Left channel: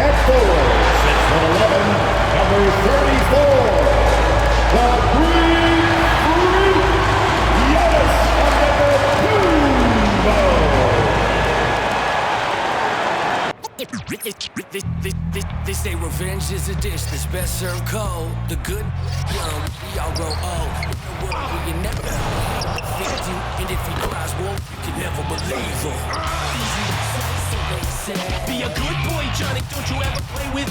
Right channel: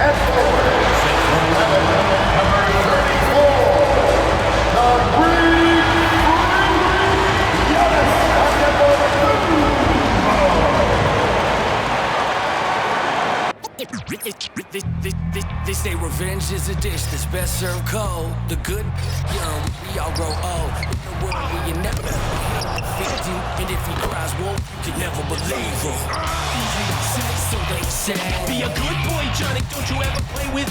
At forward, 6'11", number 34, the Green Freak, Giannis Antetokounmpo. They say revenge is a dish that's best served cold. The good, young, we all grow old. In a world where you never defeat you, and if he cries wolf, you can never believe him. Easy to say, so they say. Be a good boy, Johnny. Don't you ever play with?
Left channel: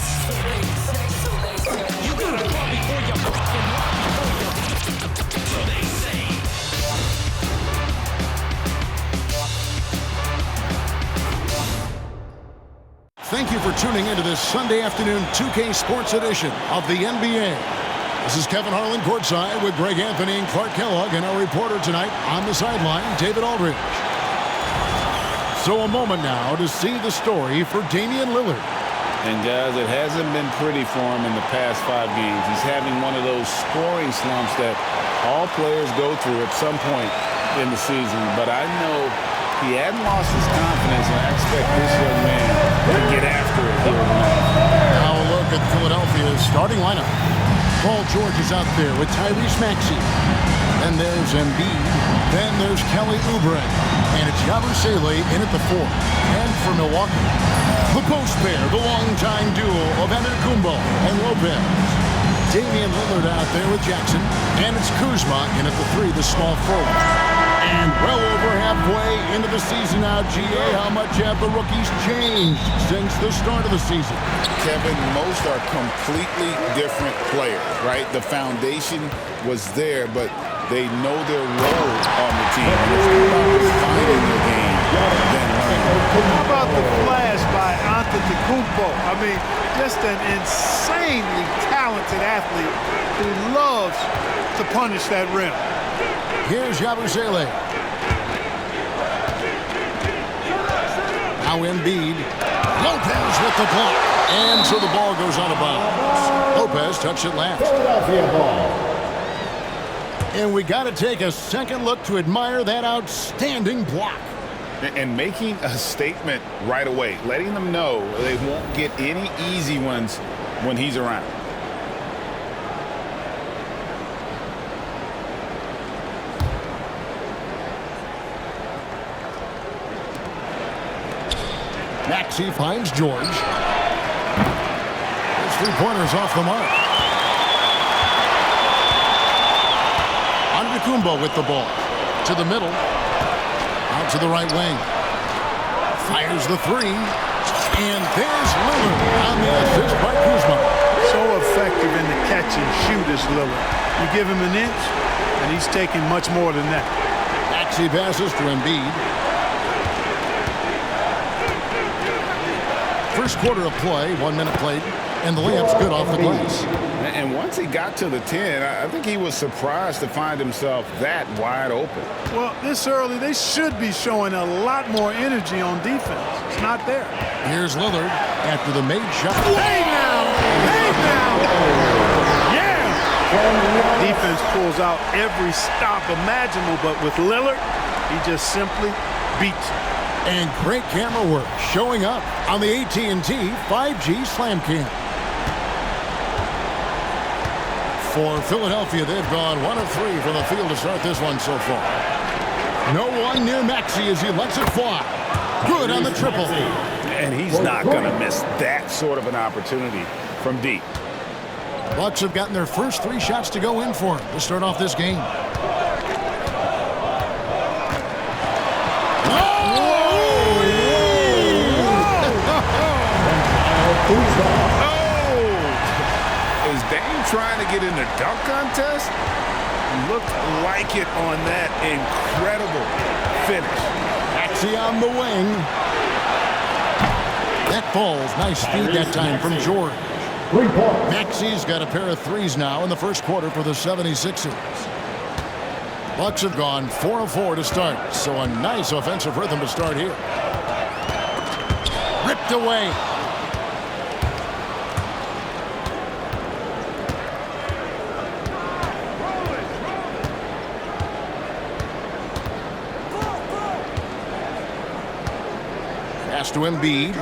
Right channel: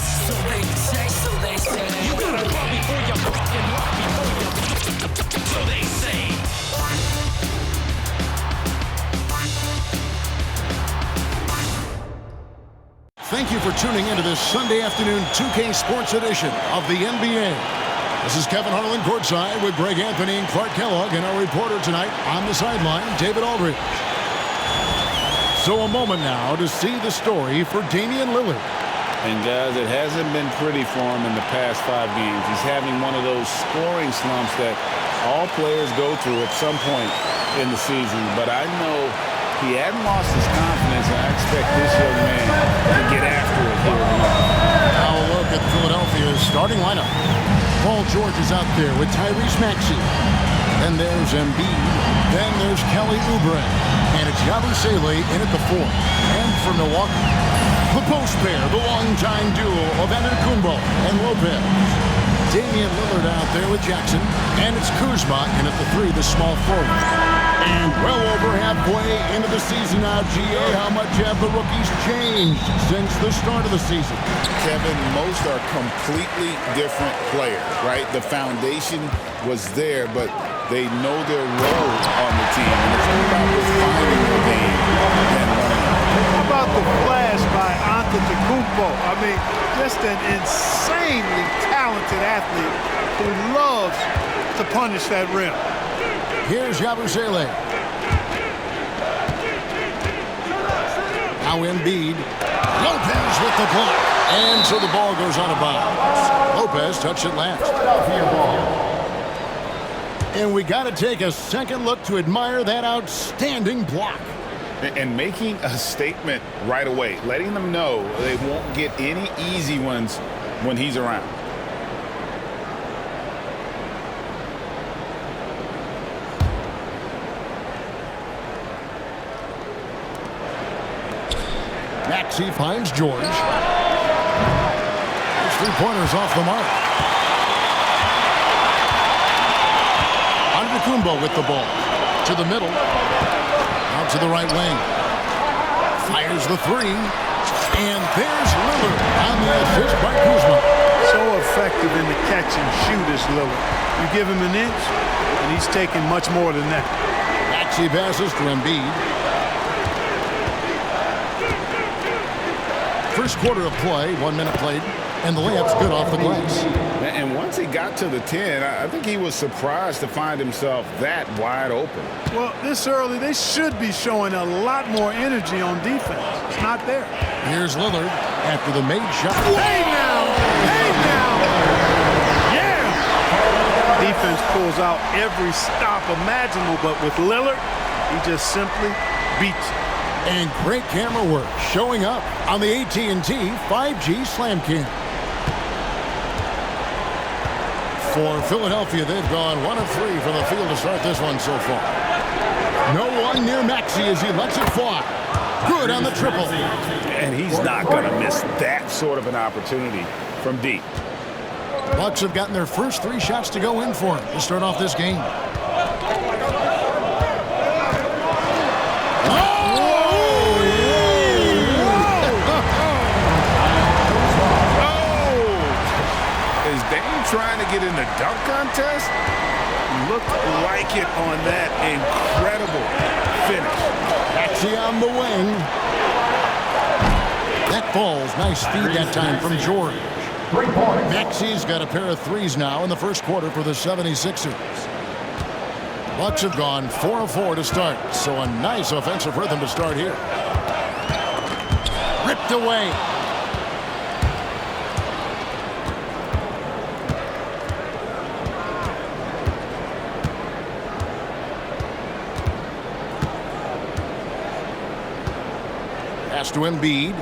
So they say, so they say. You gotta crawl before you walk and walk before you. So they say. Thank you for tuning into this Sunday afternoon 2K Sports edition of the NBA. This is Kevin Harlan courtside with Greg Anthony and Clark Kellogg, and our reporter tonight on the sideline, David Aldridge. So a moment now to see the story for Damian Lillard. And guys, it hasn't been pretty for him in the past 5 games. He's having one of those scoring slumps that all players go through at some point in the season. But I know he hadn't lost his confidence, and I expect this young man to get after it here tonight. Now a look at Philadelphia's starting lineup. Paul George is out there with Tyrese Maxey. Then there's Embiid. Then there's Kelly Oubre. And it's Yabusele in at the 4. And for Milwaukee, the post pair, the longtime duo of Antetokounmpo and Lopez. Damian Lillard out there with Jackson. And it's Kuzma in at the 3, the small forward. And well over halfway into the season now, GA, how much have the rookies changed since the start of the season? Kevin, most are completely different players, right? The foundation was there, but they know their role on the team, and it's more about refining their game than learning. How about the flash by Antetokounmpo? I mean, just an insanely talented athlete who loves to punish that rim. Here's Yabusele. Now Embiid. Lopez with the block. And so the ball goes out of bounds. Lopez touched it last. Philadelphia ball. And we got to take a second look to admire that outstanding block. And making a statement right away, letting them know they won't get any easy ones when he's around. Maxey finds George. His three-pointer's off the mark. Antetokounmpo with the ball. To the middle. Out to the right wing. Fires the 3. And there's Lillard on the assist by Kuzma. So effective in the catch and shoot is Lillard. You give him an inch, and he's taking much more than that. Maxey passes to Embiid. First quarter of play, 1 minute played, and the layup's good off the glass. And once he got to the 10, I think he was surprised to find himself that wide open. Well, this early, they should be showing a lot more energy on defense. It's not there. Here's Lillard after the made shot. Hey now! Hey now! Yeah! Defense pulls out every stop imaginable, but with Lillard, he just simply beats him. And great camera work showing up on the AT&T 5G Slam Cam. For Philadelphia, they've gone 1 of 3 from the field to start this one so far. No one near Maxey as he lets it fly. Good on the triple. And he's not going to miss that sort of an opportunity from deep. Bucks have gotten their first 3 shots to go in for him to start off this game. Is Dame trying to get in the dunk contest? Looked like it on that incredible finish. Maxey on the wing. That falls. Nice feed that time from George. 3 points. Maxey's got a pair of 3s now in the first quarter for the 76ers. Bucks have gone 4 of 4 to start, so a nice offensive rhythm to start here. Ripped away. Pass to Embiid.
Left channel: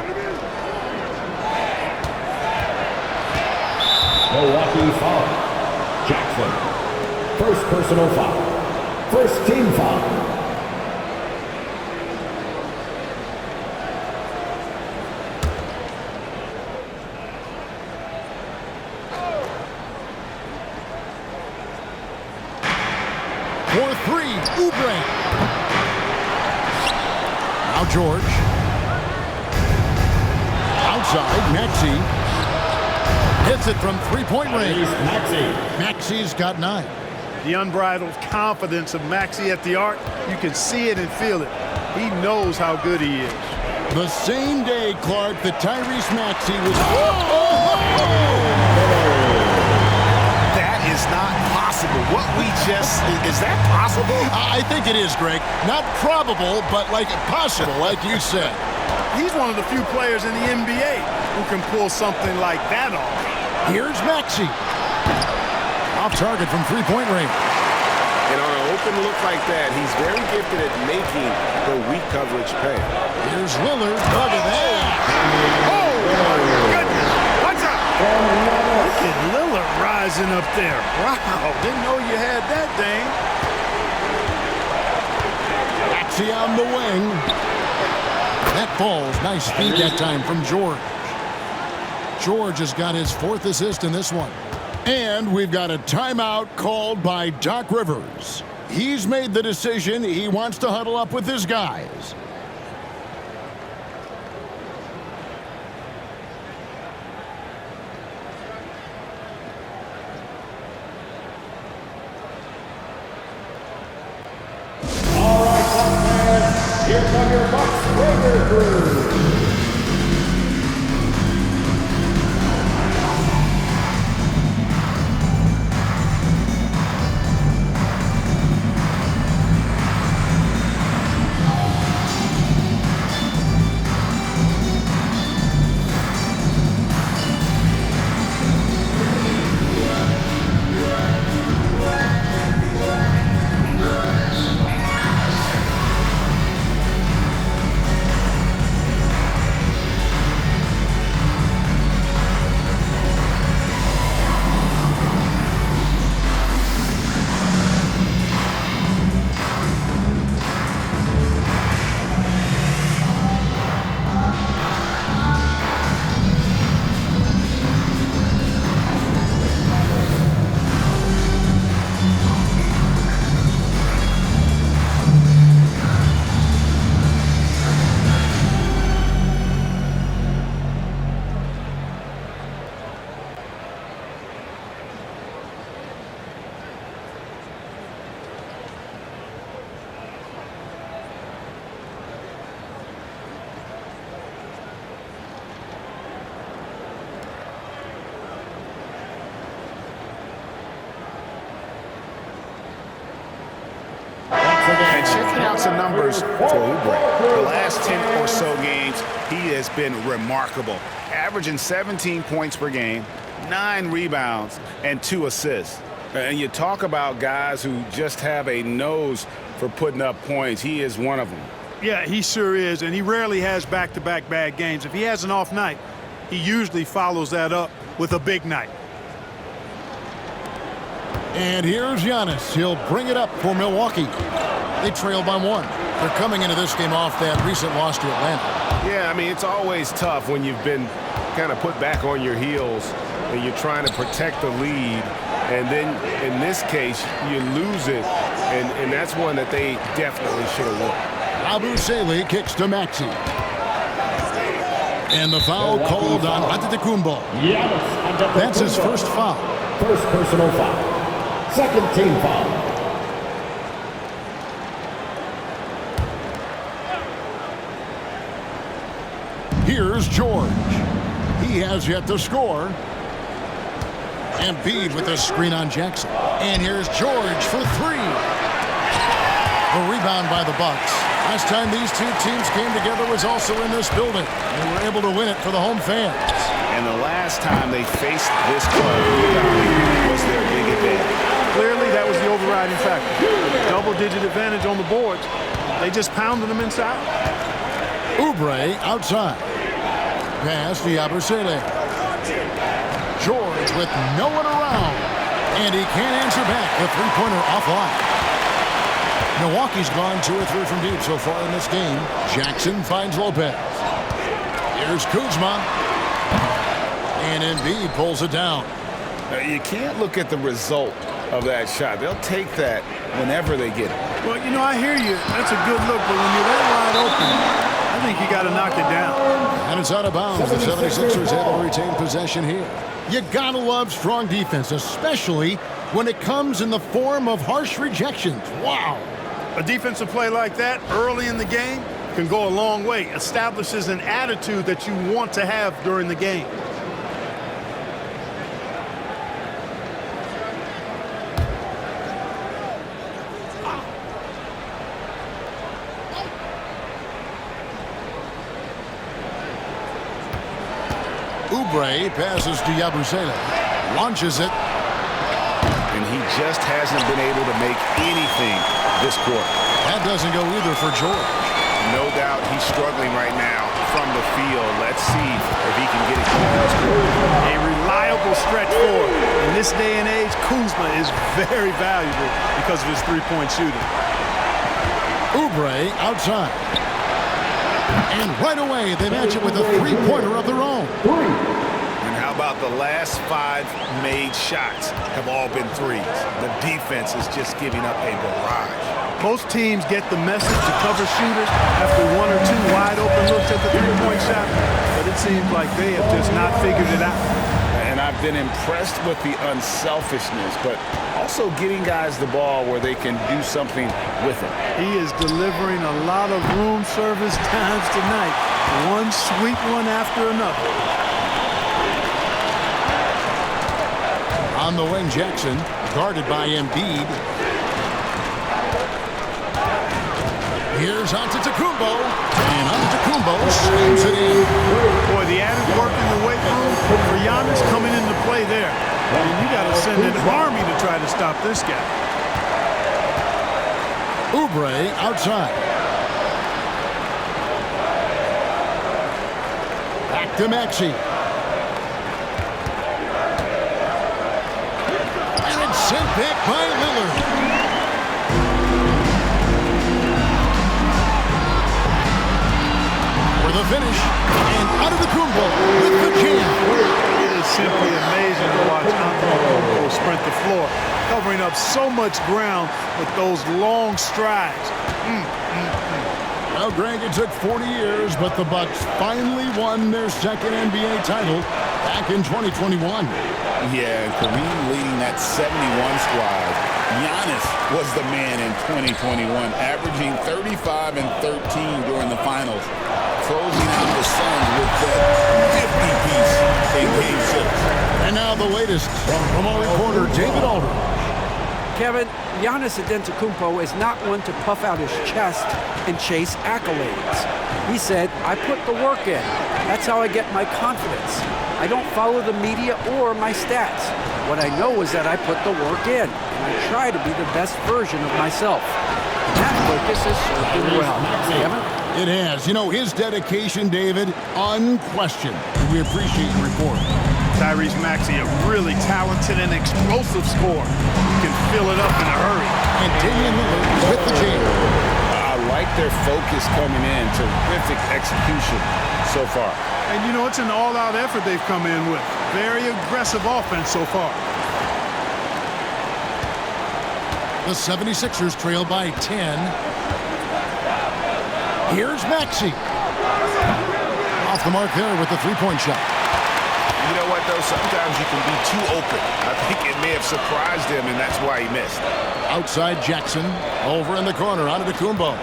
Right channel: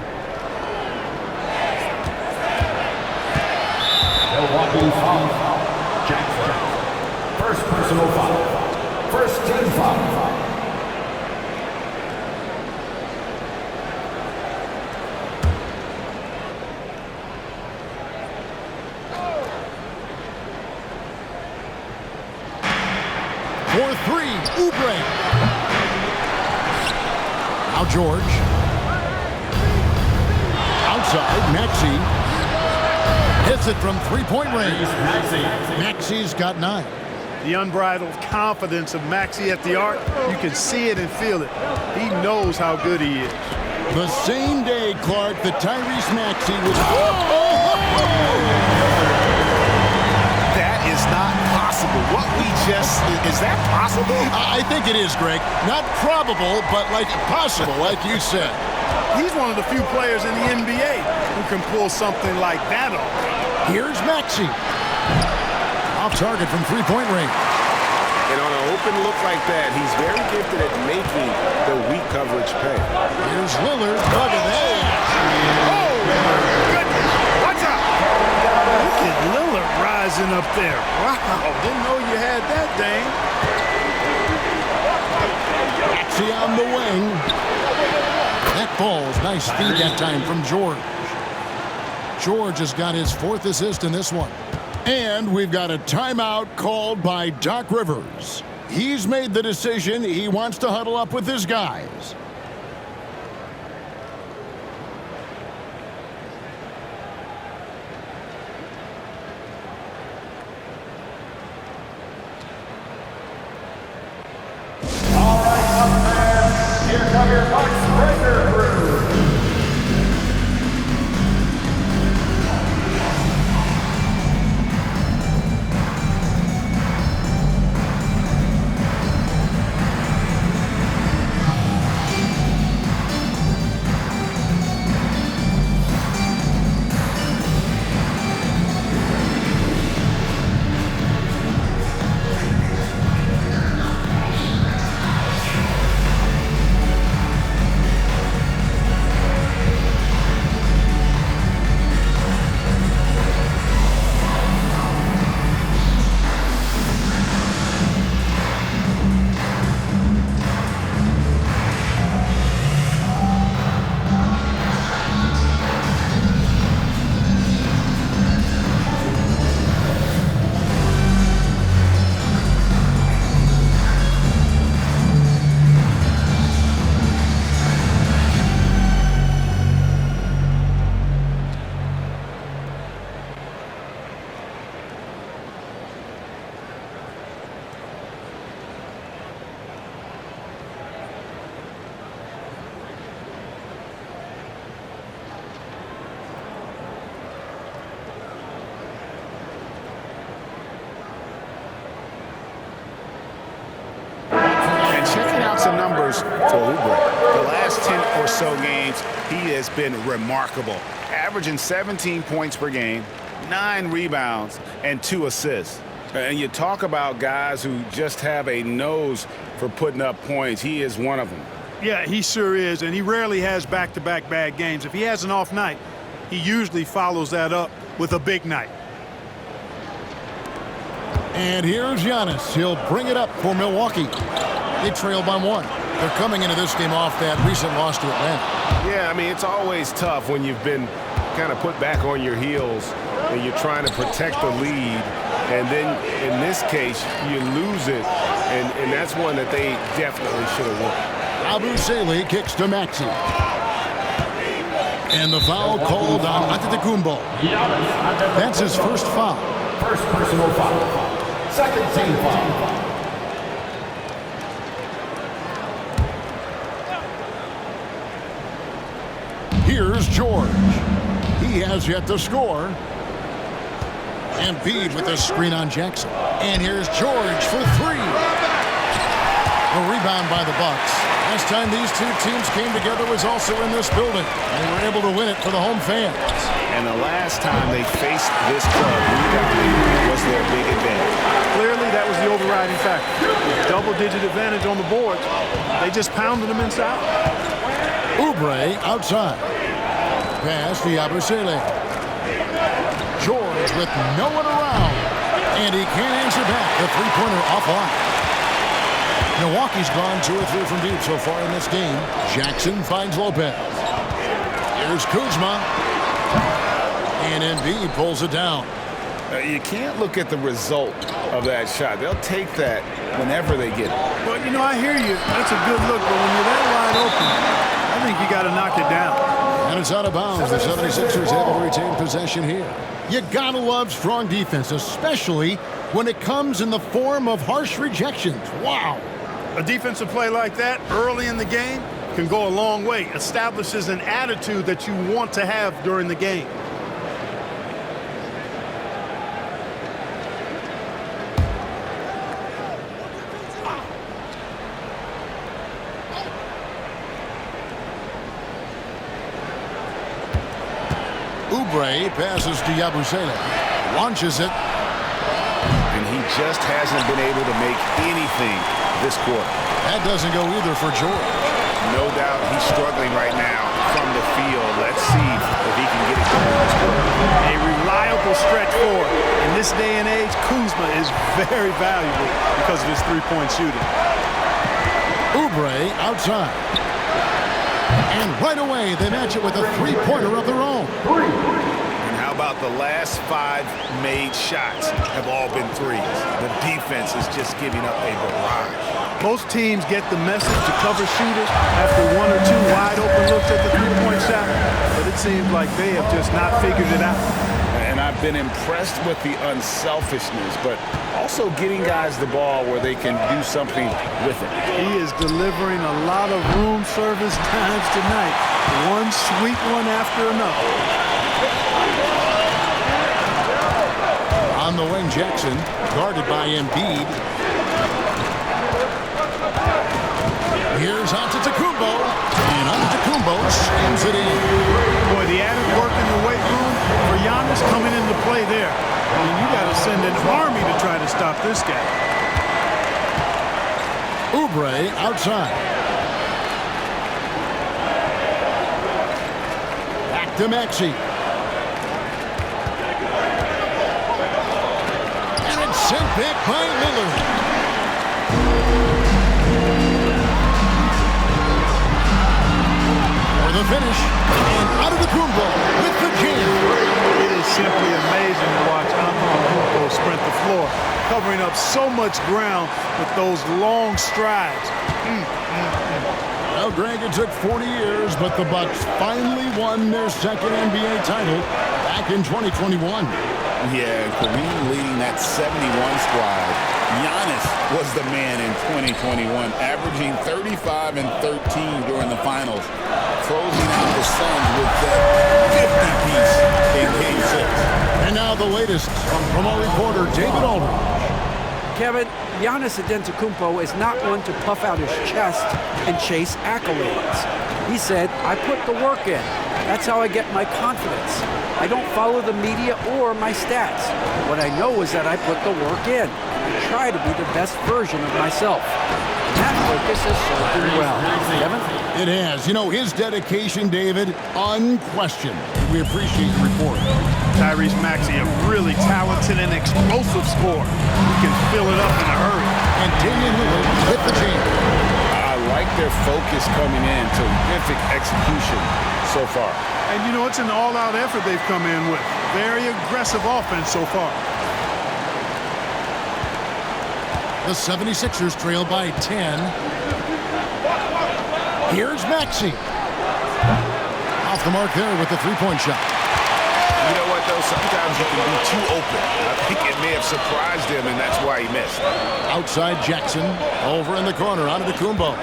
Milwaukee foul. Jackson. First personal foul. First team foul. For three, Oubre. Now George. Outside, Maxey. Hits it from three-point range. Maxey's got 9. The unbridled confidence of Maxey at the arc, you can see it and feel it. He knows how good he is. The same day, Clark, that Tyrese Maxey was... That is not possible. What we just... Is that possible? I think it is, Greg. Not probable, but like possible, like you said. He's one of the few players in the NBA who can pull something like that off. Here's Maxey. Off target from three-point range. And on an open look like that, he's very gifted at making the weak coverage pay. Here's Lillard. Look at that. Oh, my goodness. What's up? Look at Lillard rising up there. Wow, didn't know you had that, Dame. Maxey on the wing. That falls. Nice feed that time from George. George has got his 4th assist in this one. And we've got a timeout called by Doc Rivers. He's made the decision. He wants to huddle up with his guys. All right, Bucks fans, here come your Bucks breaker crew. And checking out some numbers for Oubre. The last 10 or so games, he has been remarkable. Averaging 17 points per game, 9 rebounds, and 2 assists. And you talk about guys who just have a nose for putting up points. He is one of them. Yeah, he sure is, and he rarely has back-to-back bad games. If he has an off night, he usually follows that up with a big night. And here's Giannis. He'll bring it up for Milwaukee. They trail by 1. They're coming into this game off that recent loss to Atlanta. Yeah, I mean, it's always tough when you've been kind of put back on your heels and you're trying to protect the lead. And then in this case, you lose it. And that's one that they definitely should have won. Yabusele kicks to Maxey. And the foul called on Antetokounmpo. That's his first foul. First personal foul. Second team foul. Here's George. He has yet to score. And Embiid with a screen on Jackson. And here's George for 3. A rebound by the Bucks. Last time these two teams came together was also in this building. They were able to win it for the home fans. And the last time they faced this club, rebounding was their big advantage. Clearly, that was the overriding factor. Double-digit advantage on the boards. They just pounded them inside. Oubre outside. Pass to Yabusele. George with no one around. And he can't answer back. The three-pointer offline. Milwaukee's gone 2 or 3 from deep so far in this game. Jackson finds Lopez. Here's Kuzma. And Embiid pulls it down. You can't look at the result of that shot. They'll take that whenever they get it. Well, you know, I hear you. That's a good look, but when you're that wide open, I think you got to knock it down. And it's out of bounds. The 76ers able to retain possession here. You gotta love strong defense, especially when it comes in the form of harsh rejections. Wow. A defensive play like that early in the game can go a long way. Establishes an attitude that you want to have during the game. Oubre passes to Yabusele. Launches it. And he just hasn't been able to make anything this quarter. That doesn't go either for George. No doubt he's struggling right now from the field. Let's see if he can get it going this quarter. A reliable stretch forward. In this day and age, Kuzma is very valuable because of his three-point shooting. Oubre outside. And right away, they match it with a three-pointer of their own. And how about the last 5 made shots have all been threes? The defense is just giving up a barrage. Most teams get the message to cover shooters after 1 or 2 wide-open looks at the three-point shot, but it seems like they have just not figured it out. And I've been impressed with the unselfishness, but also getting guys the ball where they can do something with it. He is delivering a lot of room service times tonight. One sweet one after another. On the wing, Jackson, guarded by Embiid. Here's Antetokounmpo, and Antetokounmpo slams it in. Boy, the added work in the weight room for Giannis coming into play there. I mean, you got to send an army to try to stop this guy. Oubre outside. Back to Maxey. And it's sent back by Lillard. For the finish, and Antetokounmpo with the jam. It is simply amazing to watch Antetokounmpo sprint the floor, covering up so much ground with those long strides. Well, Greg, it took 40 years, but the Bucks finally won their second NBA title back in 2021. Yeah, and Kareem leading that 71 squad. Giannis was the man in 2021, averaging 35 and 13 during the finals, closing out the Suns with that 50-piece in Game 6. And now the latest from our reporter, David Aldridge. Kevin, Giannis Antetokounmpo is not one to puff out his chest and chase accolades. He said, I put the work in. That's how I get my confidence. I don't follow the media or my stats. What I know is that I put the work in, and I try to be the best version of myself. And that focus has served him well. Kevin? It has. You know, his dedication, David, unquestioned. We appreciate your report. Tyrese Maxey, a really talented and explosive scorer. He can fill it up in a hurry. And Damian Lillard with the jam. I like their focus coming in. Terrific execution so far. And, you know, it's an all-out effort they've come in with. Very aggressive offense so far. The 76ers trail by 10. Here's Maxey. Off the mark there with the three-point shot. You know what, though? Sometimes you can be too open. I think it may have surprised him, and that's why he missed. Outside Jackson. Over in the corner. Antetokounmpo.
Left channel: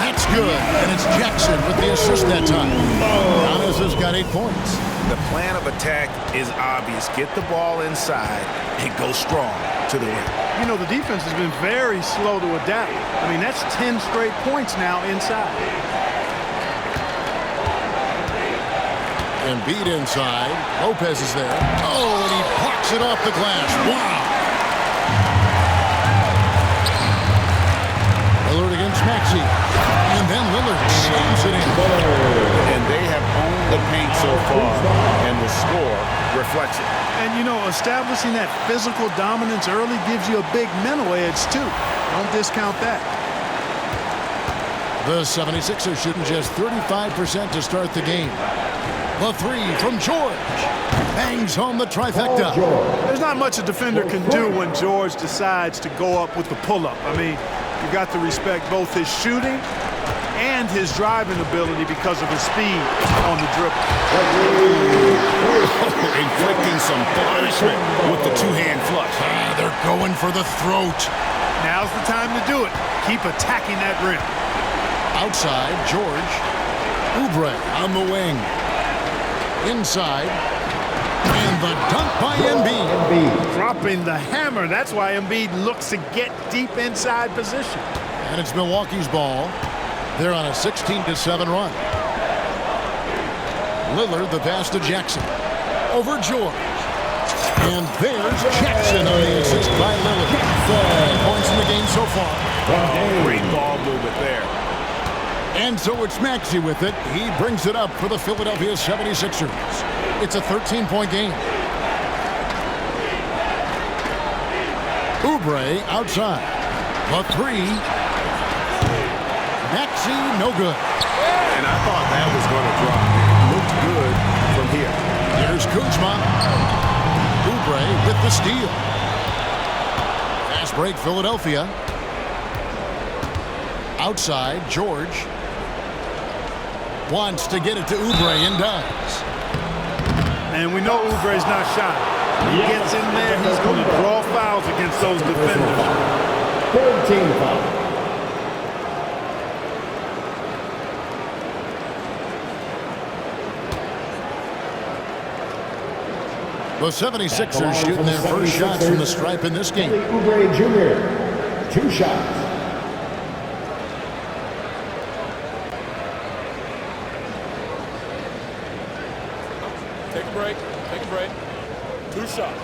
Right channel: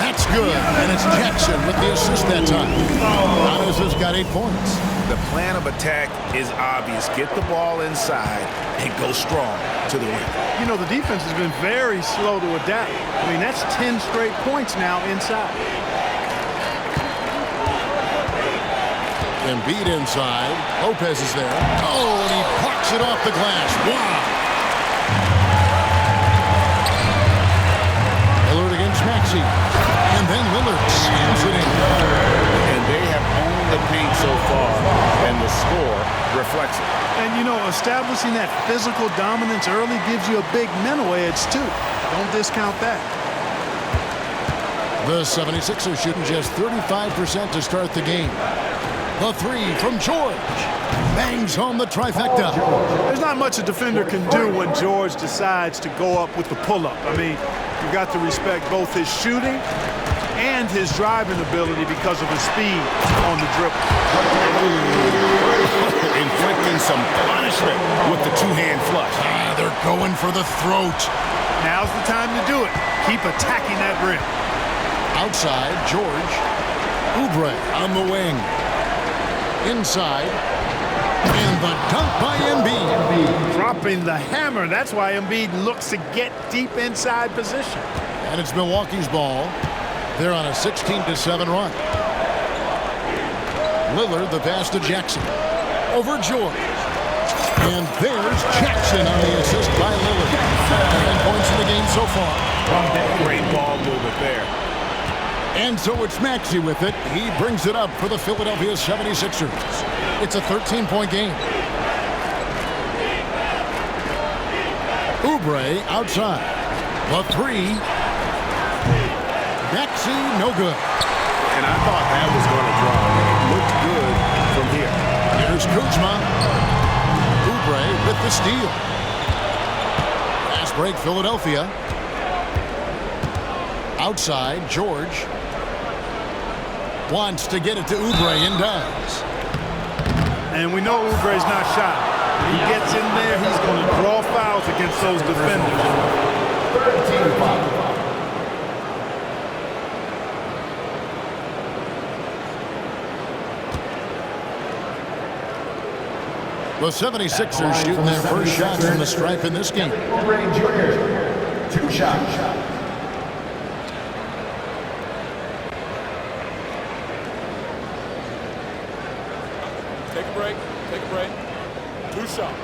That's good. And it's Jackson with the assist that time. Giannis has got 8 points. The plan of attack is obvious. Get the ball inside and go strong to the rim. You know, the defense has been very slow to adapt. I mean, that's 10 straight points now inside. Embiid inside. Lopez is there. Oh, and he blocks it off the glass. Wow. Lillard against It's Maxey. And then Lillard slams it in. And they have owned the paint so far, and the score reflects it. And, you know, establishing that physical dominance early gives you a big mental edge, too. Don't discount that. The 76ers shooting just 35% to start the game. The three from George. Bangs home the trifecta. There's not much a defender can do when George decides to go up with the pull-up. I mean, you got to respect both his shooting and his driving ability because of his speed on the dribble. Inflicting some punishment with the two-hand flush. They're going for the throat. Now's the time to do it. Keep attacking that rim. Outside, George. Oubre on the wing. Inside. And the dunk by Embiid. Dropping the hammer. That's why Embiid looks to get deep inside position. And it's Milwaukee's ball. They're on a 16-7 run. Lillard, the pass to Jackson. Over George. And there's Jackson on the assist by Lillard. 9 points in the game so far. Oh, great ball movement there. And so it's Maxey with it. He brings it up for the Philadelphia 76ers. It's a 13-point game. Oubre outside. The three. Maxey, no good. And I thought that was going to drop. It looked good from here. Here's Kuzma. Oubre with the steal. Fast break, Philadelphia. Outside, George. Wants to get it to Oubre and does. And we know Oubre's not shy. When he gets in there, he's going to draw fouls against those defenders. 13 foul. The 76ers shooting their first shots from the stripe in this game. Oubre Jr. 2 shots. Take a break. Take a break. 2 shots.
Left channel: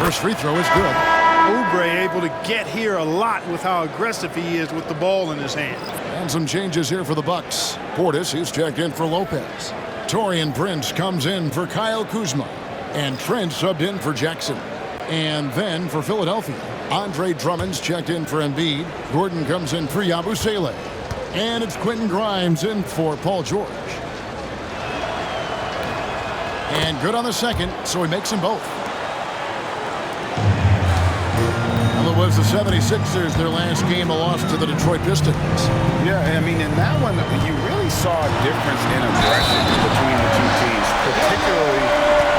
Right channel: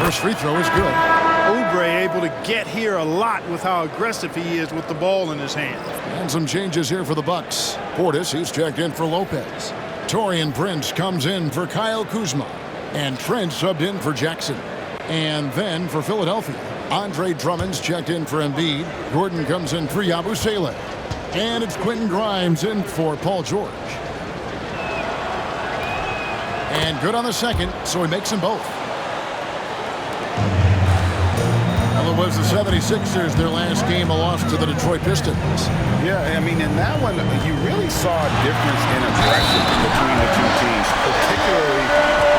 First free throw is good. Oubre able to get here a lot with how aggressive he is with the ball in his hand. And some changes here for the Bucks. Portis, he's checked in for Lopez. Taurean Prince comes in for Kyle Kuzma. And Trent subbed in for Jackson. And then for Philadelphia, Andre Drummond's checked in for Embiid. Gordon comes in for Yabusele. And it's Quentin Grimes in for Paul George. And good on the second, so he makes them both. Well, it was the 76ers, their last game, a loss to the Detroit Pistons. Yeah, I mean, in that one, you really saw a difference in aggression between the two teams, particularly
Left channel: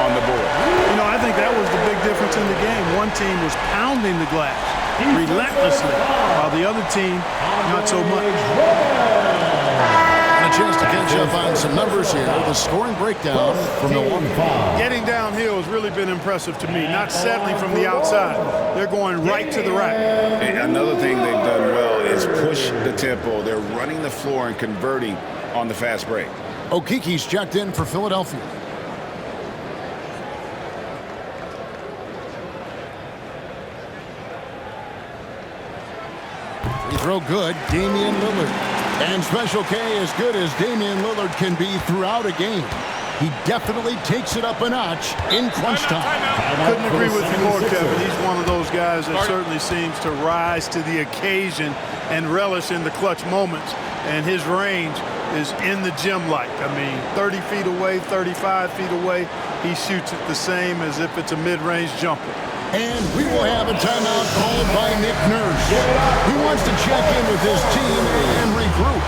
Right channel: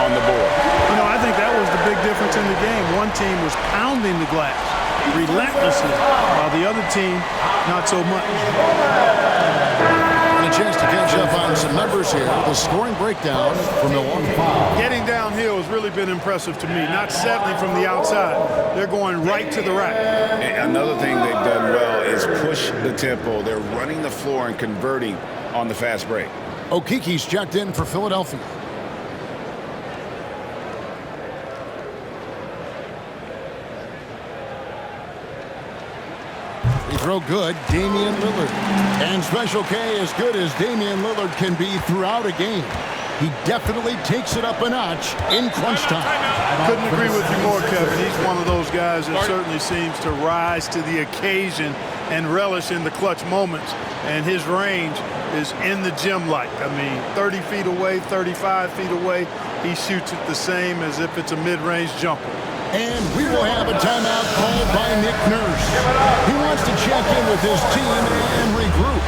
on the board. You know, I think that was the big difference in the game. One team was pounding the glass relentlessly, while the other team, not so much. And a chance to catch up on some numbers here. The scoring breakdown for Milwaukee. Getting downhill has really been impressive to me, not settling from the outside. They're going right to the rack. And another thing they've done well is push the tempo. They're running the floor and converting on the fast break. Okiki's checked in for Philadelphia. Free throw good, Damian Lillard. And Special K as good as Damian Lillard can be throughout a game. He definitely takes it up a notch in crunch time. Couldn't agree with you more, Kevin. He's one of those guys that certainly seems to rise to the occasion and relish in the clutch moments. And his range is in the gym-like. I mean, 30 feet away, 35 feet away, he shoots it the same as if it's a mid-range jumper. And we will have a timeout called by Nick Nurse. He wants to check in with his team and regroup.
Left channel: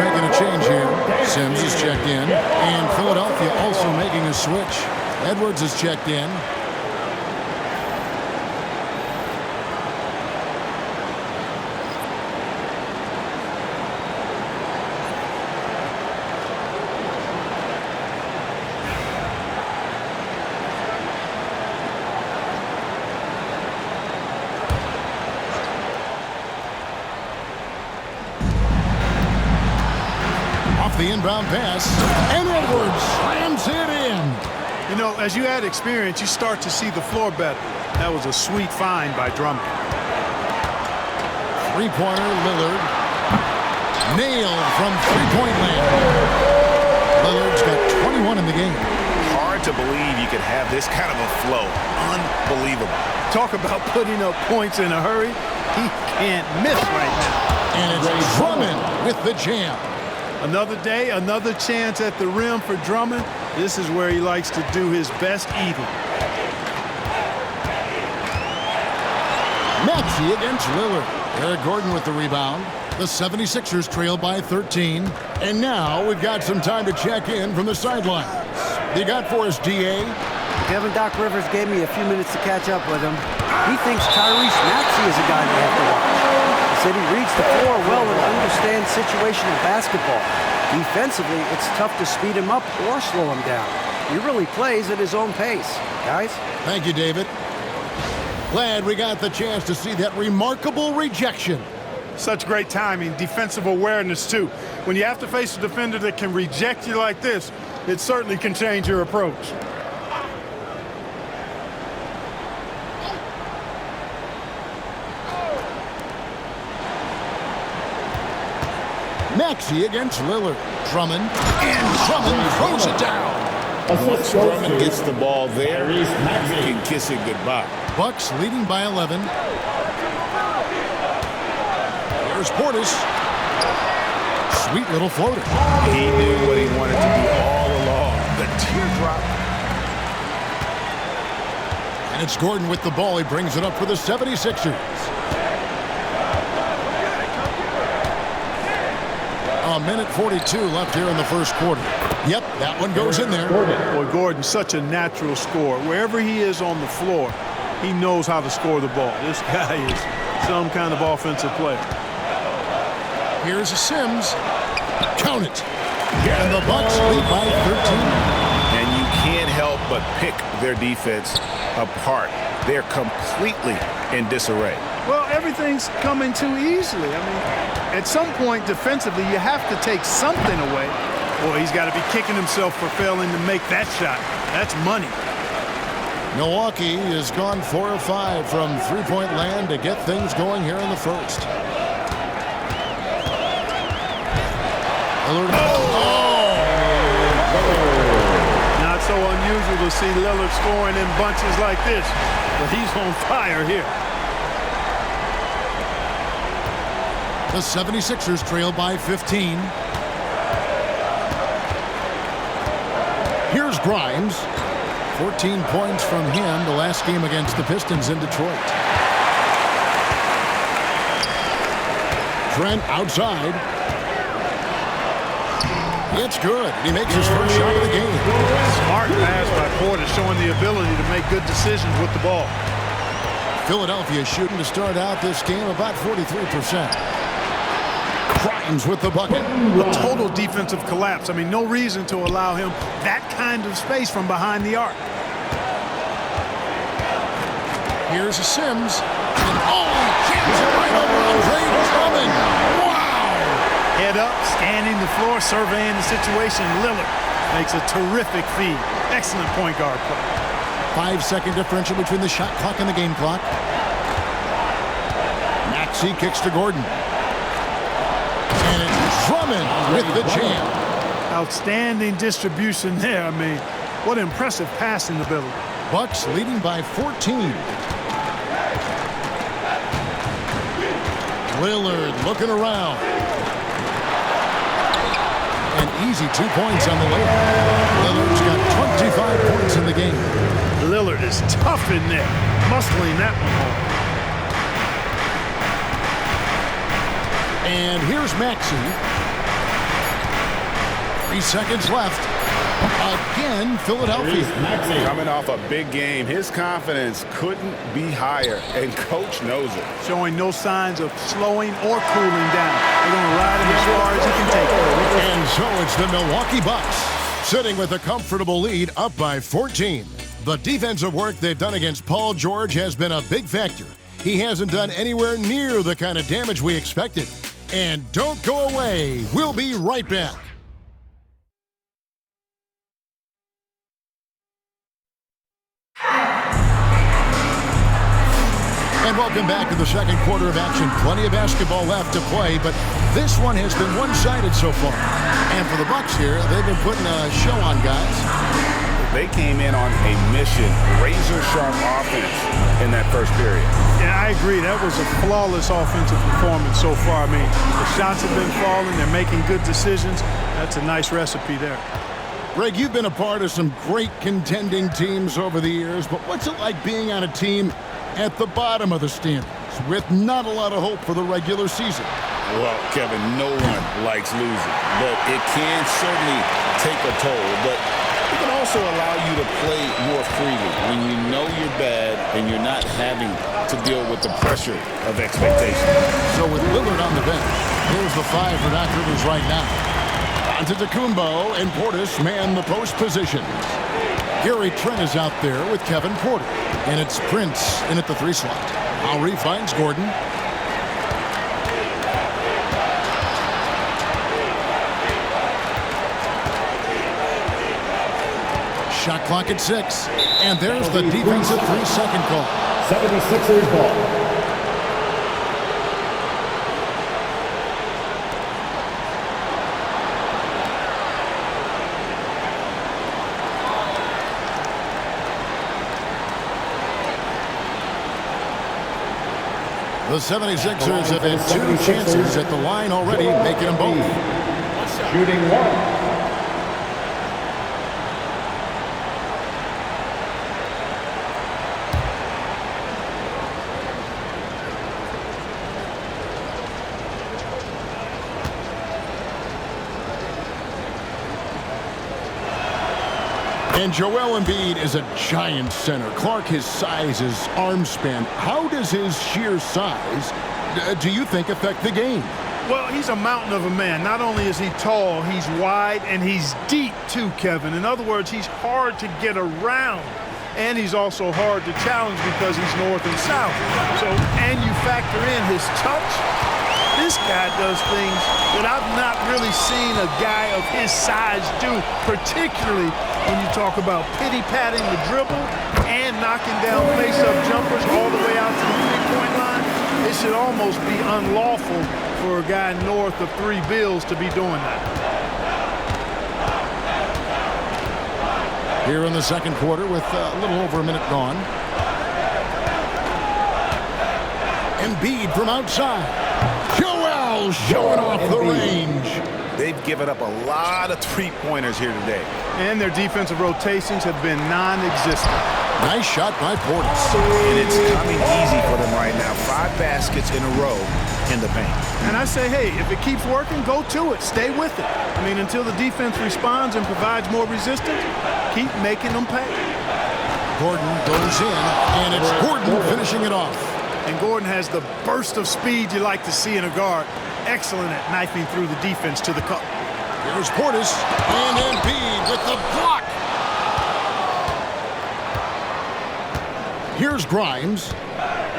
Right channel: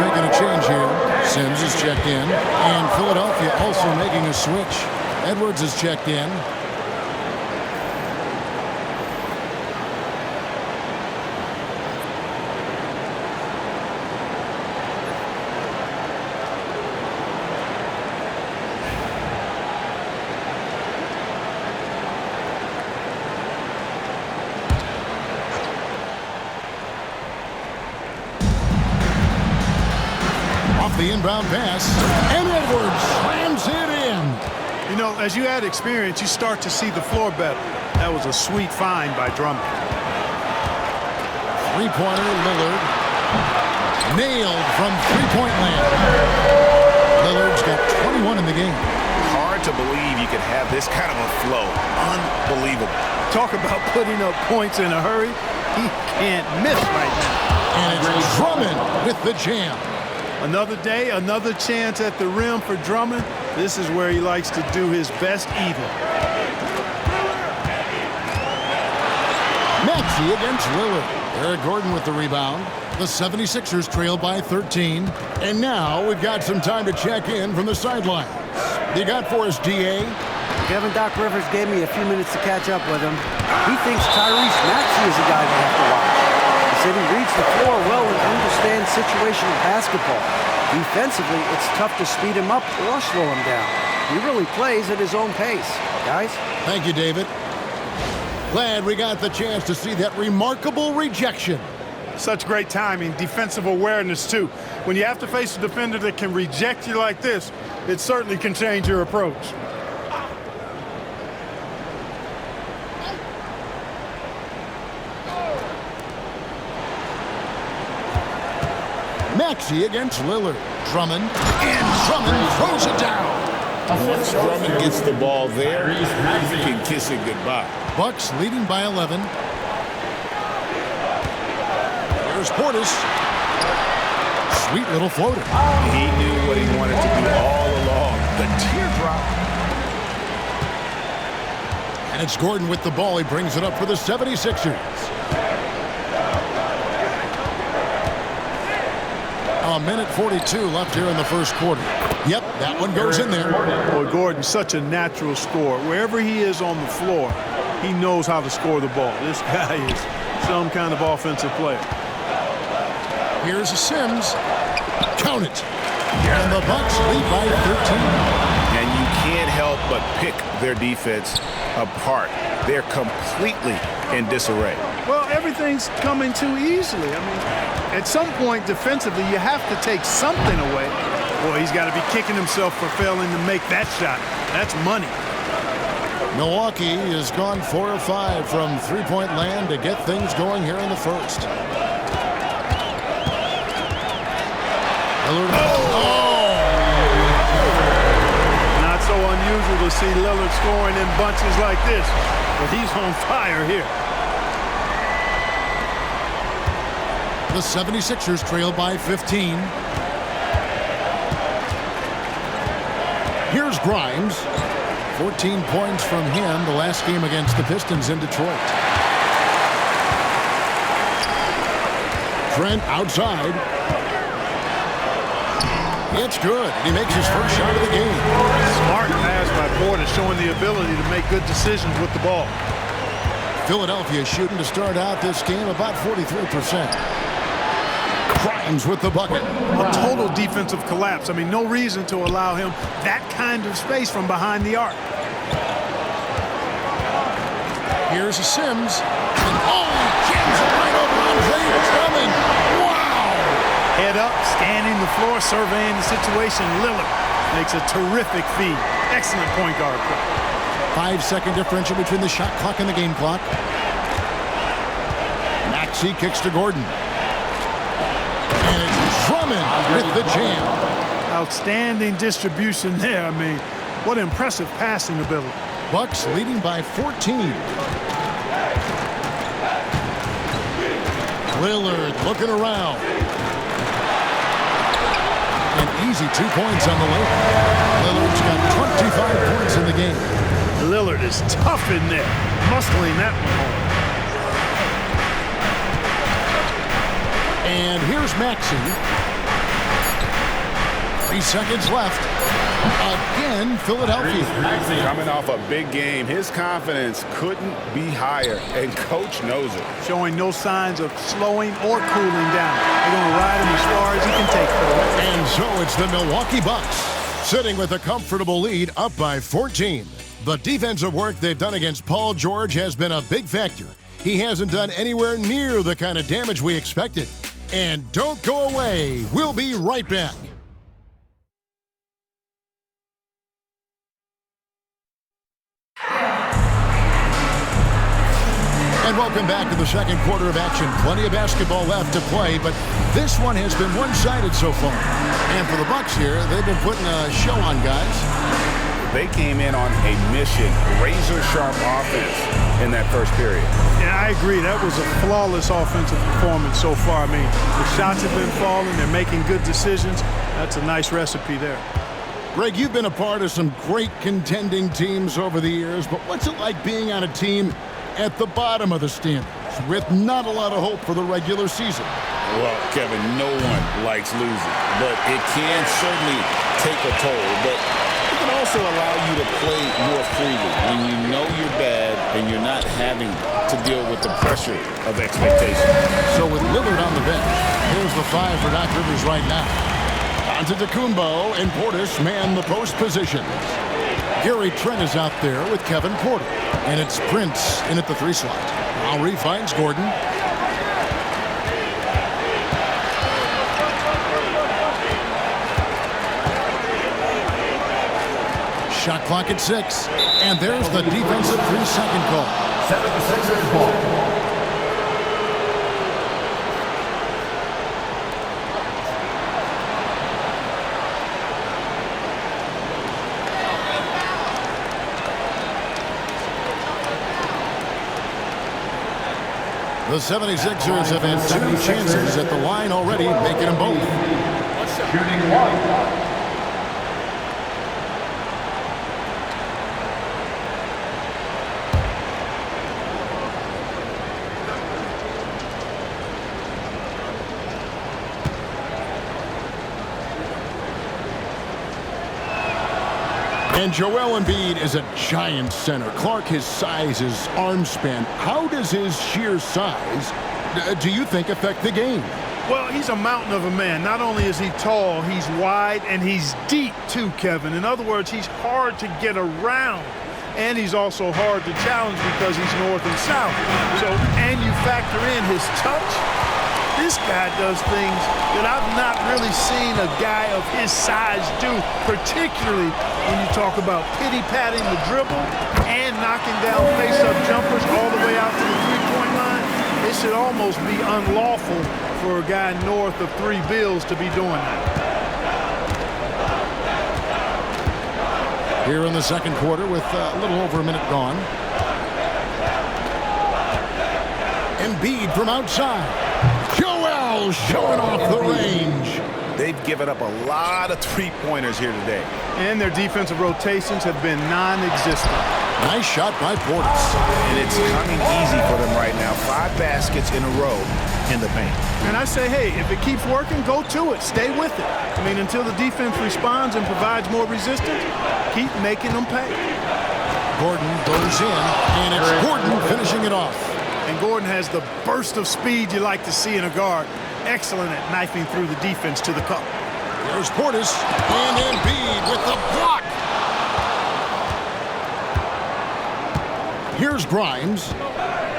making a change here. Sims is checked in. And Philadelphia also making a switch. Edwards is checked in. The inbound pass, and Edwards slams it in. You know, as you add experience, you start to see the floor better. That was a sweet find by Drummond. Three-pointer, Lillard. Nailed from three-point land. Lillard's got 21 in the game. Hard to believe you could have this kind of a flow. Unbelievable. Talk about putting up points in a hurry. He can't miss right now. And it's Drummond with the jam. Another day, another chance at the rim for Drummond. This is where he likes to do his best eating. Maxey against Lillard. Eric Gordon with the rebound. The 76ers trail by 13. And now we've got some time to check in from the sidelines. You got for us, DA? Kevin Doc Rivers gave me a few minutes to catch up with him. He thinks Tyrese Maxey is a guy they have to watch. He said he reads the floor well and understands situational basketball. Defensively, it's tough to speed him up or slow him down. He really plays at his own pace. Guys? Thank you, David. Glad we got the chance to see that remarkable rejection. Such great timing, defensive awareness, too. When you have to face a defender that can reject you like this, it certainly can change your approach. Maxey against Lillard. Drummond. And Drummond throws it down. Once Drummond gets the ball there, you can kiss it goodbye. Bucks leading by 11. Here's Portis. Sweet little floater. He knew what he wanted to do all along. The teardrop. And it's Gordon with the ball. He brings it up for the 76ers. A minute 42 left here in the first quarter. Yep, that one goes in there. Boy, Gordon's such a natural scorer. Wherever he is on the floor, he knows how to score the ball. This guy is some kind of offensive player. Here's a Sims. Count it. And the Bucks lead by 13. And you can't help but pick their defense apart. They're completely in disarray. Well, everything's coming too easily. I mean, at some point defensively, you have to take something away. Boy, he's got to be kicking himself for failing to make that shot. That's money. Milwaukee has gone 4 of 5 from three-point land to get things going here in the first. Lillard. Not so unusual to see Lillard scoring in bunches like this, but he's on fire here. The 76ers trail by 15. Here's Grimes. 14 points from him the last game against the Pistons in Detroit. Trent outside. It's good. He makes his first shot of the game. Smart pass by Porter, showing the ability to make good decisions with the ball. Philadelphia shooting to start out this game about 43%. Grimes with the bucket. A total defensive collapse. I mean, no reason to allow him that kind of space from behind the arc. Here's a Sims. And he jams it right over Andre Drummond. Wow! Head up, scanning the floor, surveying the situation. Lillard makes a terrific feed. Excellent point guard play. 5-second differential between the shot clock and the game clock. Maxey kicks to Gordon. And it's Drummond with the jam. Outstanding distribution there. I mean, what impressive passing ability. Bucks leading by 14. Lillard looking around. An easy 2 points on the layup. Lillard's got 25 points in the game. Lillard is tough in there, muscling that one home. And here's Maxey. 3 seconds left. Again, Philadelphia. Maxey. Coming off a big game, his confidence couldn't be higher, and coach knows it. Showing no signs of slowing or cooling down. They're going to ride him as far as he can take it. And so it's the Milwaukee Bucks, sitting with a comfortable lead up by 14. The defensive work they've done against Paul George has been a big factor. He hasn't done anywhere near the kind of damage we expected. And don't go away. We'll be right back. And welcome back to the second quarter of action. Plenty of basketball left to play, but this one has been one-sided so far. And for the Bucks here, they've been putting a show on, guys. They came in on a mission, razor-sharp offense in that first period. Yeah, I agree. That was a flawless offensive performance so far. I mean, the shots have been falling. They're making good decisions. That's a nice recipe there. Greg, you've been a part of some great contending teams over the years, but what's it like being on a team at the bottom of the standings with not a lot of hope for the regular season? Well, Kevin, no one likes losing, but it can certainly take a toll. But it can also allow you to play more freely when you know you're bad and you're not having to deal with the pressure of expectation. So with Lillard on the bench, here's the 5 for Doc Rivers right now. Antetokounmpo and Portis man the post positions. Gary Trent is out there with Kevin Porter. And it's Prince in at the 3 slot. Lowry finds Gordon. Shot clock at 6. And there's the defensive 3-second call. 76ers ball. The 76ers have had 2 chances at the line already, making them both. Shooting 1. And Joel Embiid is a giant center. Clark, his size, his arm span. How does his sheer size, do you think, affect the game? Well, he's a mountain of a man. Not only is he tall, he's wide, and he's deep too, Kevin. In other words, he's hard to get around. And he's also hard to challenge because he's north and south. So, and you factor in his touch. This guy does things that I've not really seen a guy of his size do, particularly when you talk about pity-patting the dribble and knocking down face-up jumpers all the way out to the three-point line. It should almost be unlawful for a guy north of 3 bills to be doing that. Here in the second quarter with a little over a minute gone. Embiid from outside. Joel showing off the range. They've given up a lot of three-pointers here today. And their defensive rotations have been non-existent. Nice shot by Portis. And it's coming easy for them right now. 5 baskets in a row in the paint. And I say, hey, if it keeps working, go to it. Stay with it. I mean, until the defense responds and provides more resistance, keep making them pay. Gordon goes in, and it's Gordon finishing it off. And Gordon has the burst of speed you like to see in a guard. Excellent at knifing through the defense to the cup. Here's Portis, and Embiid with the block. Here's Grimes.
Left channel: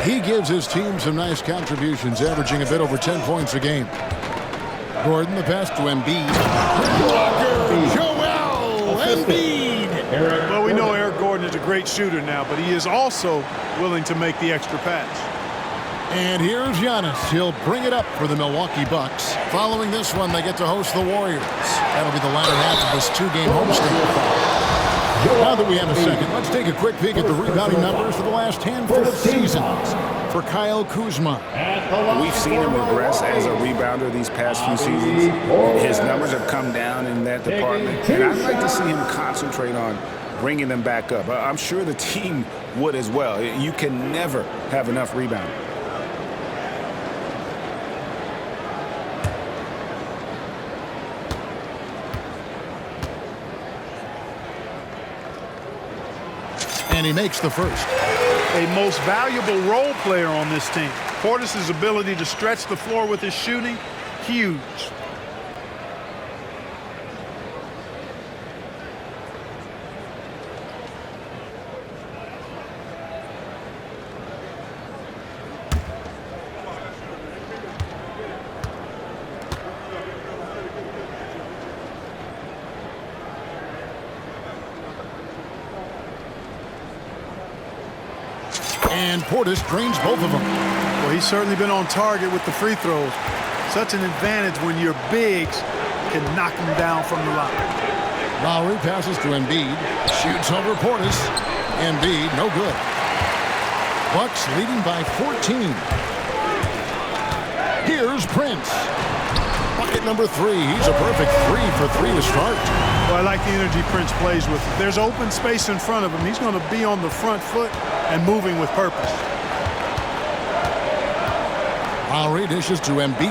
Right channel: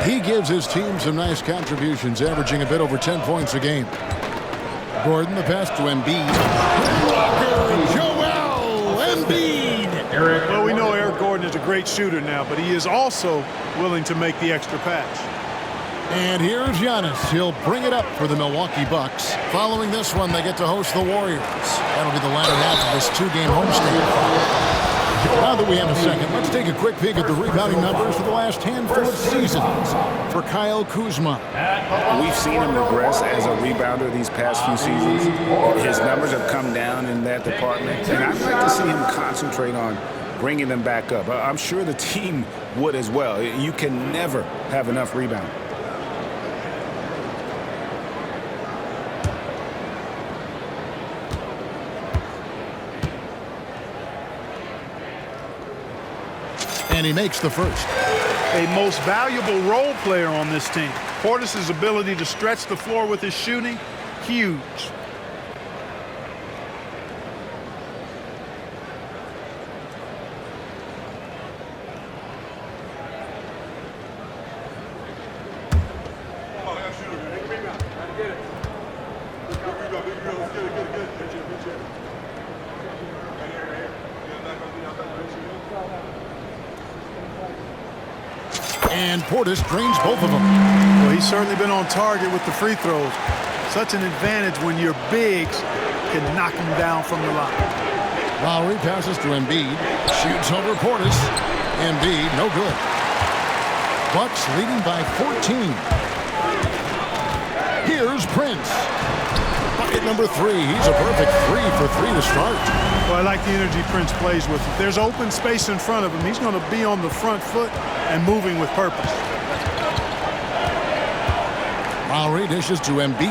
He gives his team some nice contributions, averaging a bit over 10 points a game. Gordon, the pass to Embiid. Blocker, Joel Embiid. Well, we know Eric Gordon is a great shooter now, but he is also willing to make the extra pass. And here's Giannis. He'll bring it up for the Milwaukee Bucks. Following this one, they get to host the Warriors. That'll be the latter half of this 2-game homestand. Now that we have a second, let's take a quick peek at the rebounding numbers for the last handful of seasons for Kyle Kuzma. We've seen him regress as a rebounder these past few seasons. His numbers have come down in that department, and I'd like to see him concentrate on bringing them back up. I'm sure the team would as well. You can never have enough rebounding. And he makes the first. A most valuable role player on this team. Portis' ability to stretch the floor with his shooting, huge. And Portis drains both of them. Well, he's certainly been on target with the free throws. Such an advantage when your bigs can knock them down from the line. Lowry passes to Embiid. Shoots over Portis. Embiid, no good. Bucks leading by 14. Here's Prince. Bucket number 3. He's a perfect 3 for 3 to start. Well, I like the energy Prince plays with. If there's open space in front of him, he's going to be on the front foot and moving with purpose. Lowry dishes to Embiid.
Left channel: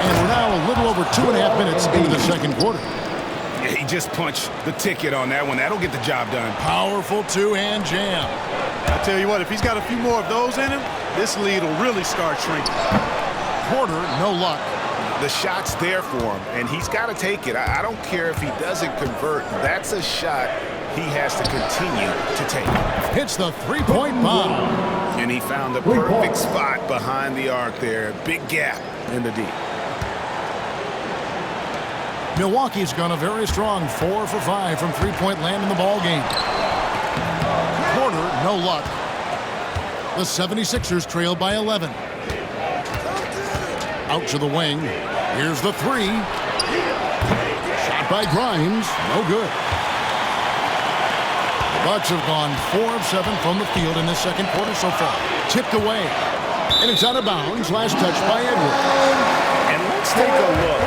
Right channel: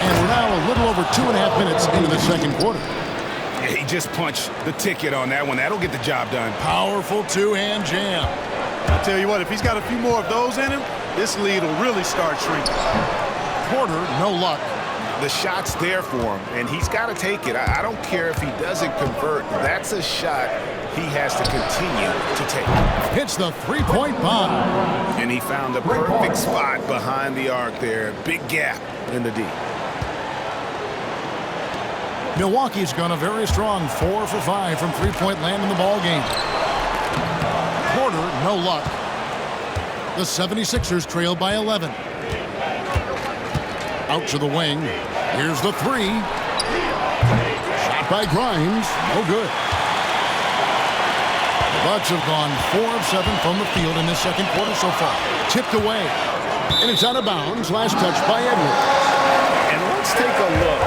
And we're now a little over 2.5 minutes into the second quarter. Yeah, he just punched the ticket on that one. That'll get the job done. Powerful two-hand jam. I tell you what, if he's got a few more of those in him, this lead will really start shrinking. Porter, no luck. The shot's there for him, and he's got to take it. I don't care if he doesn't convert. That's a shot he has to continue to take. Hits the three-point bomb. And he found the perfect spot behind the arc there. Big gap in the D. Milwaukee's gone a very strong 4 for 5 from three-point land in the ballgame. Porter, no luck. The 76ers trail by 11. Out to the wing. Here's the 3. Shot by Grimes. No good. The Bucks have gone 4 of 7 from the field in this second quarter so far. Tipped away. And it's out of bounds. Last touch by Edwards. And let's take a look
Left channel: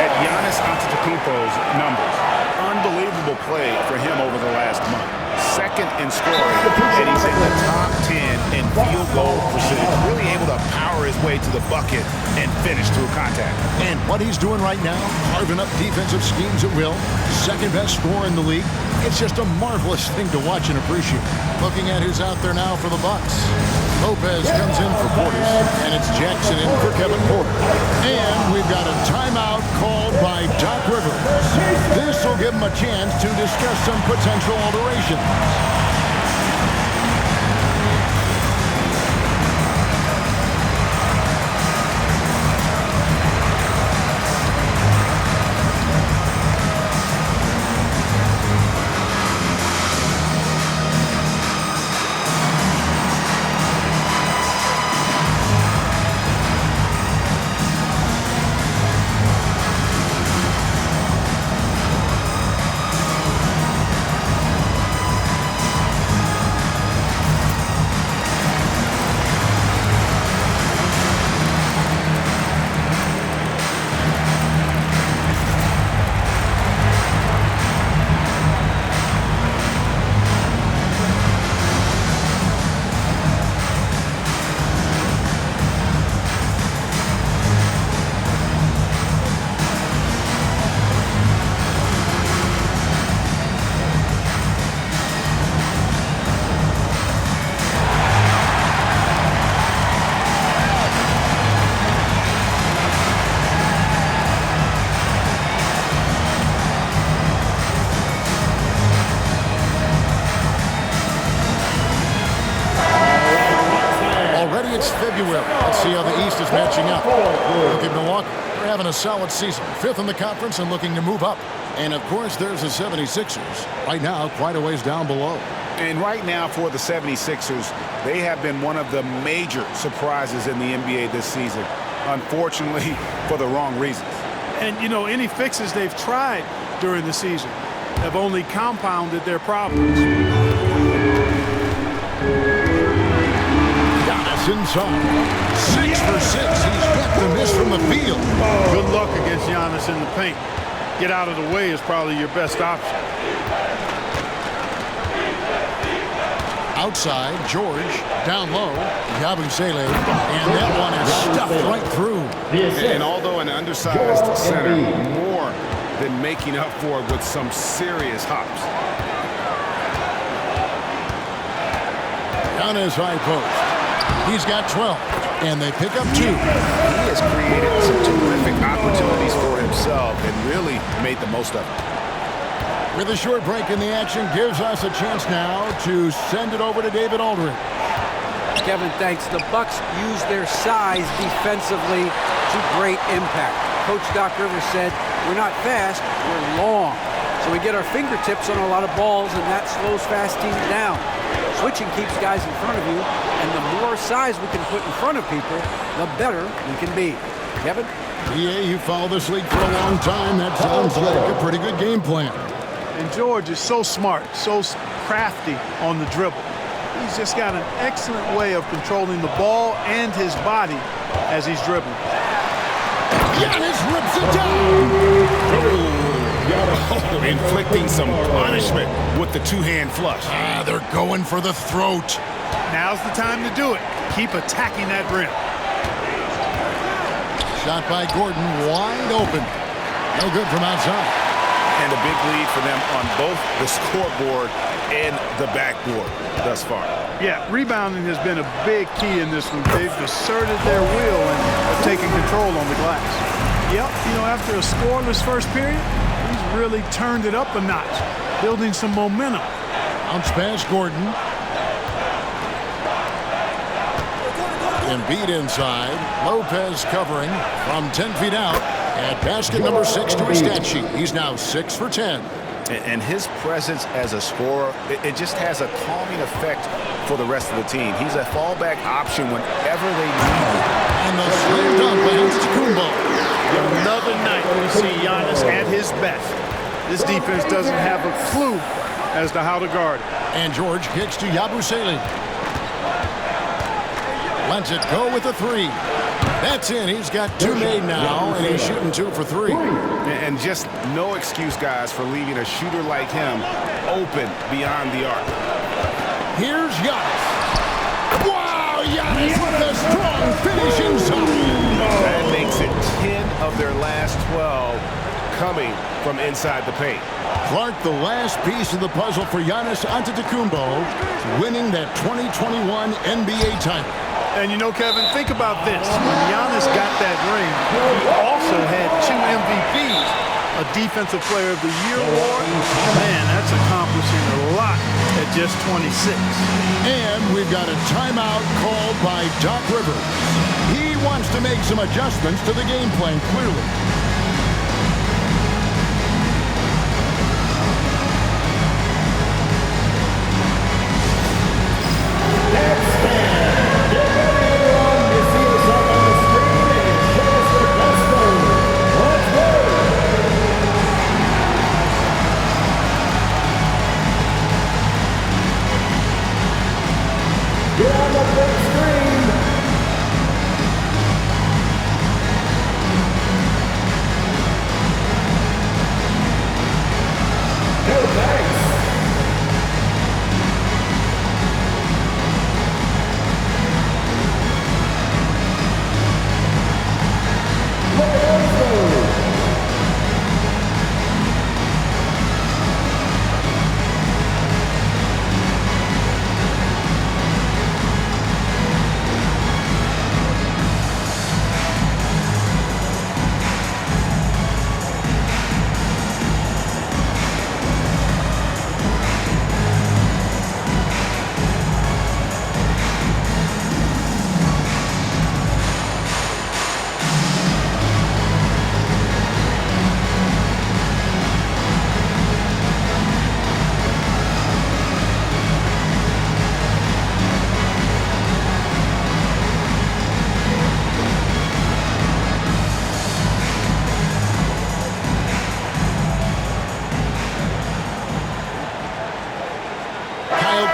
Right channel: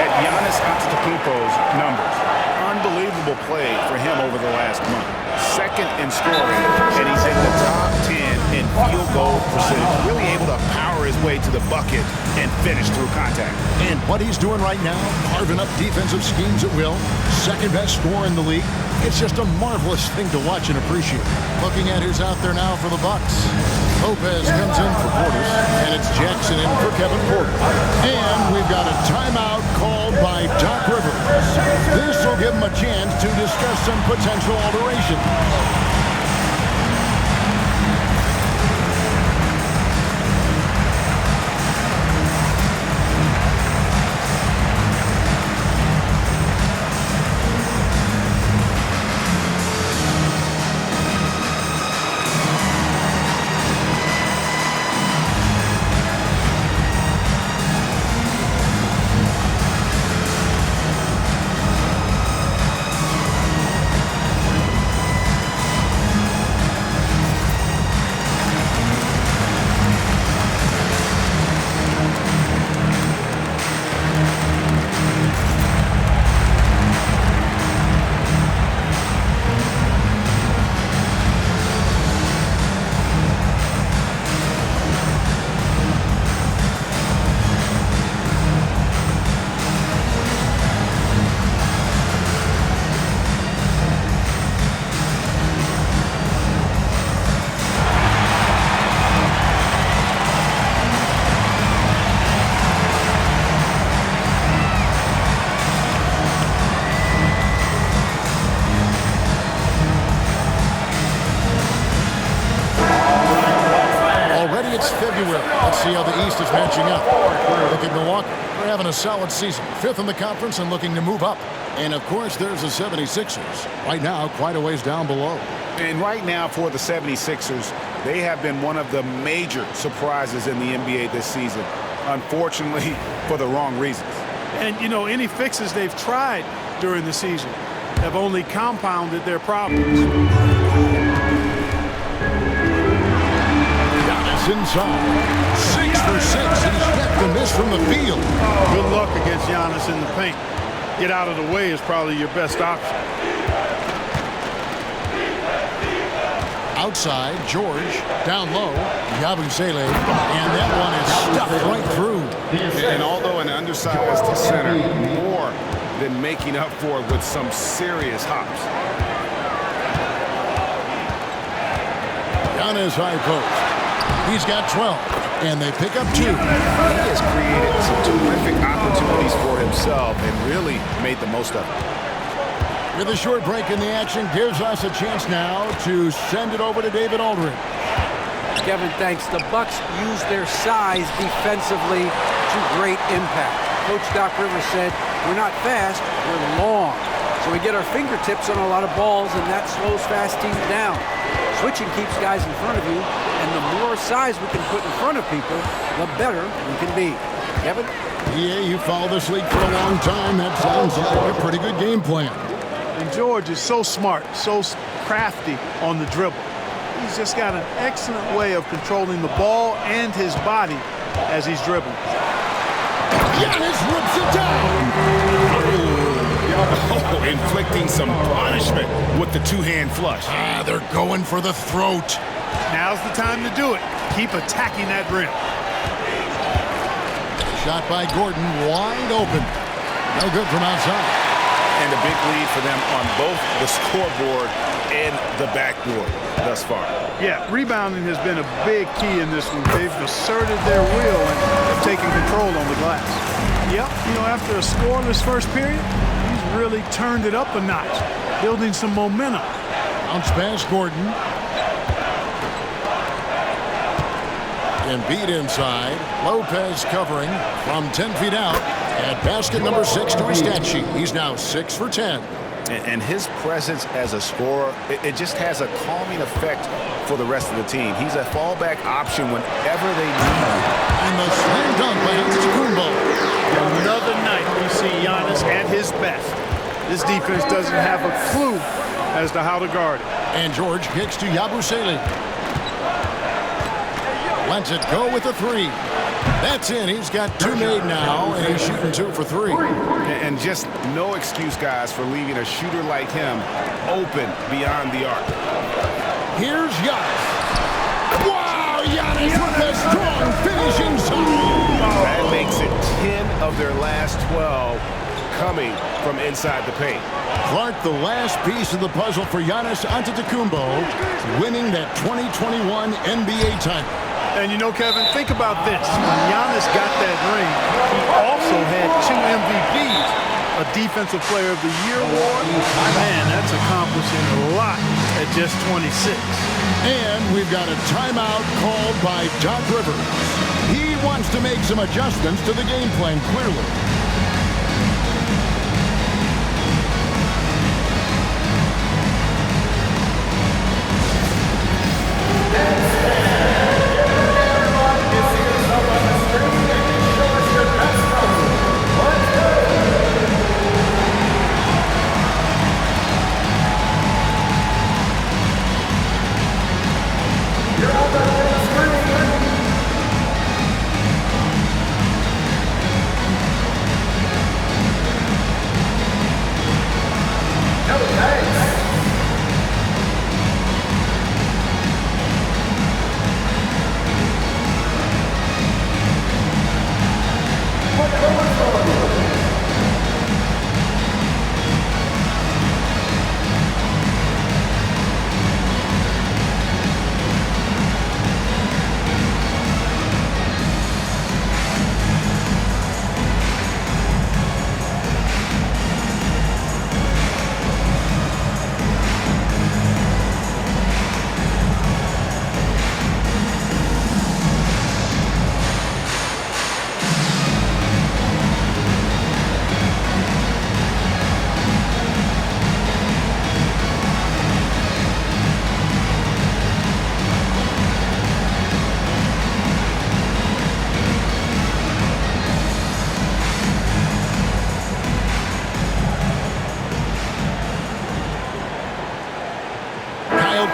at Giannis Antetokounmpo's numbers. Unbelievable play for him over the last month. Second in scoring, and he's in the top 10 in field goal percentage. Really able to power his way to the bucket and finish through contact. And what he's doing right now, carving up defensive schemes at will. Second best scorer in the league. It's just a marvelous thing to watch and appreciate. Looking at who's out there now for the Bucks. Lopez comes in for Portis, and it's Jackson in for Kevin Porter. And we've got a timeout called by Doc Rivers. This will give him a chance to discuss some potential alterations. Already it's February. Let's see how the East is matching up. Look at Milwaukee. They're having a solid season. 5th in the conference and looking to move up. And, of course, there's the 76ers. Right now, quite a ways down below. And right now for the 76ers, they have been one of the major surprises in the NBA this season. Unfortunately, for the wrong reasons. And, you know, any fixes they've tried during the season have only compounded their problems. Giannis inside. 6 for 6. He's yet to miss from the field. Good luck against Giannis in the paint. Get out of the way is probably your best option. Outside, George. Down low, Yabusele. And that one is stuffed right through. And although an undersized center, more than making up for it with some serious hops. Giannis high post. He's got 12, and they pick up 2. He has created some terrific opportunities for himself and really made the most of it. With a short break in the action, gives us a chance now to send it over to David Aldridge. Kevin, thanks. The Bucks use their size defensively to great impact. Coach Doc Rivers said, we're not fast, we're long. So we get our fingertips on a lot of balls, and that slows fast teams down. Switching keeps guys in front of you, and the more size we can put in front of people, the better we can be. Kevin? Yeah, you follow this league for a long time. That sounds like a pretty good game plan. And George is so smart, so crafty on the dribble. He's just got an excellent way of controlling the ball and his body as he's dribbling. Giannis rips it down. Oh, inflicting some punishment with the two-hand flush. They're going for the throat. Now's the time to do it. Keep attacking that rim. Shot by Gordon, wide open. No good from outside. And a big lead for them on both the scoreboard and the backboard thus far. Yeah, rebounding has been a big key in this one. They've asserted their will and have taken control on the glass. Yep, you know, after a scoreless first period, he's really turned it up a notch, building some momentum. Bounce pass Gordon. Embiid inside. Lopez covering from 10 feet out. At basket number 6 to his stat sheet. He's now 6 for 10. And his presence as a scorer, it just has a calming effect for the rest of the team. He's a fallback option whenever they need him. And the slam dunk by Antetokounmpo. Another night we see Giannis at his best. This defense doesn't have a clue as to how to guard it. And George kicks to Yabusele. Lets it go with a 3. That's in. He's got 2 made now, and he's shooting 2 for 3. And just no excuse, guys, for leaving a shooter like him open beyond the arc. Here's Giannis. Wow, Giannis with a strong finish inside. That makes it 10 of their last 12 coming from inside the paint. Clark, the last piece of the puzzle for Giannis Antetokounmpo, winning that 2021 NBA title. And you know, Kevin, think about this. When Giannis got that ring, he also had 2 MVPs, a Defensive Player of the Year award. Man, that's accomplishing a lot at just 26. And we've got a timeout called by Doc Rivers. He wants to make some adjustments to the game plan, clearly.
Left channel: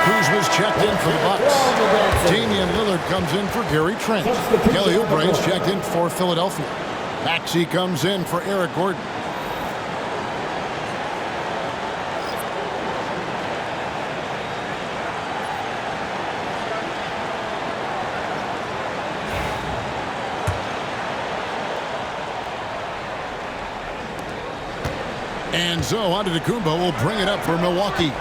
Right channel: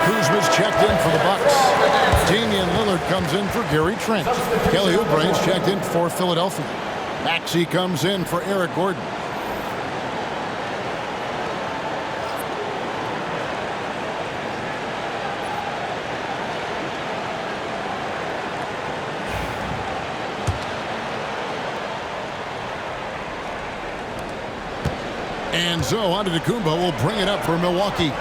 Kuzma's checked in for the Bucks. Damian Lillard comes in for Gary Trent. Kelly Oubre's checked in for Philadelphia. Maxey comes in for Eric Gordon. And so Antetokounmpo will bring it up for Milwaukee.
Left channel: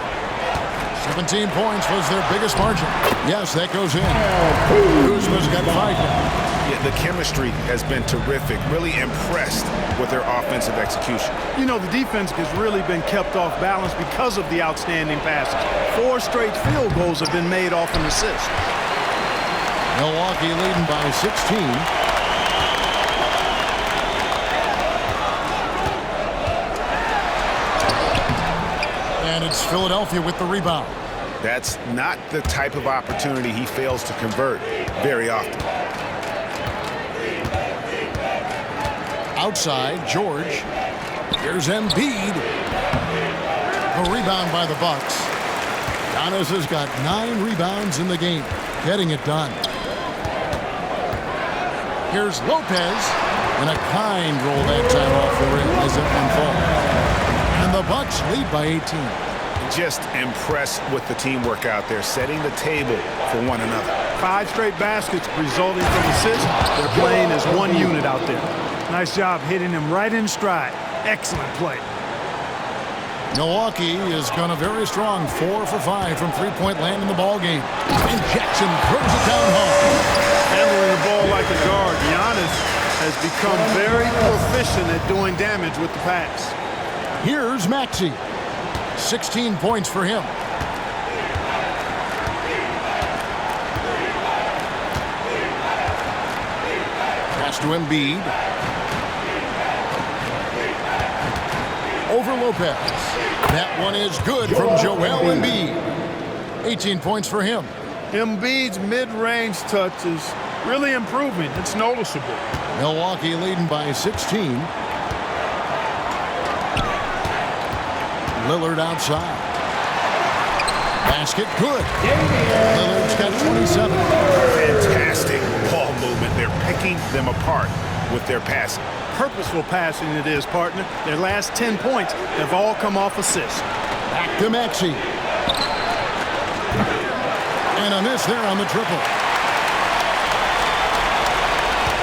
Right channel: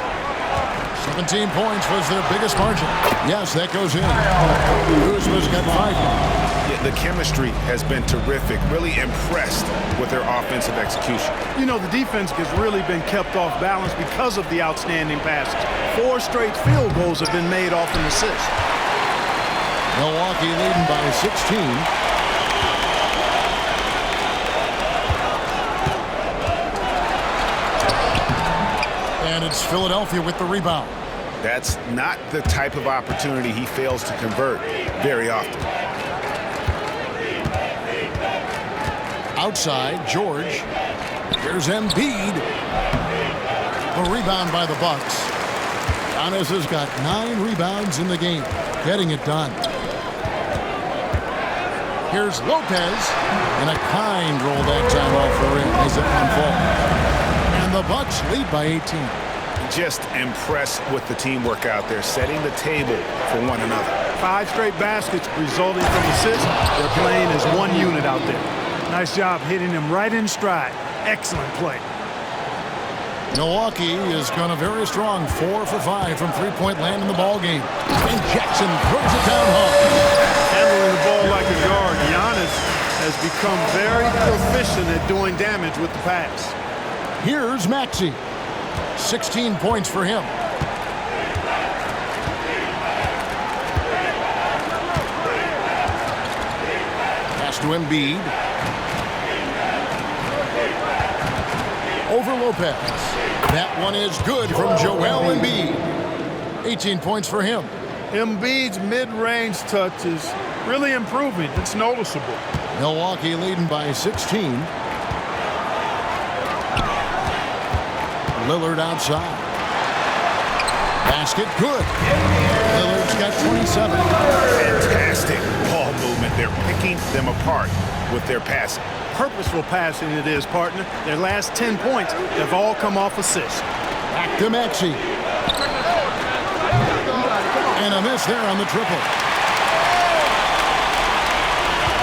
17 points was their biggest margin. Yes, that goes in. Kuzma's got 5 now. Yeah, the chemistry has been terrific. Really impressed with their offensive execution. You know, the defense has really been kept off balance because of the outstanding passes. 4 straight field goals have been made off an assist. Milwaukee leading by 16. And it's Philadelphia with the rebound. That's not the type of opportunity he fails to convert very often. Outside, George. Here's Embiid. A rebound by the Bucks. Giannis has got 9 rebounds in the game, getting it done. Here's Lopez, and a kind roll that time off the rim as that one falls. And the Bucks lead by 18. Just impressed with the teamwork out there, setting the table for one another. 5 straight baskets resulting from assists. They're playing as one unit out there. Nice job hitting him right in stride. Excellent play. Milwaukee is going to very strong, 4 for 5 from three-point land in the ball game. And Jackson throws it down hard. Handling the ball like a guard, Giannis has become very proficient at doing damage with the pass. Here's Maxey. 16 points for him. Pass to Embiid. Over Lopez. That one is good from Joel Embiid. 18 points for him. Embiid's mid-range touch is really improving. It's noticeable. Milwaukee leading by 16. Lillard outside. Basket good. Lillard's got 27. Fantastic ball movement. They're picking them apart with their passing. Purposeful passing it is, partner. Their last 10 points have all come off assists. Back to Maxey. And a miss there on the triple.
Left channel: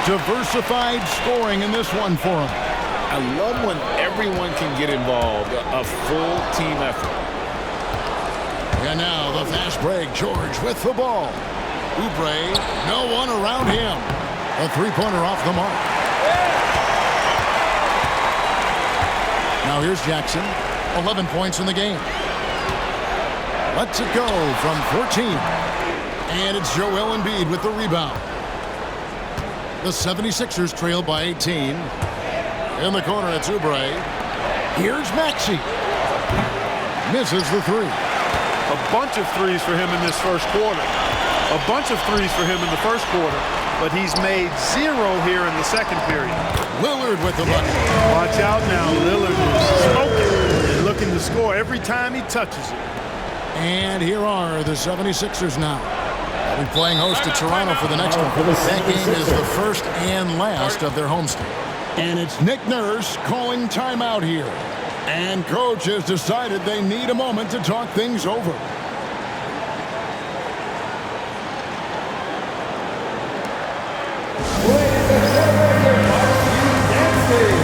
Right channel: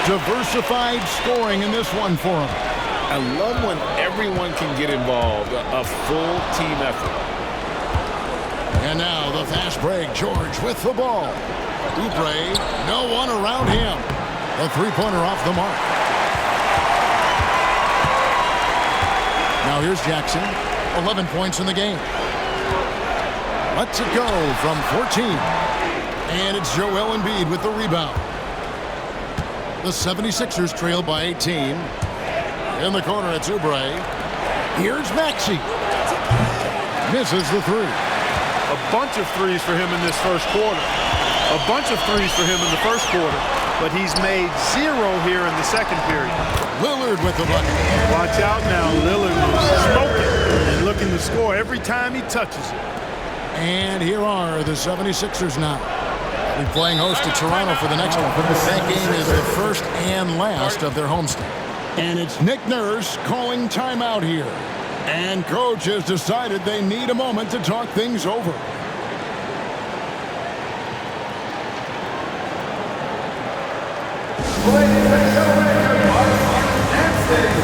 Diversified scoring in this one for him. I love when everyone can get involved, a full team effort. And now the fast break. George with the ball. Oubre, no one around him. A three-pointer off the mark. Now here's Jackson. 11 points in the game. Lets it go from 14. And it's Joel Embiid with the rebound. The 76ers trail by 18. In the corner, it's Oubre. Here's Maxey. Misses the 3. A bunch of threes for him in this first quarter. A bunch of threes for him in the first quarter. But he's made 0 here in the second period. Lillard with the bucket. Watch out now. Lillard is smoking and looking to score every time he touches it. And here are the 76ers now. They'll be playing host to Toronto for the next one. That game is the first and last of their homestand. And it's Nick Nurse calling timeout here. And coach has decided they need a moment to talk things over. Ladies and gentlemen, your barbecue dancing.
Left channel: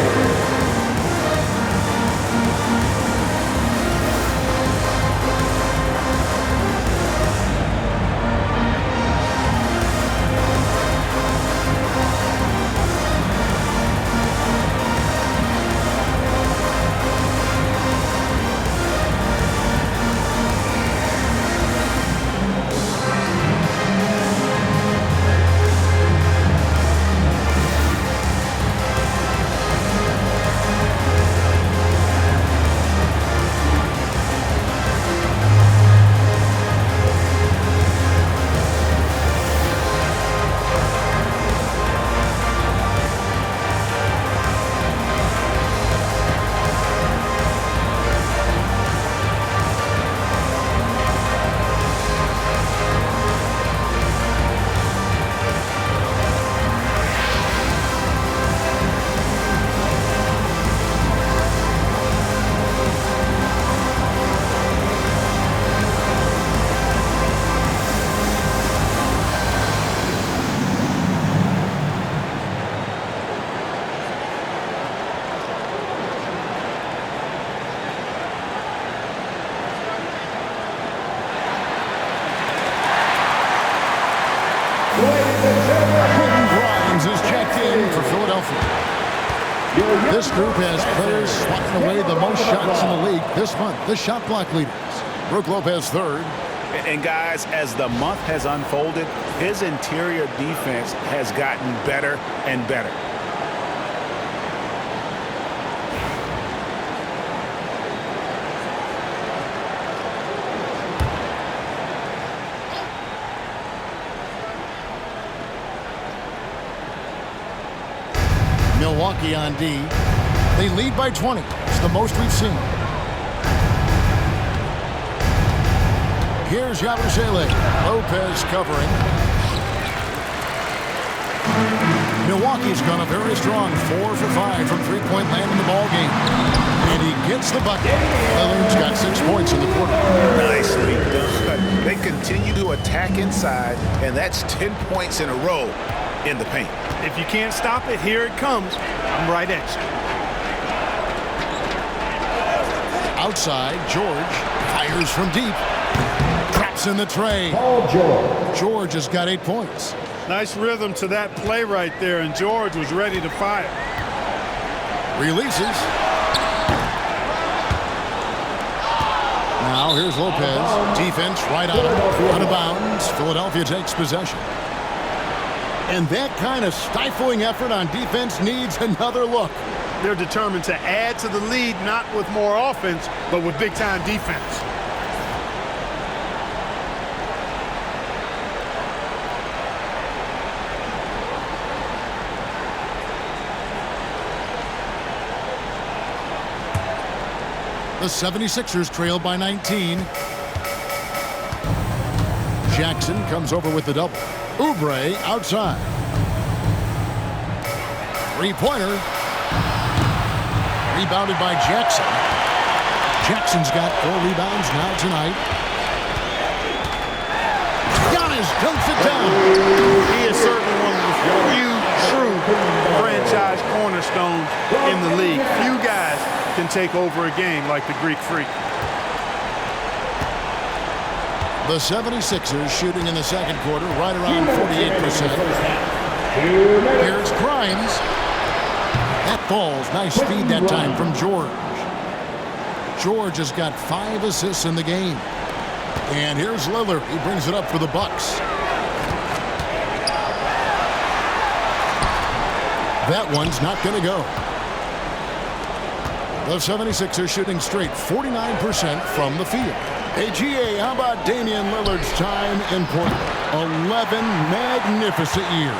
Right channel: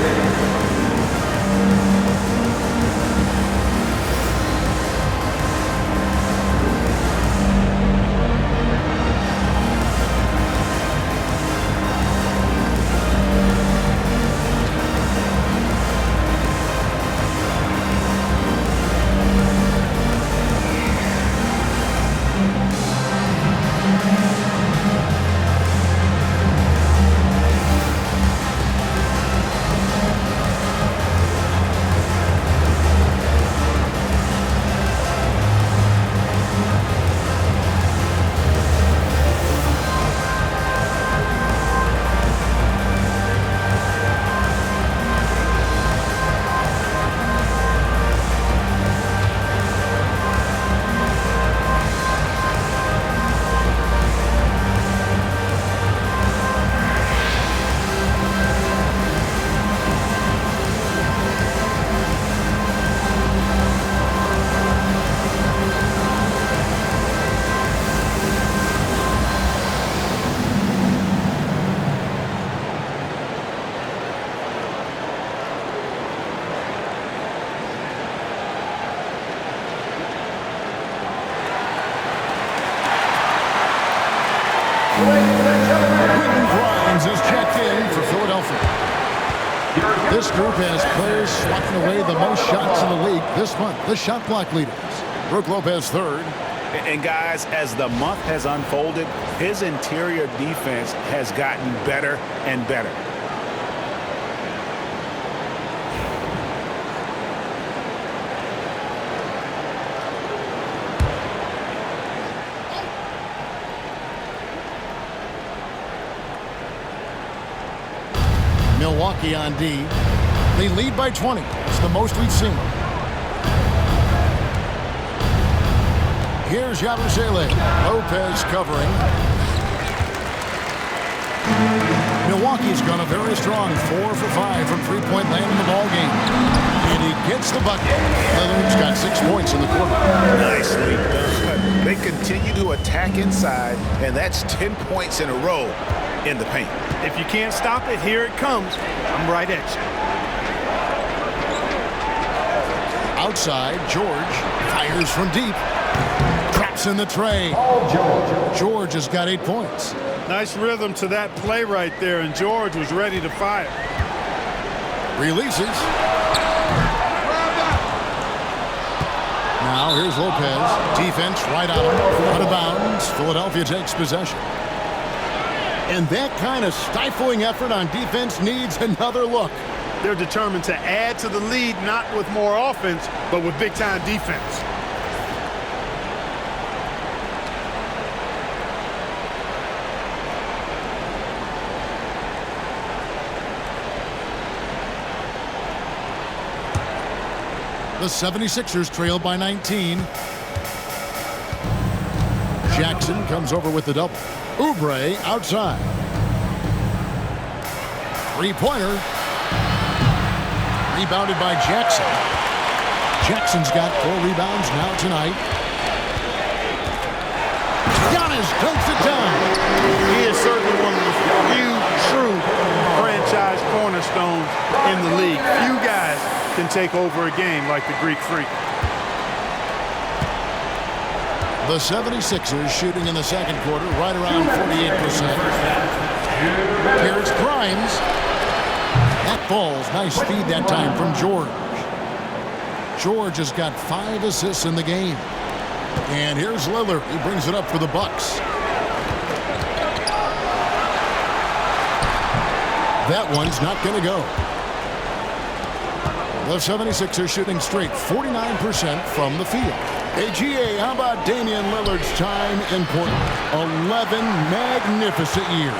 Quentin Grimes is checked in for Philadelphia. This group has players swatting away the most shots in the league this month. The shot block leaders. Brook Lopez third. And guys, as the month has unfolded, his interior defense has gotten better and better. Milwaukee on D. They lead by 20. It's the most we've seen. Here's Yabusele. Lopez covering. Milwaukee's gone a very strong 4 for 5 from three-point land in the ballgame. And he gets the bucket. Lillard's got 6 points in the quarter. Nicely done. They continue to attack inside, and that's 10 points in a row in the paint. If you can't stop it, here it comes. I'm right at you. Outside, George fires from deep. Traps in the tray. George has got 8 points. Nice rhythm to that play right there, and George was ready to fire. Releases. Now here's Lopez. Defense right on him. Out of bounds. Philadelphia takes possession. And that kind of stifling effort on defense needs another look. They're determined to add to the lead, not with more offense, but with big-time defense. The 76ers trail by 19. Jackson comes over with the double. Oubre outside. Three-pointer. Rebounded by Jackson. Jackson's got 4 rebounds now tonight. Giannis dunks it down. He is certainly one of the few true franchise cornerstones in the league. Few guys can take over a game like the Greek Freak. The 76ers shooting in the second quarter right around 48%. Here's Grimes. That falls. Nice feed that time from George. George has got 5 assists in the game. And here's Lillard. He brings it up for the Bucks. That one's not going to go. The 76ers shooting straight 49% from the field. Hey, GA, how about Damian Lillard's time in Portland? 11 magnificent years.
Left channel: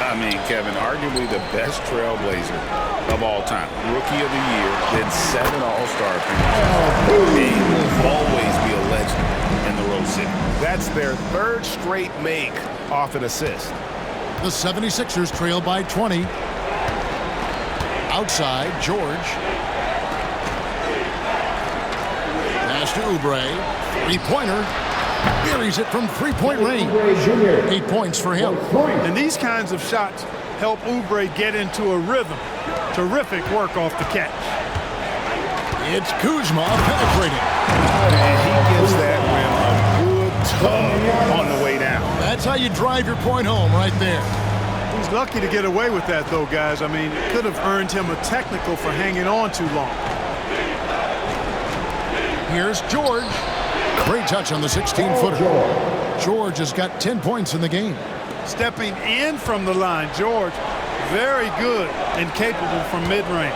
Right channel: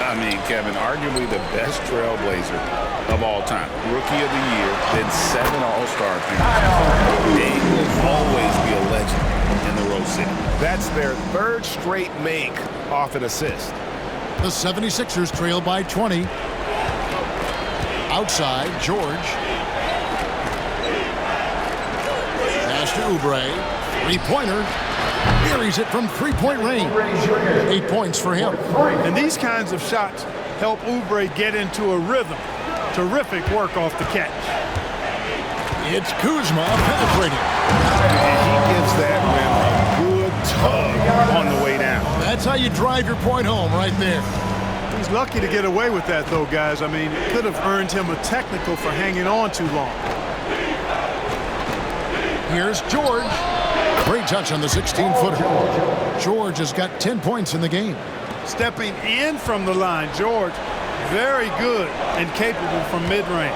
I mean, Kevin, arguably the best trailblazer of all time. Rookie of the year, then 7 All-Star appearances. Dame will always be a legend in the Rose City. That's their 3rd straight make off an assist. The 76ers trail by 20. Outside, George. Pass to Oubre. Three-pointer. Buries it from three-point range. 8 points for him. And these kinds of shots help Oubre get into a rhythm. Terrific work off the catch. It's Kuzma penetrating. And he gives that rim a good tug on the way down. That's how you drive your point home right there. He's lucky to get away with that, though, guys. I mean, it could have earned him a technical for hanging on too long. Here's George. Great touch on the 16-footer. George has got 10 points in the game. Stepping in from the line, George, very good and capable from mid-range.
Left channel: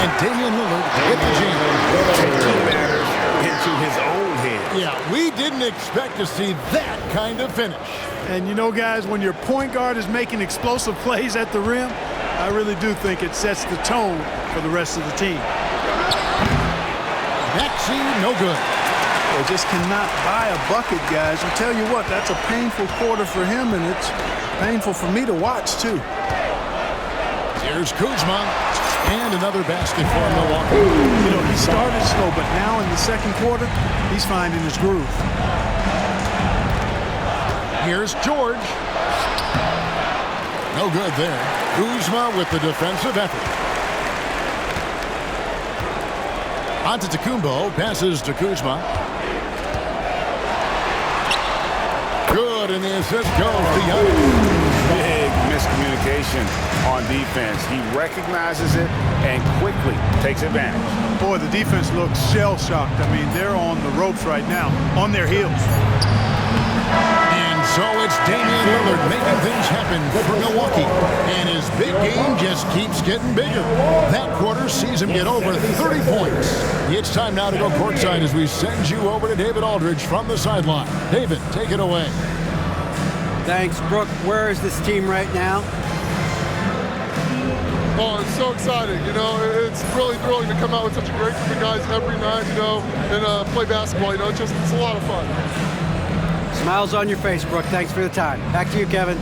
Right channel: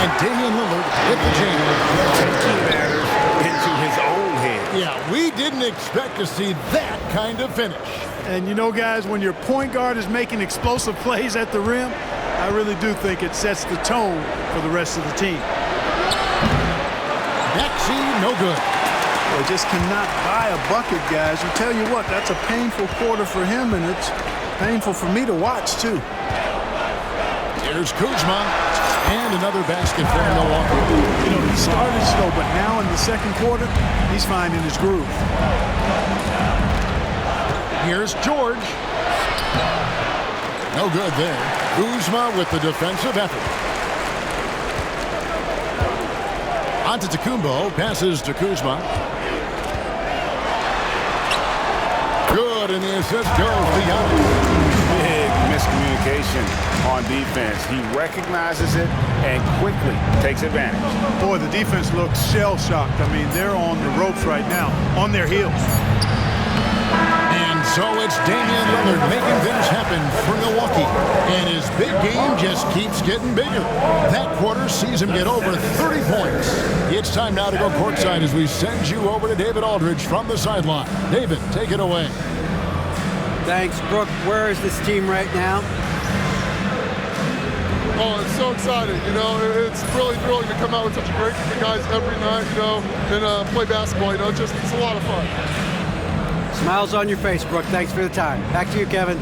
And Damian Lillard with the jam. Taking matters into his own hands. Yeah, we didn't expect to see that kind of finish. And you know, guys, when your point guard is making explosive plays at the rim, I really do think it sets the tone for the rest of the team. Maxey, no good. Well, just cannot buy a bucket, guys. I tell you what, that's a painful quarter for him, and it's painful for me to watch, too. Here's Kuzma. And another basket for Milwaukee. You know, he started slow, but now in the second quarter, he's finding his groove. Here's George. No good there. Kuzma with the defensive effort. Antetokounmpo passes to Kuzma. Good, and the assist goes to Giannis. Big miscommunication on defense. He recognizes it and quickly takes advantage. Boy, the defense looks shell-shocked. I mean, they're on the ropes right now, on their heels. And so it's Damian Lillard making things happen for Milwaukee. And his big game just keeps getting bigger. That quarter sees him get over 30 points. It's time now to go courtside as we send you over to David Aldridge from the sideline. David, take it away. Thanks, Brooke. Where is this team right now? Oh, it's so exciting. You know, it's really thrilling to come out with such a great group of guys every night, you know, and play basketball. You know, it's a lot of fun. Smiles on your face, Brooke. Thanks for the time. Back to you, Kevin.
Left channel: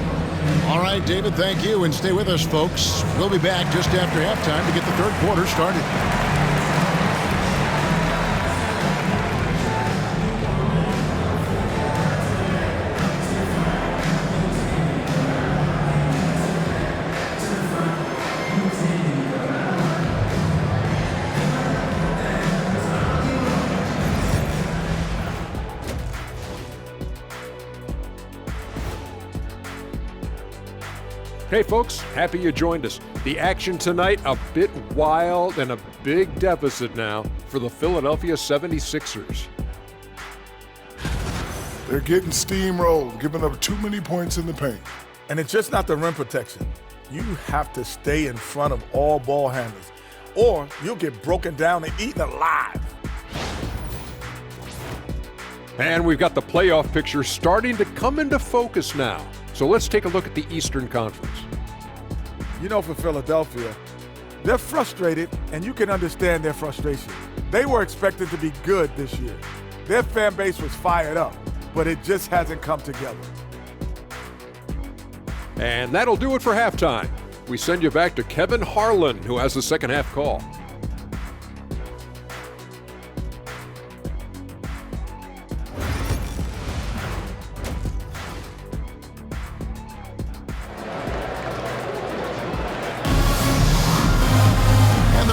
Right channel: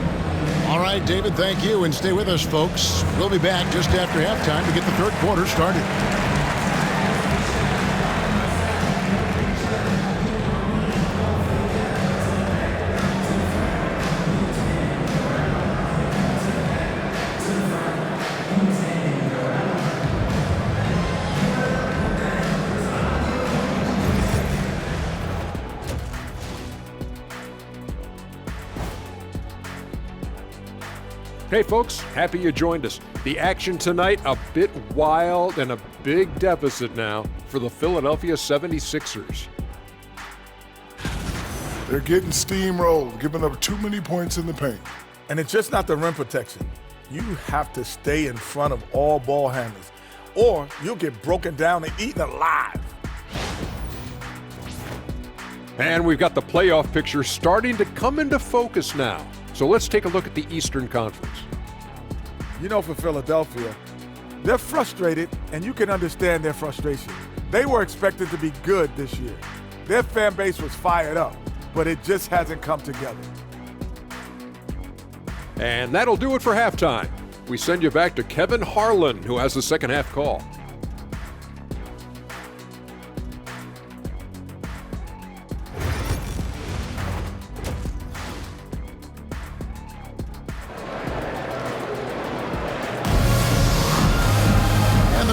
All right, David, thank you. And stay with us, folks. We'll be back just after halftime to get the third quarter started. Hey folks, happy you joined us. The action tonight, a bit wild and a big deficit now for the Philadelphia 76ers. They're getting steamrolled, giving up too many points in the paint. And it's just not the rim protection. You have to stay in front of all ball handlers, or you'll get broken down and eaten alive. And we've got the playoff picture starting to come into focus now. So let's take a look at the Eastern Conference. You know, for Philadelphia, they're frustrated, and you can understand their frustration. They were expected to be good this year. Their fan base was fired up, but it just hasn't come together. And that'll do it for halftime. We send you back to Kevin Harlan, who has the second half call.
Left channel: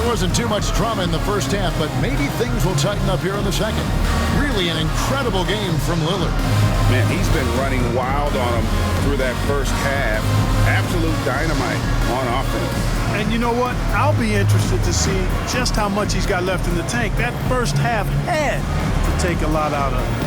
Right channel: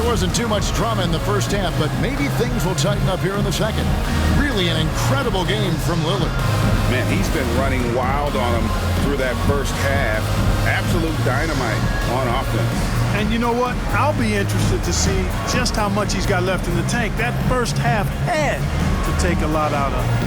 Wasn't too much drama in the first half, but maybe things will tighten up here in the second. Really an incredible game from Lillard. Man, he's been running wild on him through that first half. Absolute dynamite on offense. And you know what? I'll be interested to see just how much he's got left in the tank. That first half had to take a lot out of it.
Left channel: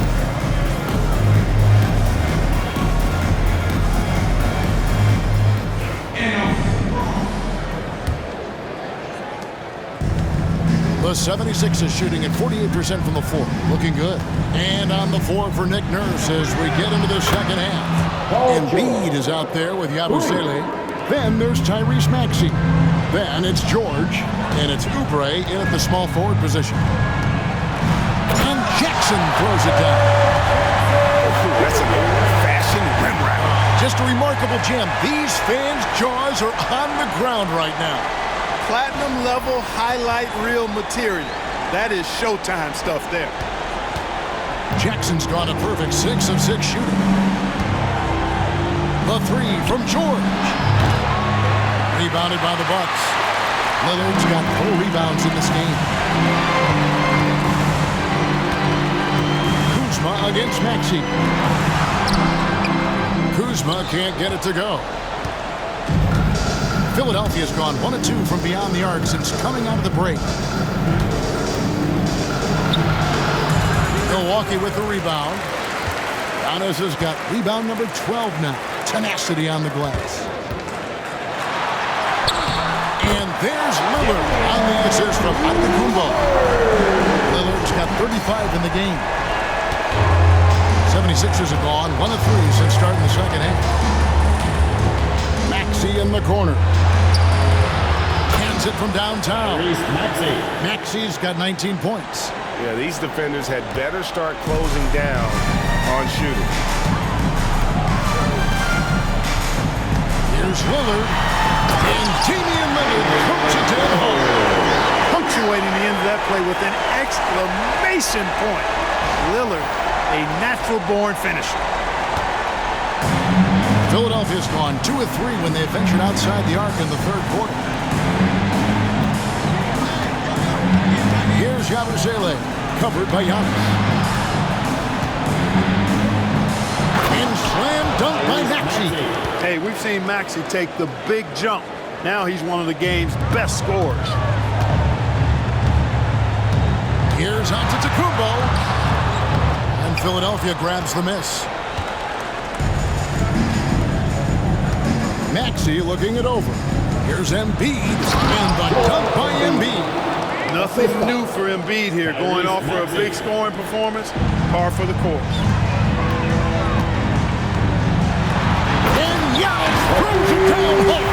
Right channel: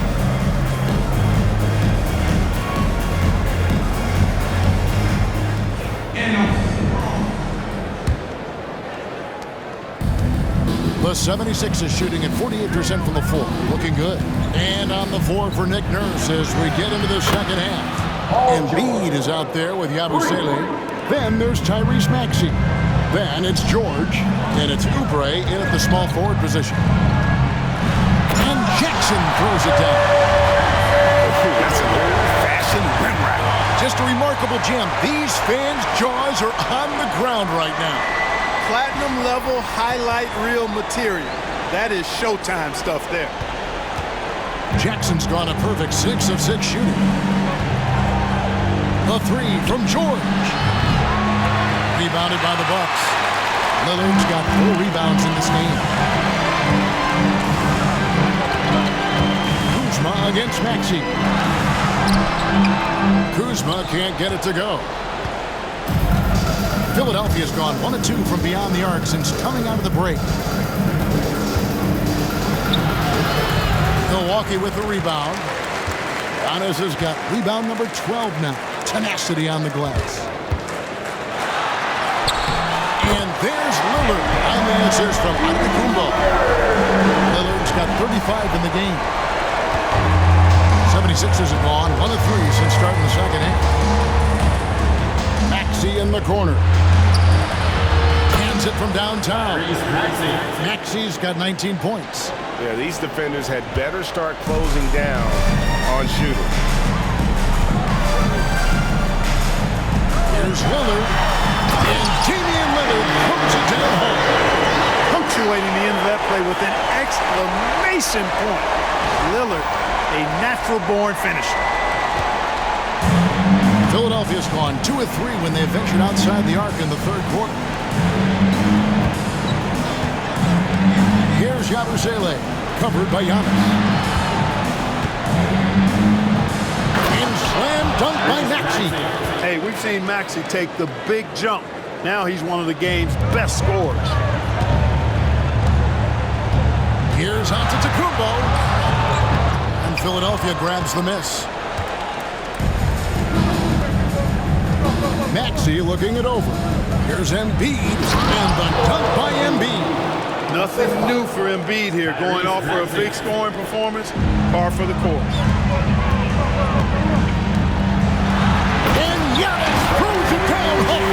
The 76ers shooting at 48% from the floor. Looking good. And on the floor for Nick Nurse as we get into the second half. Embiid is out there with Yabusele. Then there's Tyrese Maxey. Then it's George. And it's Oubre in at the small forward position. And Jackson throws it down. Oh, that's an old-fashioned rim wrap. Just a remarkable gem. These fans' jaws are on the ground right now. Platinum level highlight reel material. That is Showtime stuff there. Jackson's gone a perfect 6 of 6 shooting. The three from George. Rebounded by the Bucks. Lillard's got 4 rebounds in this game. Kuzma against Maxey. Kuzma can't get it to go. Philadelphia's gone 1 of 2 from beyond the arc since coming out of the break. Milwaukee with the rebound. Giannis has got rebound number 12 now. Tenacity on the glass. And there's Lillard on the assist from Antetokounmpo. Lillard's got 35 in the game. 76ers have gone 1 of 3 since starting the second half. Maxey in the corner. Hands it from downtown. Maxey's got 19 points. Yeah, these defenders had better start closing down on shooting. Here's Lillard. And Damian Lillard puts it down home. Punctuating the end of that play with an exclamation point. Lillard, a natural-born finisher. Philadelphia's gone 2 of 3 when they ventured outside the arc in the third quarter. Here's Yabusele, covered by Giannis. And slam dunk by Maxey. Hey, we've seen Maxey take the big jump. Now he's one of the game's best scorers. Here's Antetokounmpo. And Philadelphia grabs the miss. Maxey looking it over. Here's Embiid. And the dunk by Embiid. Nothing new for Embiid here, going off for a big scoring performance, par for the course. And Giannis throws it down hard.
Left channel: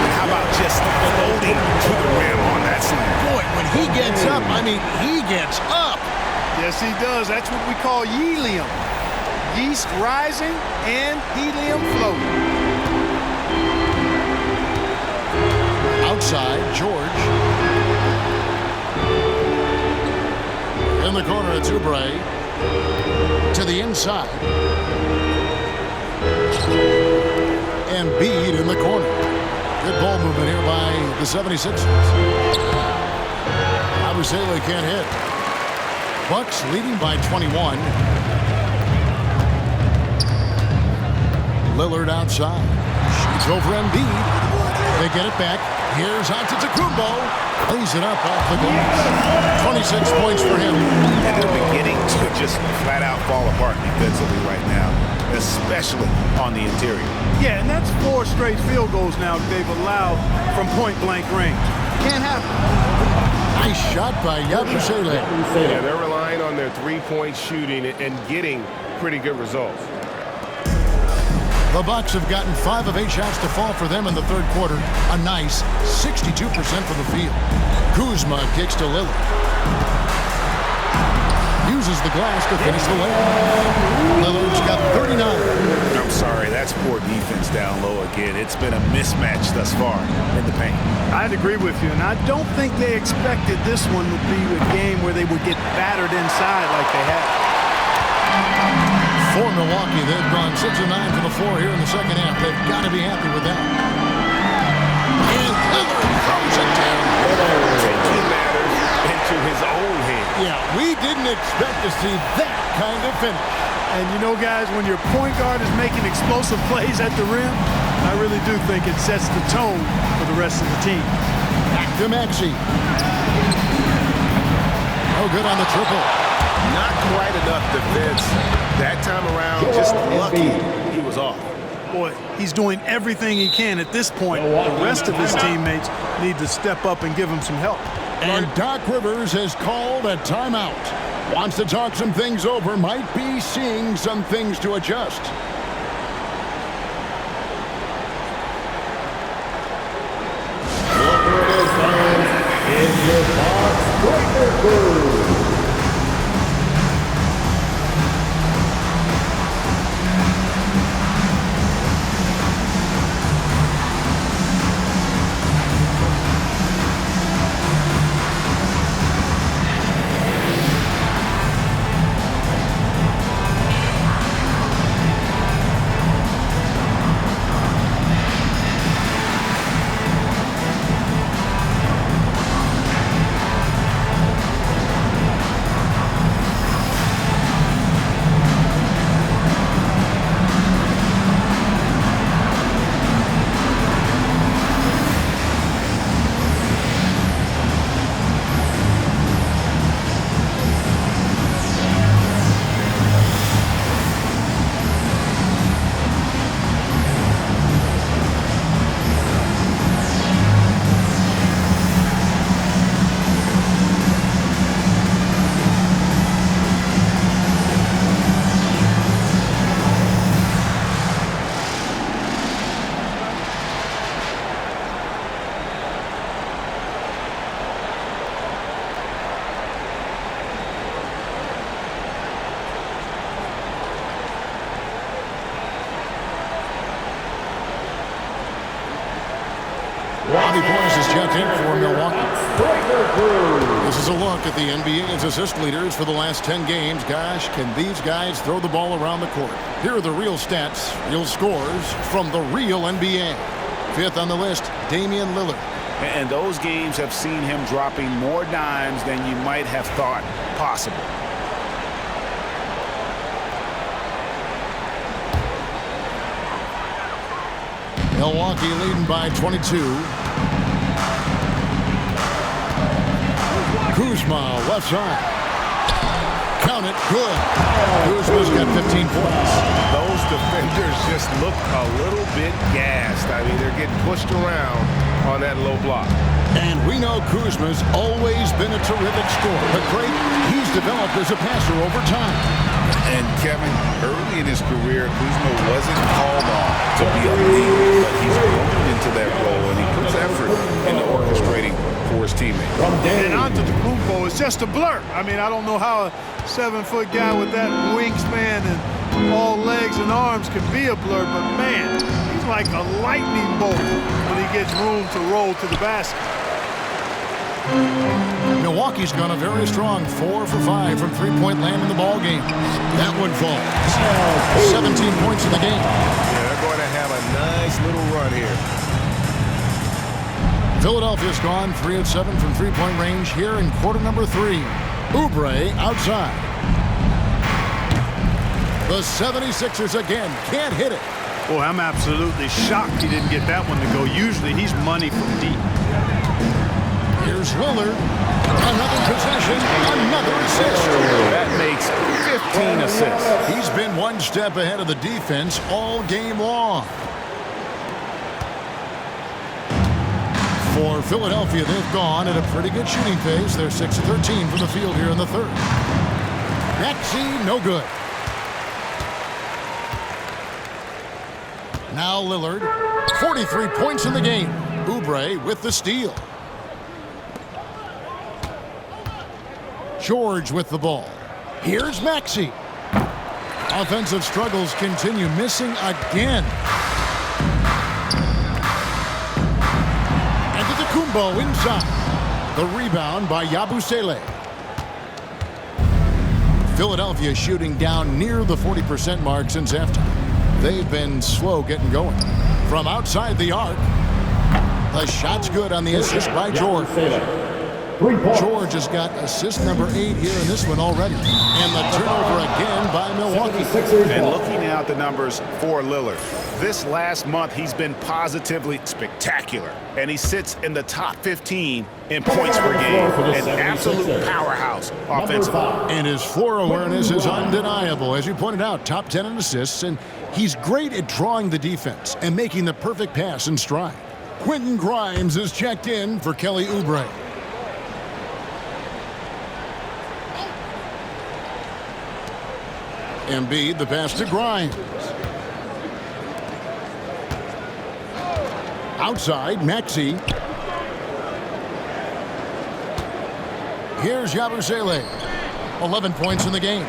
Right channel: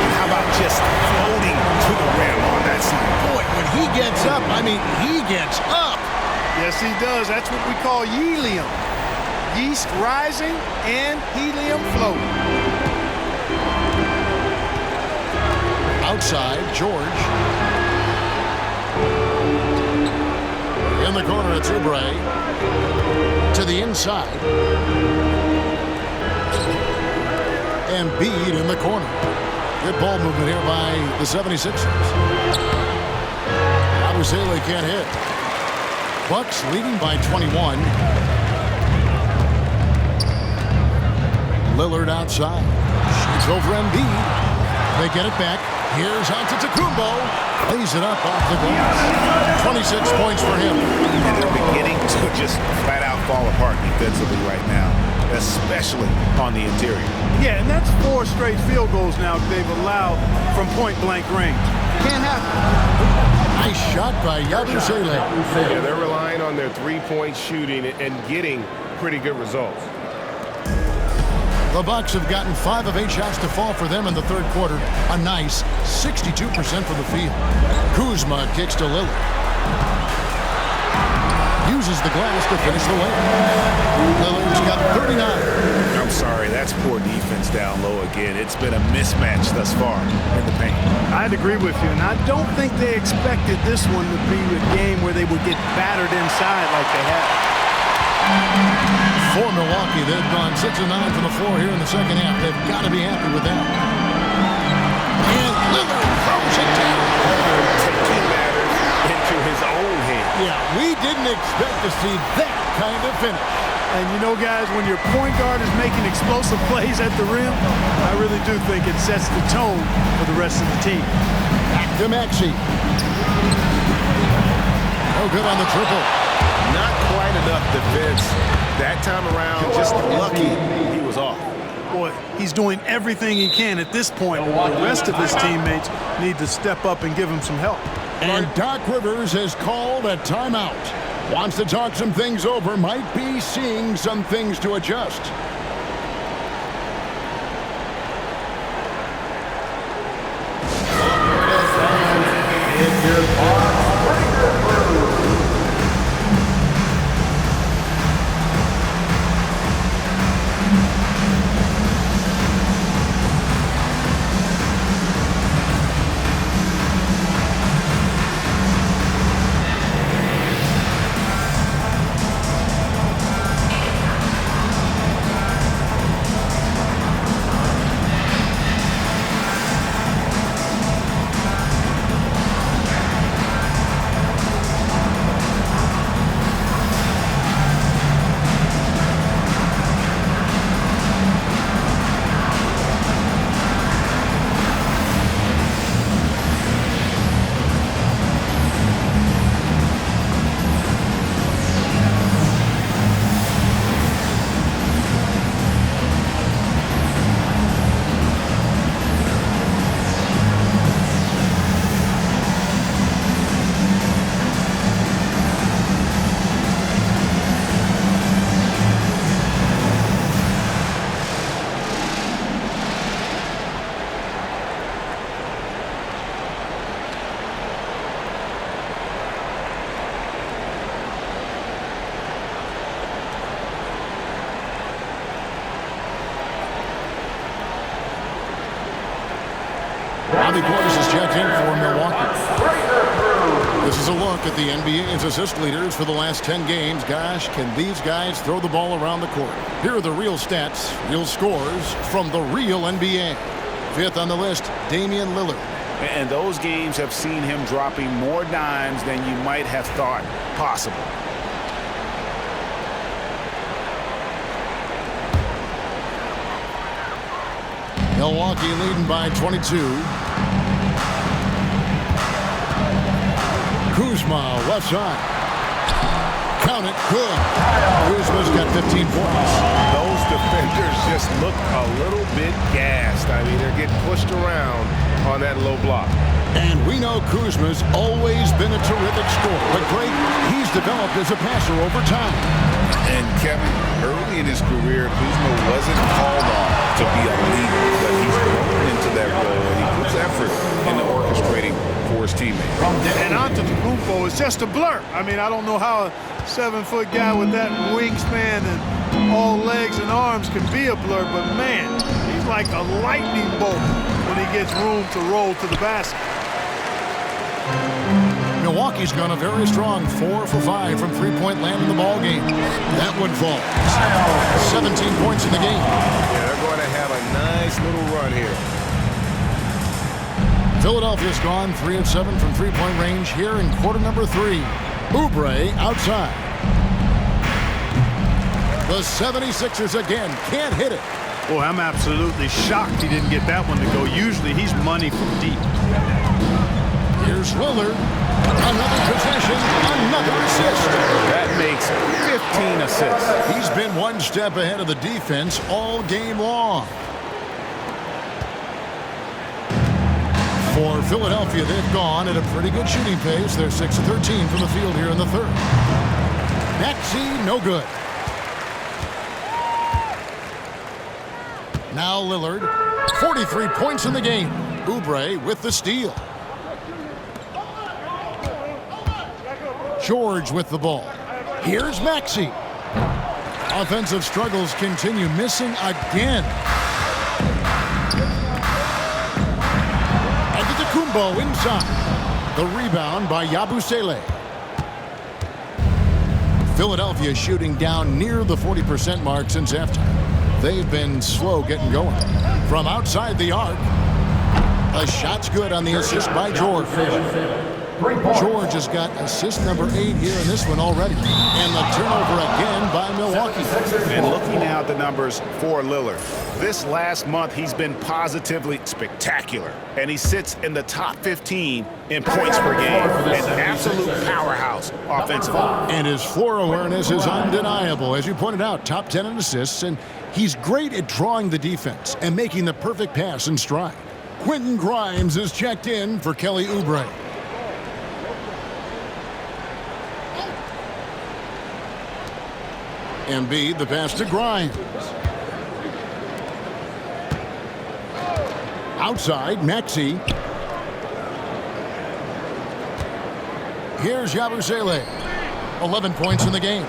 And how about just floating to the rim on that slam? Boy, when he gets up, I mean, he gets up. Yes, he does. That's what we call helium. Yeast rising and helium floating. Outside, George. In the corner, it's Oubre. To the inside. Embiid in the corner. Good ball movement here by the 76ers. Abusele can't hit. Bucks leading by 21. Lillard outside. Shoots over Embiid. They get it back. Here's Antetokounmpo. Lays it up off the glass. 26 points for him. And they're beginning to just flat out fall apart defensively right now, especially on the interior. Yeah, and that's 4 straight field goals now they've allowed from point-blank range. Can't happen. Nice shot by Yabusele. Yeah, they're relying on their three-point shooting and getting pretty good results. The Bucks have gotten 5 of 8 shots to fall for them in the third quarter. A nice 62% from the field. Kuzma kicks to Lillard. Uses the glass to finish the layup. Lillard's got 39. I'm sorry, that's poor defense down low again. It's been a mismatch thus far in the paint. I'd agree with you, and I don't think they expected this one to be a game where they would get battered inside like they have. For Milwaukee, they've gone 6 of 9 from the floor here in the second half. They've got to be happy with that. And Lillard throws it down. Taking matters into his own hands. Yeah, we didn't expect to see that kind of finish. And you know, guys, when your point guard is making explosive plays at the rim, I really do think it sets the tone for the rest of the team. Back to Maxey. No good on the triple. Not quite enough defense. That time around, just lucky he was off. Boy, he's doing everything he can at this point. The rest of his teammates need to step up and give him some help. And Doc Rivers has called a timeout. Wants to talk some things over. Might be seeing some things to adjust. Bobby Portis is checked in for Milwaukee. This is a look at the NBA's assist leaders for the last 10 games. Gosh, can these guys throw the ball around the court? Here are the real stats, real scores from the real NBA. 5th on the list, Damian Lillard. And those games have seen him dropping more dimes than you might have thought possible. Milwaukee leading by 22. Kuzma, left side. Count it, good. Kuzma's got 15 points. Those defenders just look a little bit gassed. I mean, they're getting pushed around on that low block. And we know Kuzma's always been a terrific scorer, but Greg, he's developed as a passer over time. And Kevin, early in his career, Kuzma wasn't called on to be a leader, but he's grown into that role, and he puts effort into orchestrating for his teammates. And Antetokounmpo is just a blur. I mean, I don't know how a 7-foot guy with that wingspan and all legs and arms can be a blur, but man, he's like a lightning bolt when he gets room to roll to the basket. Milwaukee's gone a very strong 4 for 5 from three-point land in the ball game. That one falls. 17 points in the game. Yeah, they're going to have a nice little run here. Philadelphia's gone 3 of 7 from three-point range here in quarter number 3. Oubre outside. The 76ers again can't hit it. Boy, I'm absolutely shocked he didn't get that one to go. Usually he's money from deep. Here's Lillard. Another possession, another assist. That makes 15 assists. He's been one step ahead of the defense all game long. For Philadelphia, they've gone at a pretty good shooting pace. They're 6 of 13 from the field here in the third. Maxey, no good. Now Lillard, 43 points in the game. Oubre with the steal. George with the ball. Here's Maxey. Offensive struggles continue, missing again. Antetokounmpo inside. The rebound by Yabusele. Philadelphia shooting down near the 40% mark since halftime. They've been slow getting going. From outside the arc, the shot's good on the assist by George. George has got assist number 8 here in this one already. And the turnover again by Milwaukee. And looking now at the numbers for Lillard, this last month he's been positively spectacular. And he sits in the top 15 in points per game. An absolute powerhouse offensively. And his floor awareness is undeniable. As you pointed out, top 10 in assists. And he's great at drawing the defense and making the perfect pass in stride. Quentin Grimes is checked in for Kelly Oubre. Embiid, the pass to Grimes. Outside, Maxey. Here's Yabusele. 11 points in the game.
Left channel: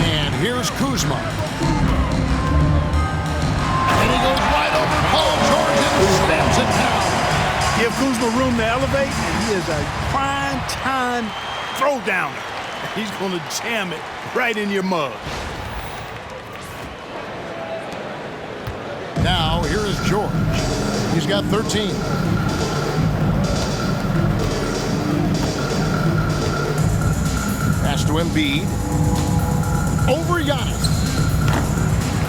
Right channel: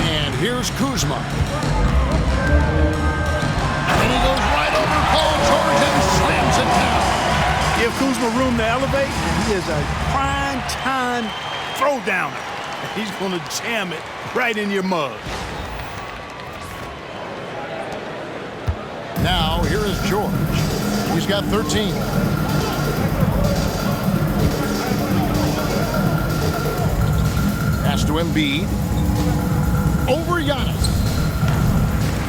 And here's Kuzma. And he goes right over Paul George and slams it down. Give Kuzma room to elevate, and he is a prime-time throw-downer. He's going to jam it right in your mug. Now, here is George. He's got 13. Pass to Embiid. Over Giannis.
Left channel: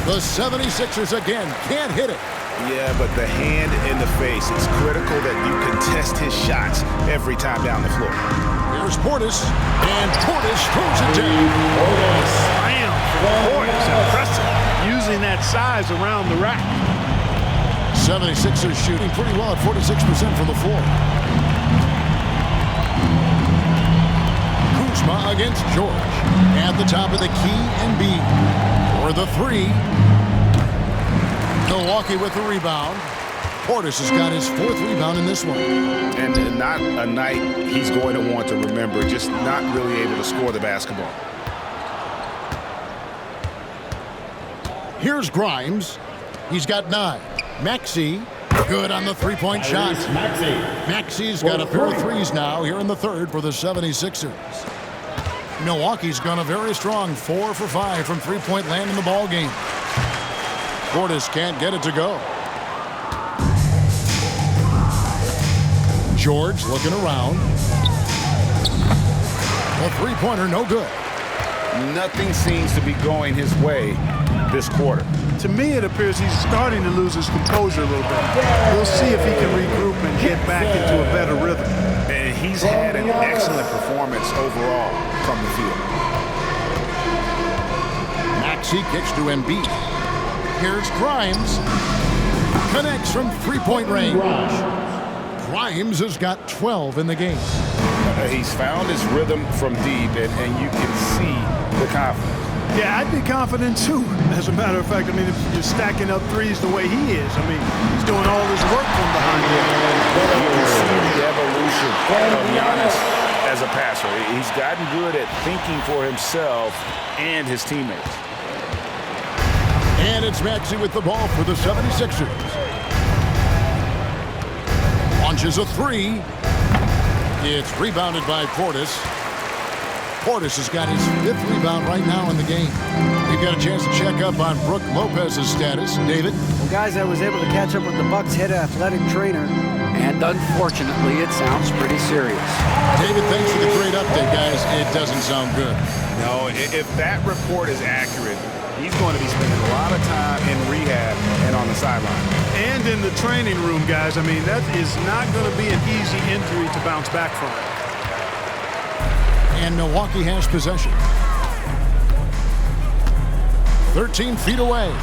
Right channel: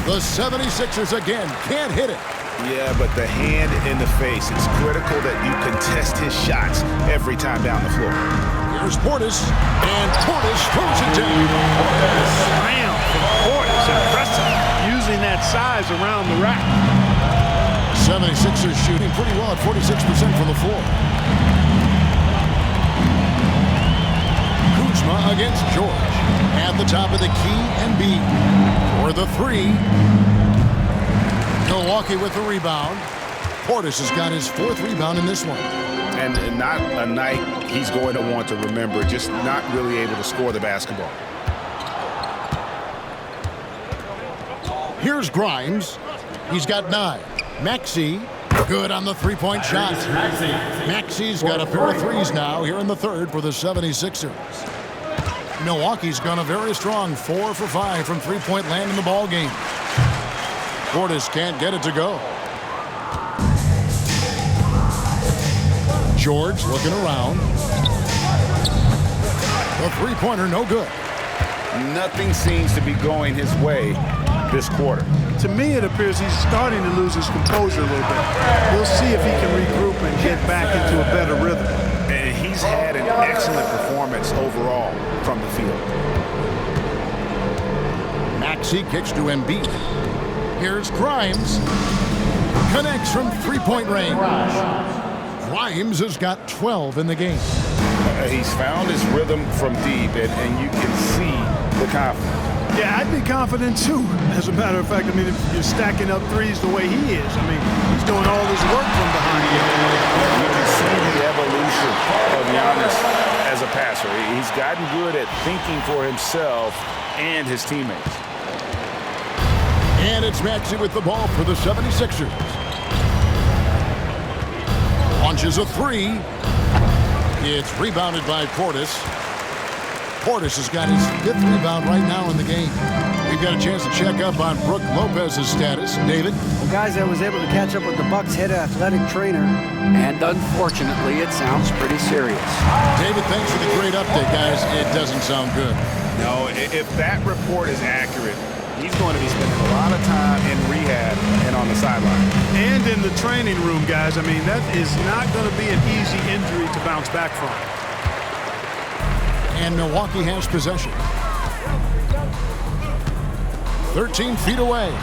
The 76ers again can't hit it. Yeah, but the hand in the face, it's critical that you contest his shots every time down the floor. Here's Portis, and Portis throws it down. Slam from Portis, impressive, using that size around the rack. 76ers shooting pretty well at 46% from the floor. Kuzma against George. At the top of the key, Embiid for the 3. Milwaukee with the rebound. Portis has got his 4th rebound in this one. And not a night he's going to want to remember, just not really able to score the basketball. Here's Grimes. He's got 9. Maxey, good on the 3-point shot. Maxey's got a pair of threes now here in the third for the 76ers. Milwaukee's gone a very strong 4 for 5 from 3-point land in the ball game. Portis can't get it to go. George looking around. The 3-pointer no good. Nothing seems to be going his way this quarter. To me, it appears he's starting to lose his composure a little bit. We'll see if he can regroup and get back into a better rhythm. And he's had an excellent performance overall from the field. Maxey kicks to Embiid. Here's Grimes. Connects from three-point range. Grimes has got 12 in the game. He's found his rhythm from deep, and you can see the confidence. Yeah, I'd be confident too. As a matter of fact, I mean, if you're stacking up threes the way he is, I mean, he's doing all his work from behind him. You can see the evolution of Giannis as a passer. He's gotten good at thinking for himself and his teammates. And it's Maxey with the ball for the 76ers. Launches a three. It's rebounded by Portis. Portis has got his 5th rebound right now in the game. We've got a chance to check up on Brook Lopez's status. David? Well, guys, I was able to catch up with the Bucks' head athletic trainer, and unfortunately, it sounds pretty serious. David, thanks for the great update, guys. It doesn't sound good. No, if that report is accurate, he's going to be spending a lot of time in rehab and on the sideline. And in the training room, guys. I mean, that is not going to be an easy injury to bounce back from. And Milwaukee has possession. 13 feet away.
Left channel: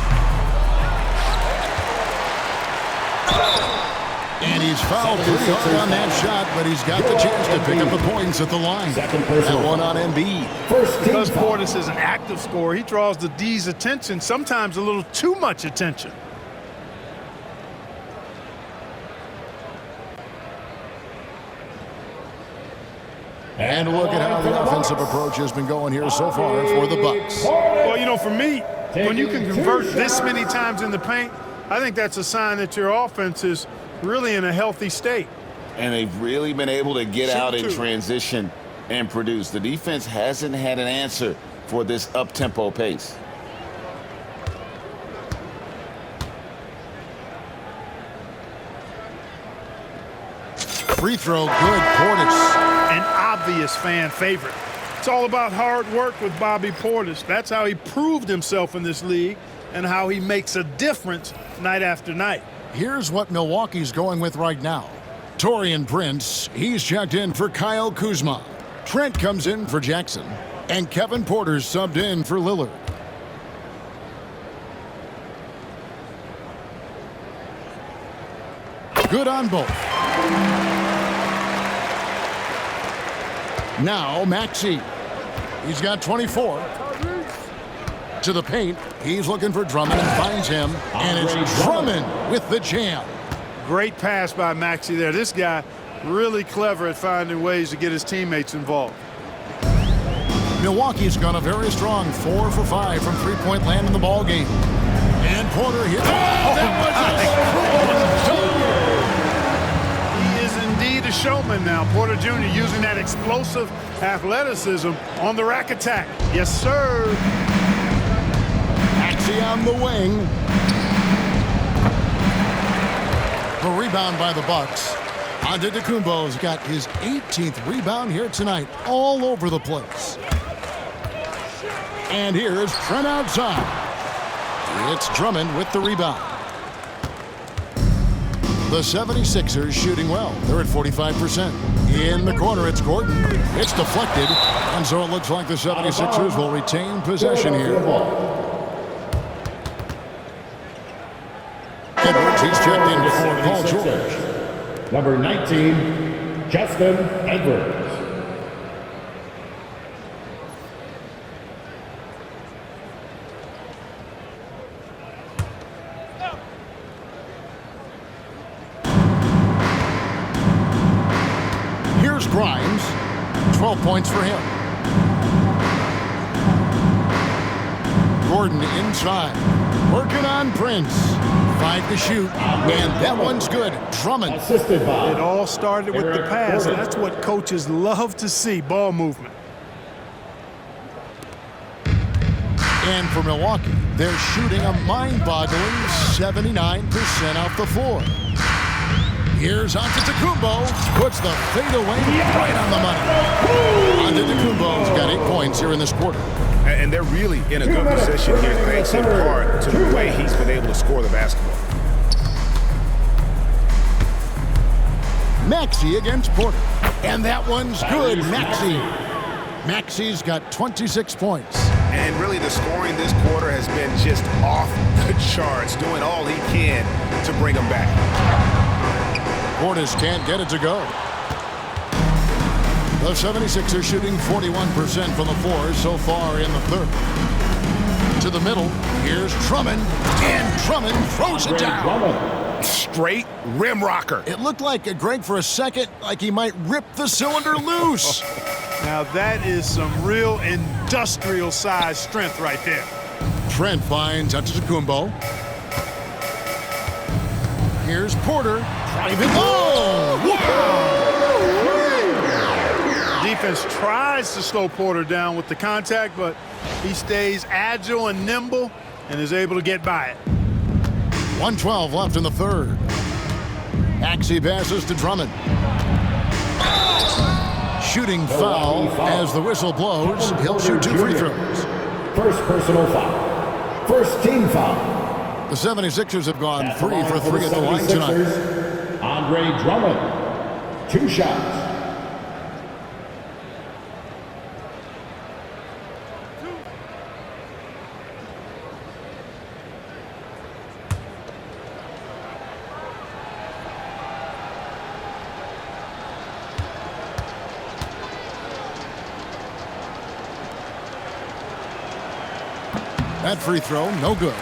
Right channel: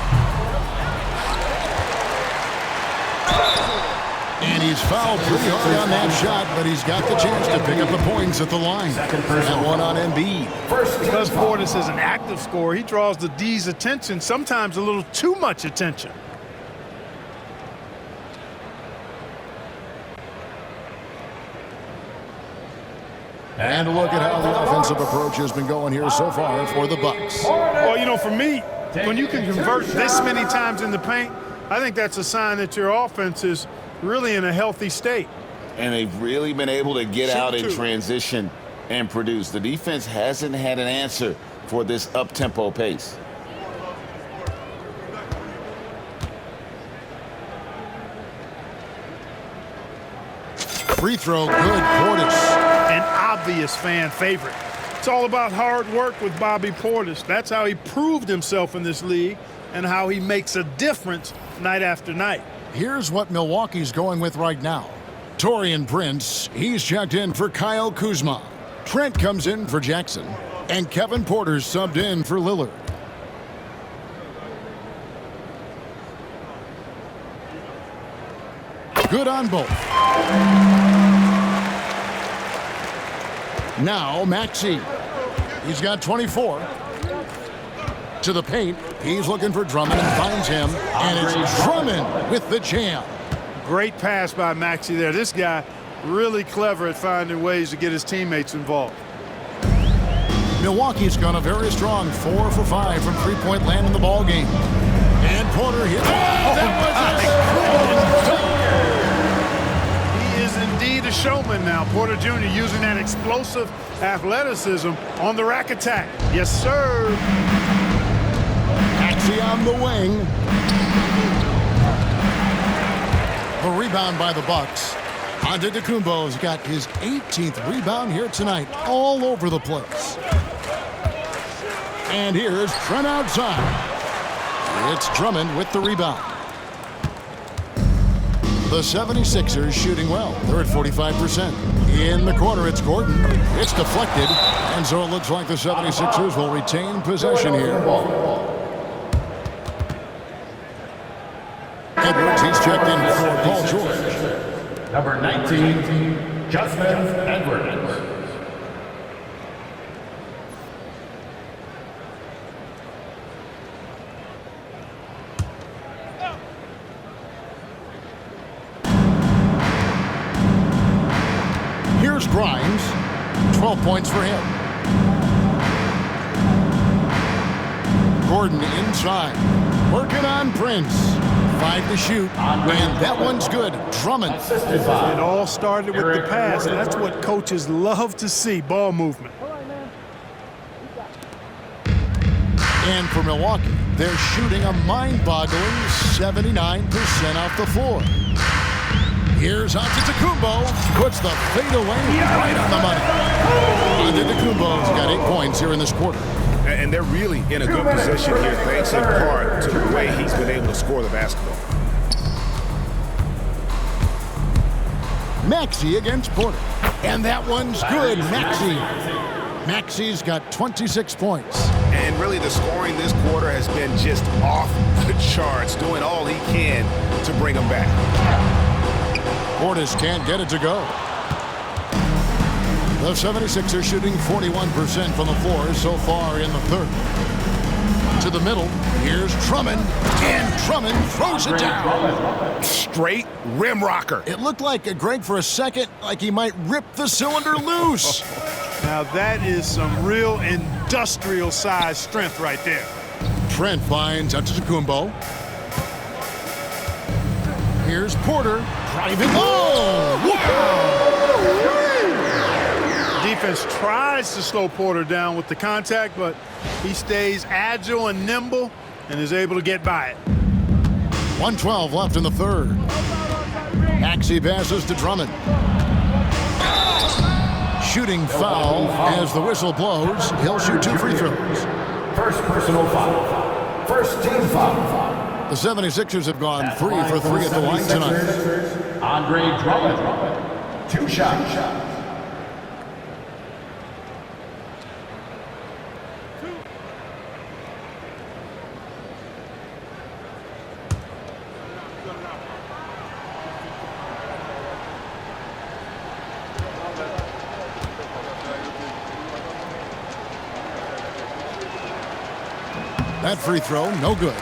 And he's fouled pretty hard on that shot, but he's got the chance to pick up the points at the line. That one on Embiid. Because Portis is an active scorer, he draws the D's attention, sometimes a little too much attention. And look at how the offensive approach has been going here so far for the Bucks. Well, you know, for me, when you can convert this many times in the paint, I think that's a sign that your offense is really in a healthy state. And they've really been able to get out in transition and produce. The defense hasn't had an answer for this up-tempo pace. Free throw, good. Portis. An obvious fan favorite. It's all about hard work with Bobby Portis. That's how he proved himself in this league and how he makes a difference night after night. Here's what Milwaukee's going with right now. Taurean Prince, he's checked in for Kyle Kuzma. Trent comes in for Jackson. And Kevin Porter's subbed in for Lillard. Good on both. Now Maxey. He's got 24. To the paint. He's looking for Drummond and finds him. And it's Drummond with the jam. Great pass by Maxey there. This guy really clever at finding ways to get his teammates involved. Milwaukee's gone a very strong 4 for 5 from three-point land in the ball game. And Porter here. That was He is indeed a showman now. Porter Jr. using that explosive athleticism on the rack attack. Yes, sir. Maxey on the wing. The rebound by the Bucks. Antetokounmpo's got his 18th rebound here tonight, all over the place. And here's Trent outside. It's Drummond with the rebound. The 76ers shooting well. They're at 45%. In the corner, it's Gordon. It's deflected. And so it looks like the 76ers will retain possession here. Edwards, he's checked in for Paul George. Number 19, Justin Edwards. Here's Grimes. 12 points for him. Gordon inside. Working on Prince. 5 to shoot, and that one's good. Drummond. It all started with the pass. That's what coaches love to see, ball movement. And for Milwaukee, they're shooting a mind-boggling 79% off the floor. Here's Antetokounmpo, puts the fadeaway right on the money. Antetokounmpo's got 8 points here in this quarter. And they're really in a good position here, thanks in part to the way he's been able to score the basketball. Maxey against Porter. And that one's good. Maxey's got 26 points. And really the scoring this quarter has been just off the charts, doing all he can to bring them back. Portis can't get it to go. The 76ers shooting 41% from the floor so far in the third. To the middle, here's Drummond, and Drummond throws it down. Straight rim rocker. It looked like, Greg, for a second, like he might rip the cylinder loose. Now that is some real industrial size strength right there. Trent finds Antetokounmpo. Here's Porter driving. Oh, wow! Defense tries to slow Porter down with the contact, but he stays agile and nimble and is able to get by it. 1:12 left in the third. Maxey passes to Drummond. Shooting foul as the whistle blows. He'll shoot 2 free throws. First personal foul. First team foul. The 76ers have gone 3 for 3 at the line tonight. Andre Drummond. 2 shots. That free throw, no good.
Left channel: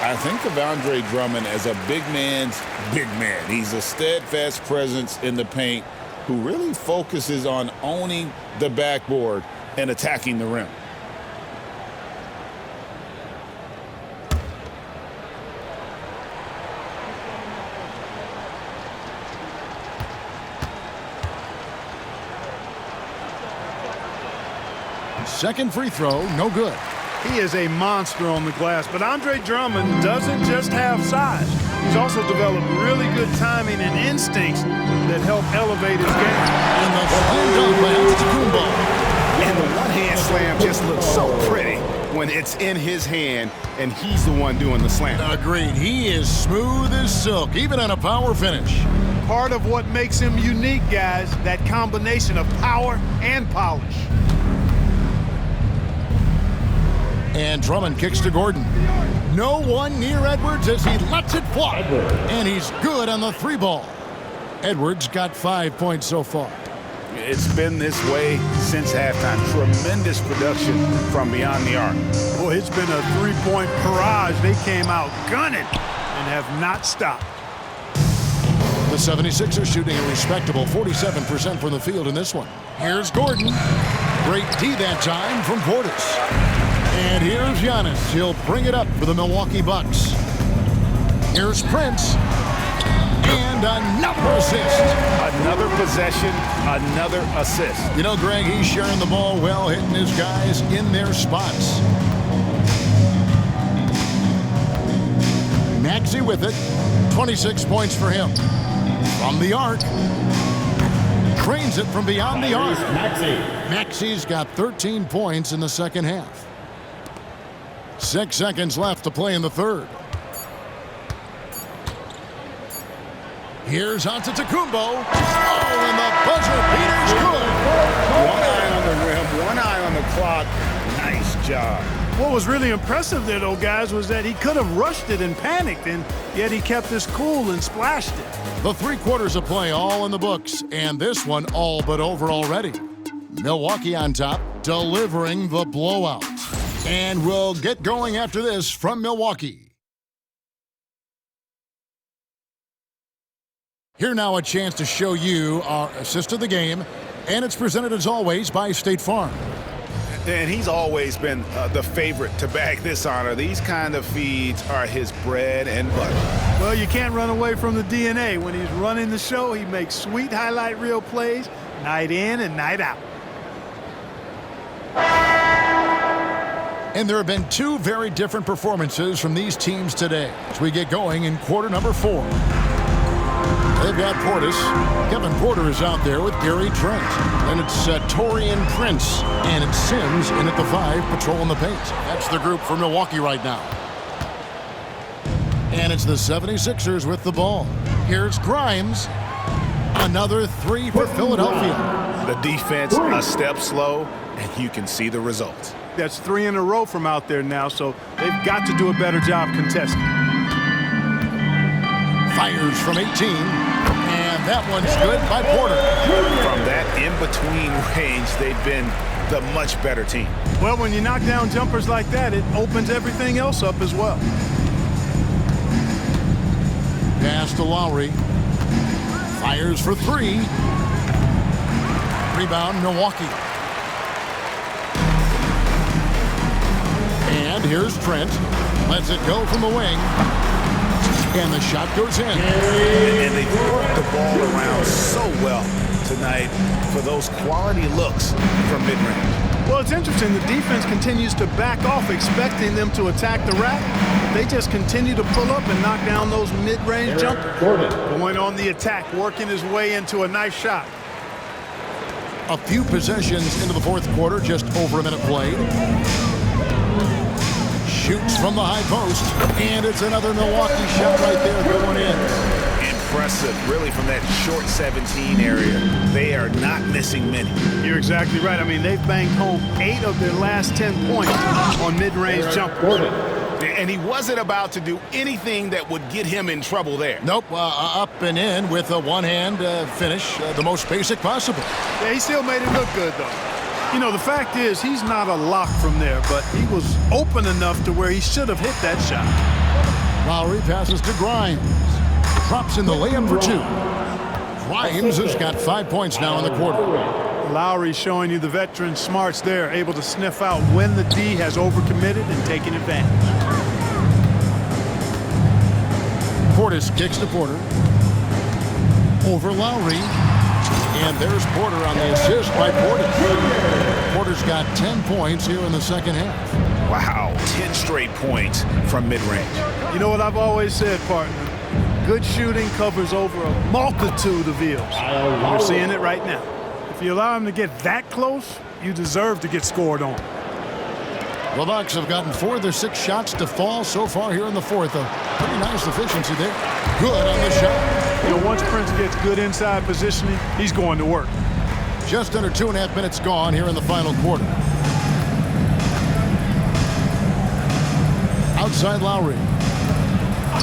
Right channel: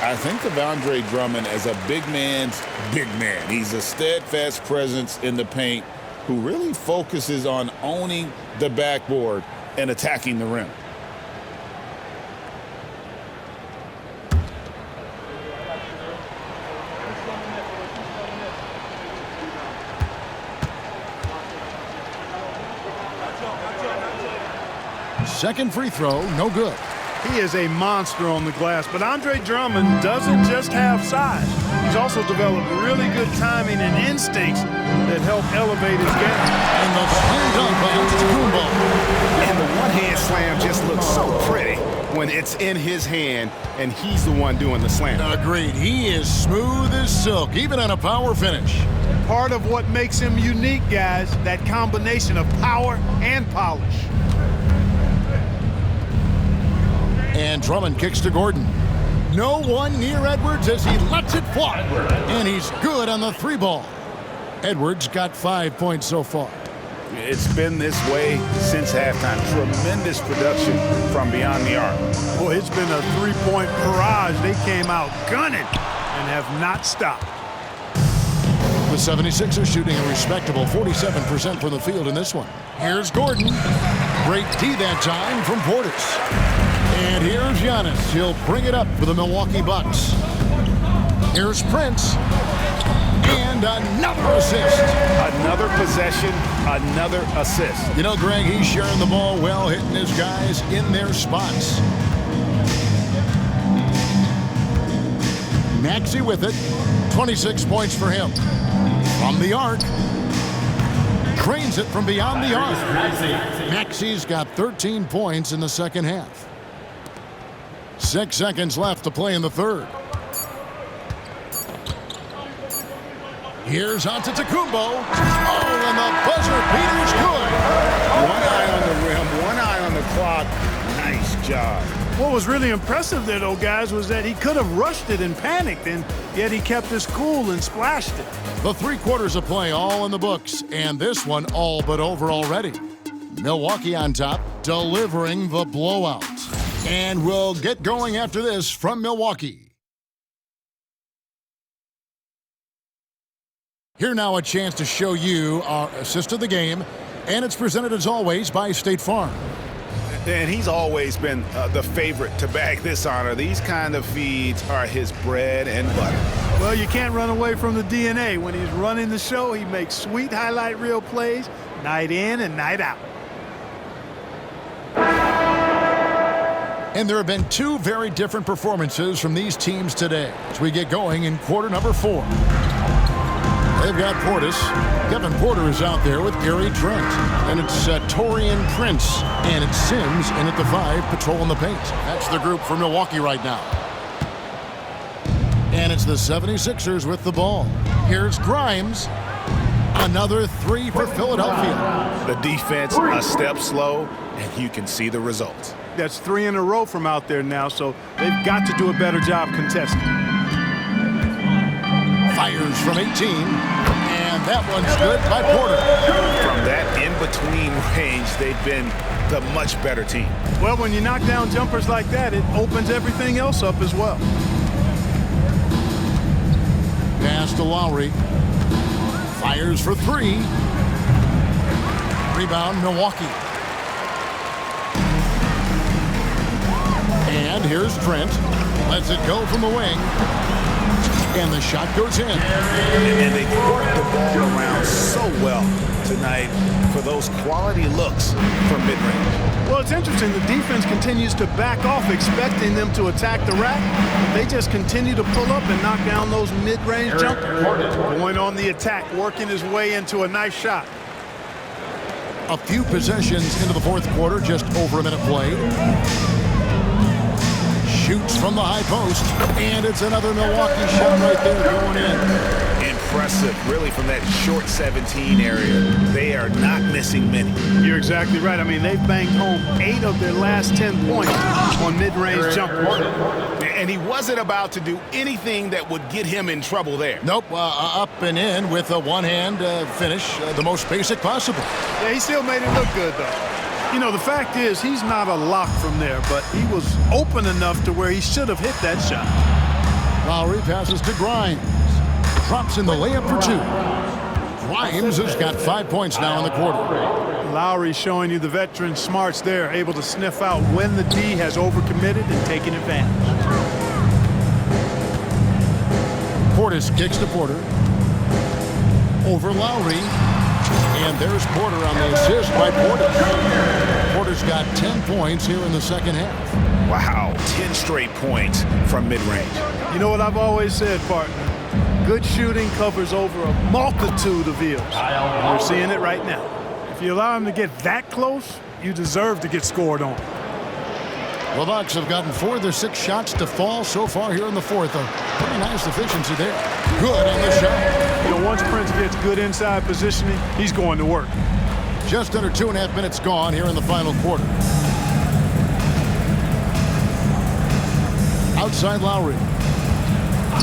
I think of Andre Drummond as a big man's big man. He's a steadfast presence in the paint who really focuses on owning the backboard and attacking the rim. Second free throw, no good. He is a monster on the glass, but Andre Drummond doesn't just have size. He's also developed really good timing and instincts that help elevate his game. And the slam dunk by Antetokounmpo. And the one-hand slam just looks so pretty when it's in his hand and he's the one doing the slam. Agreed. He is smooth as silk, even on a power finish. Part of what makes him unique, guys, that combination of power and polish. And Drummond kicks to Gordon. No one near Edwards as he lets it fly. And he's good on the 3 ball. Edwards got 5 points so far. It's been this way since halftime. Tremendous production from beyond the arc. Boy, it's been a 3-point barrage. They came out gunning and have not stopped. The 76ers shooting a respectable 47% from the field in this one. Here's Gordon. Great D that time from Portis. And here's Giannis. He'll bring it up for the Milwaukee Bucks. Here's Prince. And another assist. Another possession, another assist. You know, Greg, he's sharing the ball well, hitting his guys in their spots. Maxey with it. 26 points for him. From the arc. Trains it from beyond the arc. Maxey's got 13 points in the second half. 6 seconds left to play in the third. Here's Antetokounmpo. Oh, and the buzzer beater's good. One eye on the rim, one eye on the clock. Nice job. What was really impressive there, though, guys, was that he could have rushed it and panicked, and yet he kept his cool and splashed it. The 3 quarters of play all in the books, and this one all but over already. Milwaukee on top, delivering the blowout. And we'll get going after this from Milwaukee. Here now a chance to show you our assist of the game, and it's presented as always by State Farm. And he's always been the favorite to bag this honor. These kind of feeds are his bread and butter. Well, you can't run away from the DNA. When he's running the show, he makes sweet highlight reel plays night in and night out. And there have been 2 very different performances from these teams today as we get going in quarter number 4. They've got Portis. Kevin Porter is out there with Gary Trent. And it's Torian Prince. And it's Sims in at the 5, patrolling the paint. That's the group for Milwaukee right now. And it's the 76ers with the ball. Here's Grimes. Another 3 for Philadelphia. The defense a step slow, and you can see the results. That's 3 in a row from out there now, so they've got to do a better job contesting. Fires from 18, and that one's good by Porter. From that in-between range, they've been the much better team. Well, when you knock down jumpers like that, it opens everything else up as well. Pass to Lowry. Fires for 3. Rebound, Milwaukee. And here's Trent. Lets it go from the wing. And the shot goes in. And they've worked the ball around so well tonight for those quality looks from mid-range. Well, it's interesting. The defense continues to back off, expecting them to attack the rack. But they just continue to pull up and knock down those mid-range jumpers. Going on the attack, working his way into a nice shot. A few possessions into the fourth quarter, just over a minute played. Shoots from the high post, and it's another Milwaukee shot right there going in. Impressive, really, from that short 17 area. They are not missing many. You're exactly right. I mean, they've banged home 8 of their last 10 points on mid-range jumpers. And he wasn't about to do anything that would get him in trouble there. Nope, up and in with a one-hand finish, the most basic possible. Yeah, he still made it look good, though. You know, the fact is he's not a lock from there, but he was open enough to where he should have hit that shot. Lowry passes to Grimes. Drops in the layup for 2. Grimes has got 5 points now in the quarter. Lowry showing you the veteran smarts there, able to sniff out when the D has overcommitted and taking advantage. Portis kicks to Porter. Over Lowry. And there's Porter on the assist by Portis. Porter's got 10 points here in the second half. Wow, 10 straight points from mid-range. You know what I've always said, partner? Good shooting covers over a multitude of ills. We're seeing it right now. If you allow him to get that close, you deserve to get scored on. The Bucks have gotten 4 of their 6 shots to fall so far here in the fourth. A pretty nice efficiency there. Good on the shot. You know, once Prince gets good inside positioning, he's going to work. Just under 2.5 minutes gone here in the final quarter. Outside Lowry.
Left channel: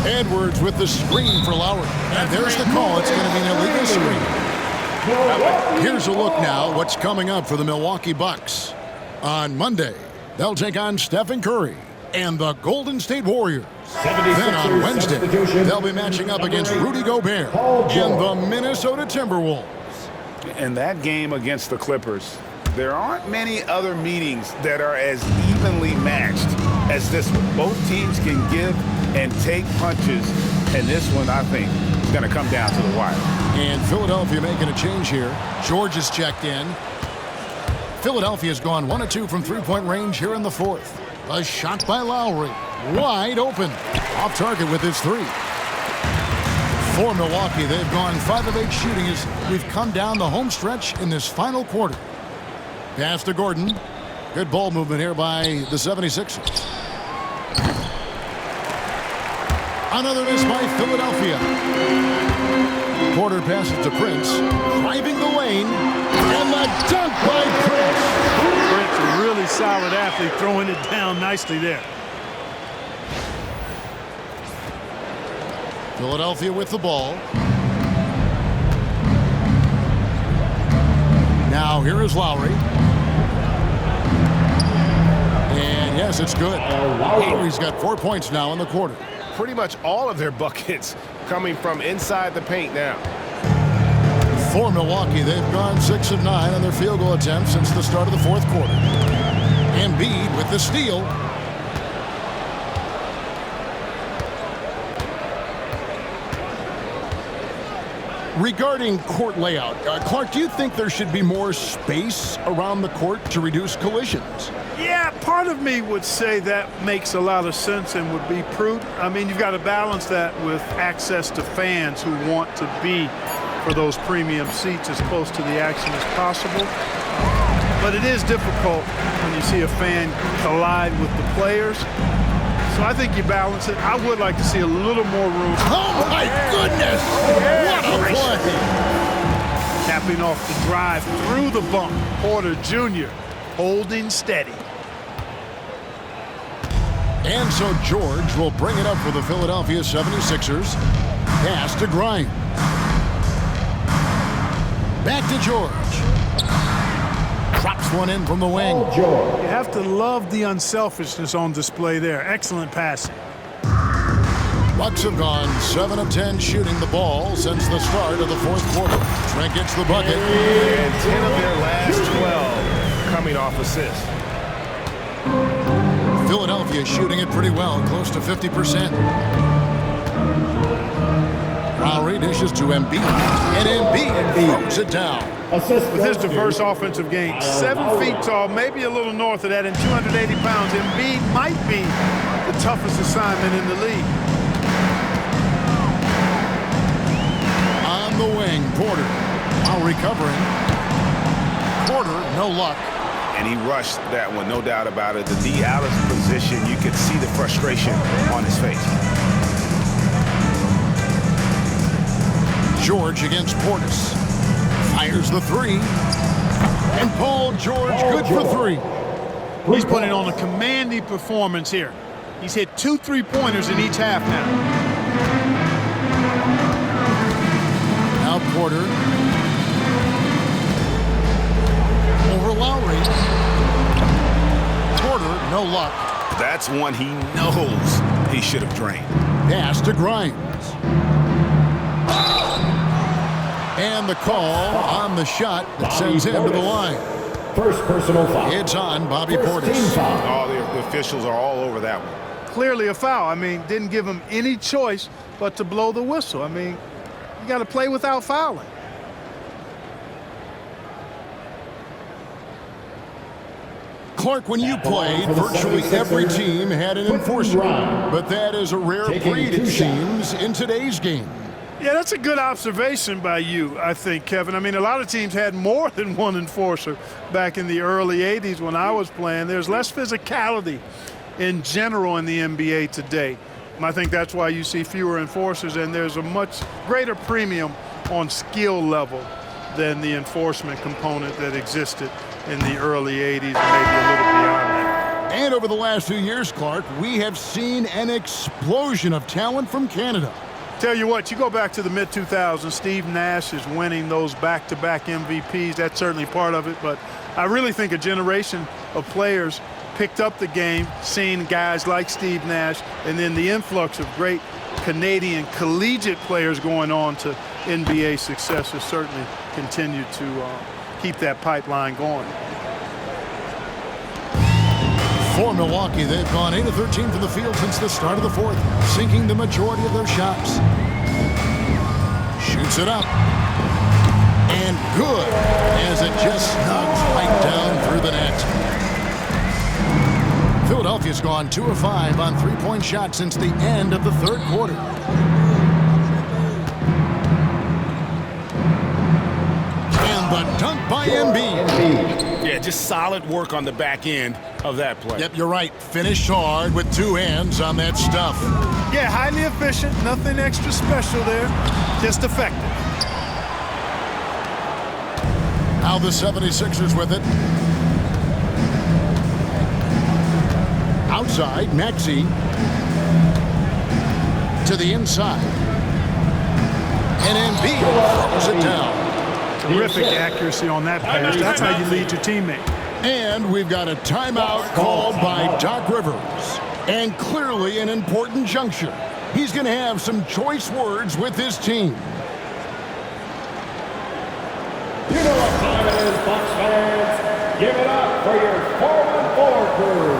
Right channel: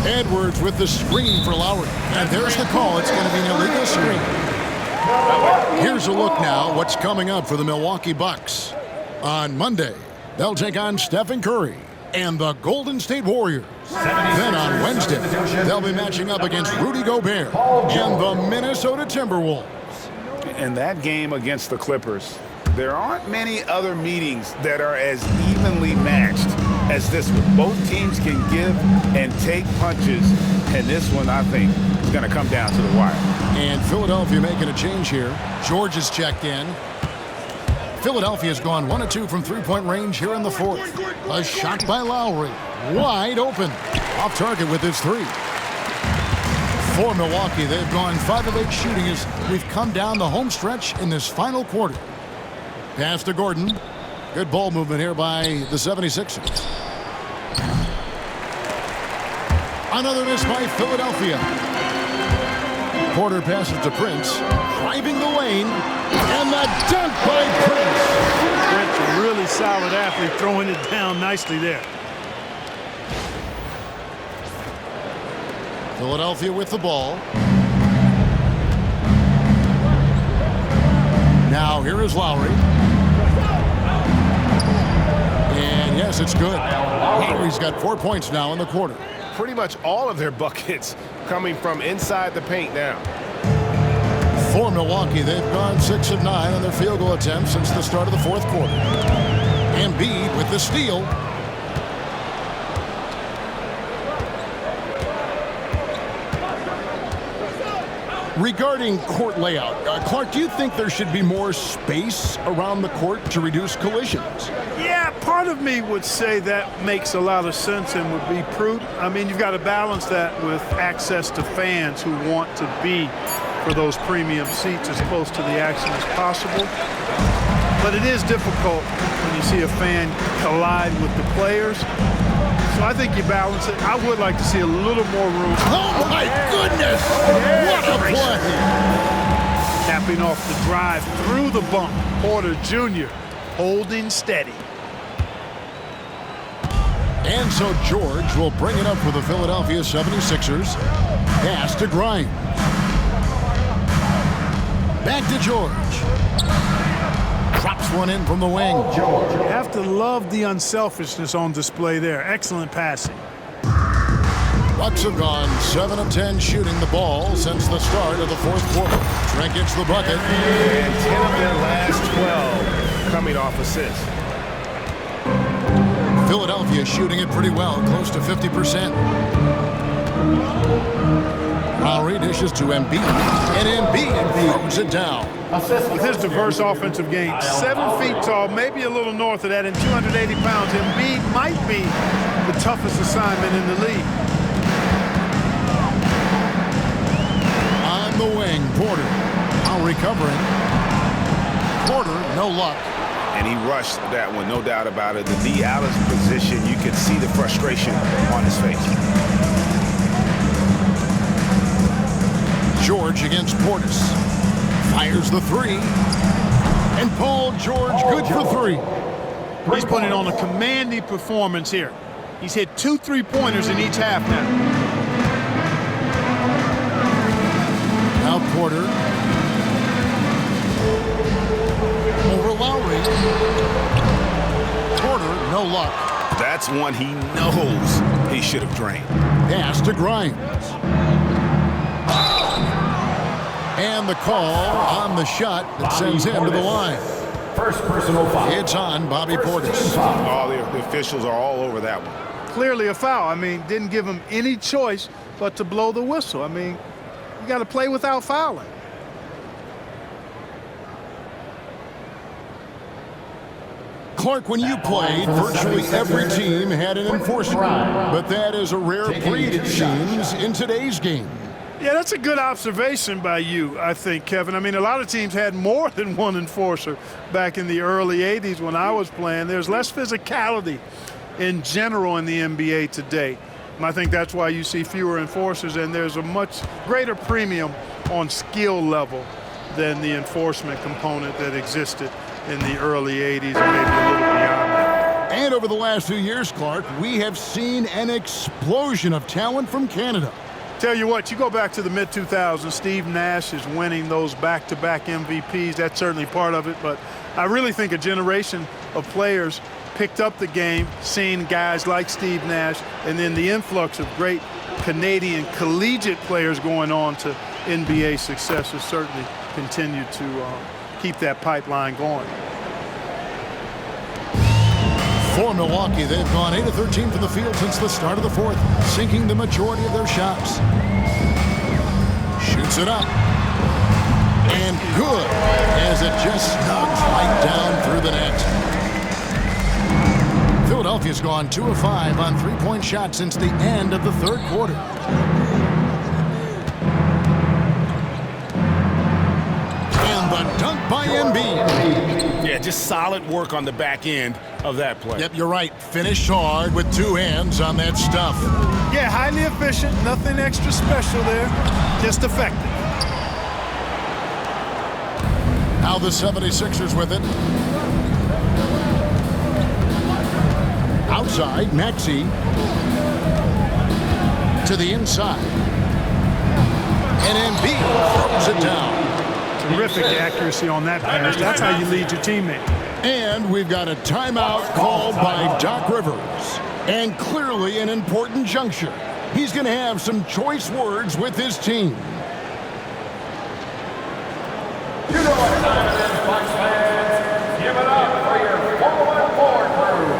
Edwards with the screen for Lowry. And there's the call. It's going to be an illegal screen. Here's a look now what's coming up for the Milwaukee Bucks. On Monday, they'll take on Stephen Curry and the Golden State Warriors. Then on Wednesday, they'll be matching up against Rudy Gobert and the Minnesota Timberwolves. In that game against the Clippers, there aren't many other meetings that are as evenly matched as this one. Both teams can give and take punches, and this one, I think, is going to come down to the wire. And Philadelphia making a change here. George has checked in. Philadelphia's gone 1 of 2 from three-point range here in the fourth. A shot by Lowry. Wide open. Off target with his 3. For Milwaukee, they've gone 5 of 8 shooting as we've come down the home stretch in this final quarter. Pass to Gordon. Good ball movement here by the 76ers. Another miss by Philadelphia. Porter passes to Prince. Driving the lane. And the dunk by Prince. Prince, a really solid athlete, throwing it down nicely there. Philadelphia with the ball. Now here is Lowry. And yes, it's good. Lowry's got 4 points now in the quarter. Pretty much all of their buckets coming from inside the paint now. For Milwaukee, they've gone 6 of 9 on their field goal attempts since the start of the fourth quarter. Embiid with the steal. Regarding court layout, Clark, do you think there should be more space around the court to reduce collisions? Yeah, part of me would say that makes a lot of sense and would be prudent. I mean, you've got to balance that with access to fans who want to be for those premium seats as close to the action as possible. But it is difficult when you see a fan collide with the players. So I think you balance it. I would like to see a little more room. Oh my goodness! What a play! Capping off the drive through the bump, Porter Jr. holding steady. And so George will bring it up for the Philadelphia 76ers. Pass to Grimes. Back to George. Drops one in from the wing. You have to love the unselfishness on display there. Excellent passing. Bucks have gone 7 of 10 shooting the ball since the start of the fourth quarter. Trent gets the bucket. And 10 of their last 12 coming off assists. Philadelphia shooting it pretty well, close to 50%. Lowry dishes to Embiid, and Embiid throws it down. With his diverse offensive game, 7 feet tall, maybe a little north of that, and 280 pounds, Embiid might be the toughest assignment in the league. On the wing, Porter. Now recovering. Porter, no luck. And he rushed that one, no doubt about it. The D out of position, you could see the frustration on his face. George against Portis. Fires the three. And Paul George good for 3. He's putting on a commanding performance here. He's hit 2 3-pointers in each half now. Now Porter. Over Lowry. Porter, no luck. That's one he knows he should have drained. Pass to Grimes. And the call on the shot that sends him to the line. First personal foul. It's on Bobby Portis. Oh, the officials are all over that one. Clearly a foul. I mean, didn't give him any choice but to blow the whistle. I mean, you got to play without fouling. Clark, when you played, virtually every team had an enforcer. But that is a rare breed, it seems, in today's game. Yeah, that's a good observation by you, I think, Kevin. I mean, a lot of teams had more than one enforcer back in the early 80s when I was playing. There's less physicality in general in the NBA today. And I think that's why you see fewer enforcers, and there's a much greater premium on skill level than the enforcement component that existed in the early 80s and maybe a little beyond that. And over the last 2 years, Clark, we have seen an explosion of talent from Canada. Tell you what, you go back to the mid-2000s, Steve Nash is winning those back-to-back MVPs. That's certainly part of it, but I really think a generation of players picked up the game, seeing guys like Steve Nash, and then the influx of great Canadian collegiate players going on to NBA success has certainly continued to keep that pipeline going. For Milwaukee, they've gone 8 of 13 from the field since the start of the fourth, sinking the majority of their shots. Shoots it up. And good, as it just snugs right down through the net. Philadelphia's gone 2 of 5 on three-point shots since the end of the third quarter. And the dunk by Embiid. Yeah, just solid work on the back end of that play. Yep, you're right. Finished hard with 2 hands on that stuff. Yeah, highly efficient. Nothing extra special there. Just effective. Now the 76ers with it. Outside, Maxey. To the inside. And Embiid throws it down. Terrific accuracy on that pass. That's how you lead your teammate. And we've got a timeout called by Doc Rivers. And clearly an important juncture. He's going to have some choice words with his team. You know what time it is, Bucks fans. Give it up for your 4-on-4 crew.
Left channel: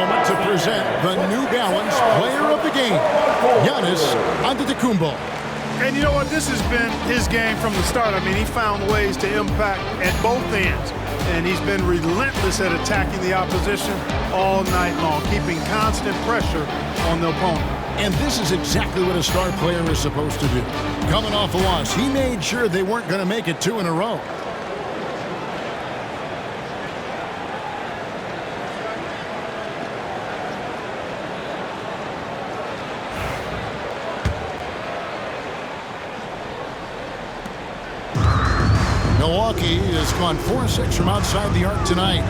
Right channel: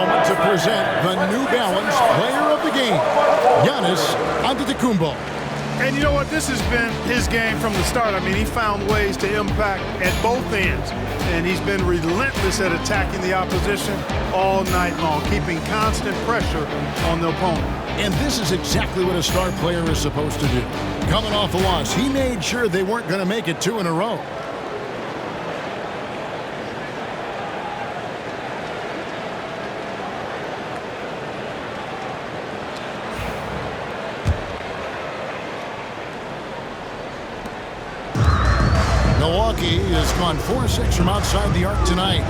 moment to present the New Balance Player of the Game, Giannis Antetokounmpo. And you know what? This has been his game from the start. I mean, he found ways to impact at both ends. And he's been relentless at attacking the opposition all night long, keeping constant pressure on the opponent. And this is exactly what a star player is supposed to do. Coming off a loss, he made sure they weren't going to make it 2 in a row. Milwaukee has gone 4-6 from outside the arc tonight.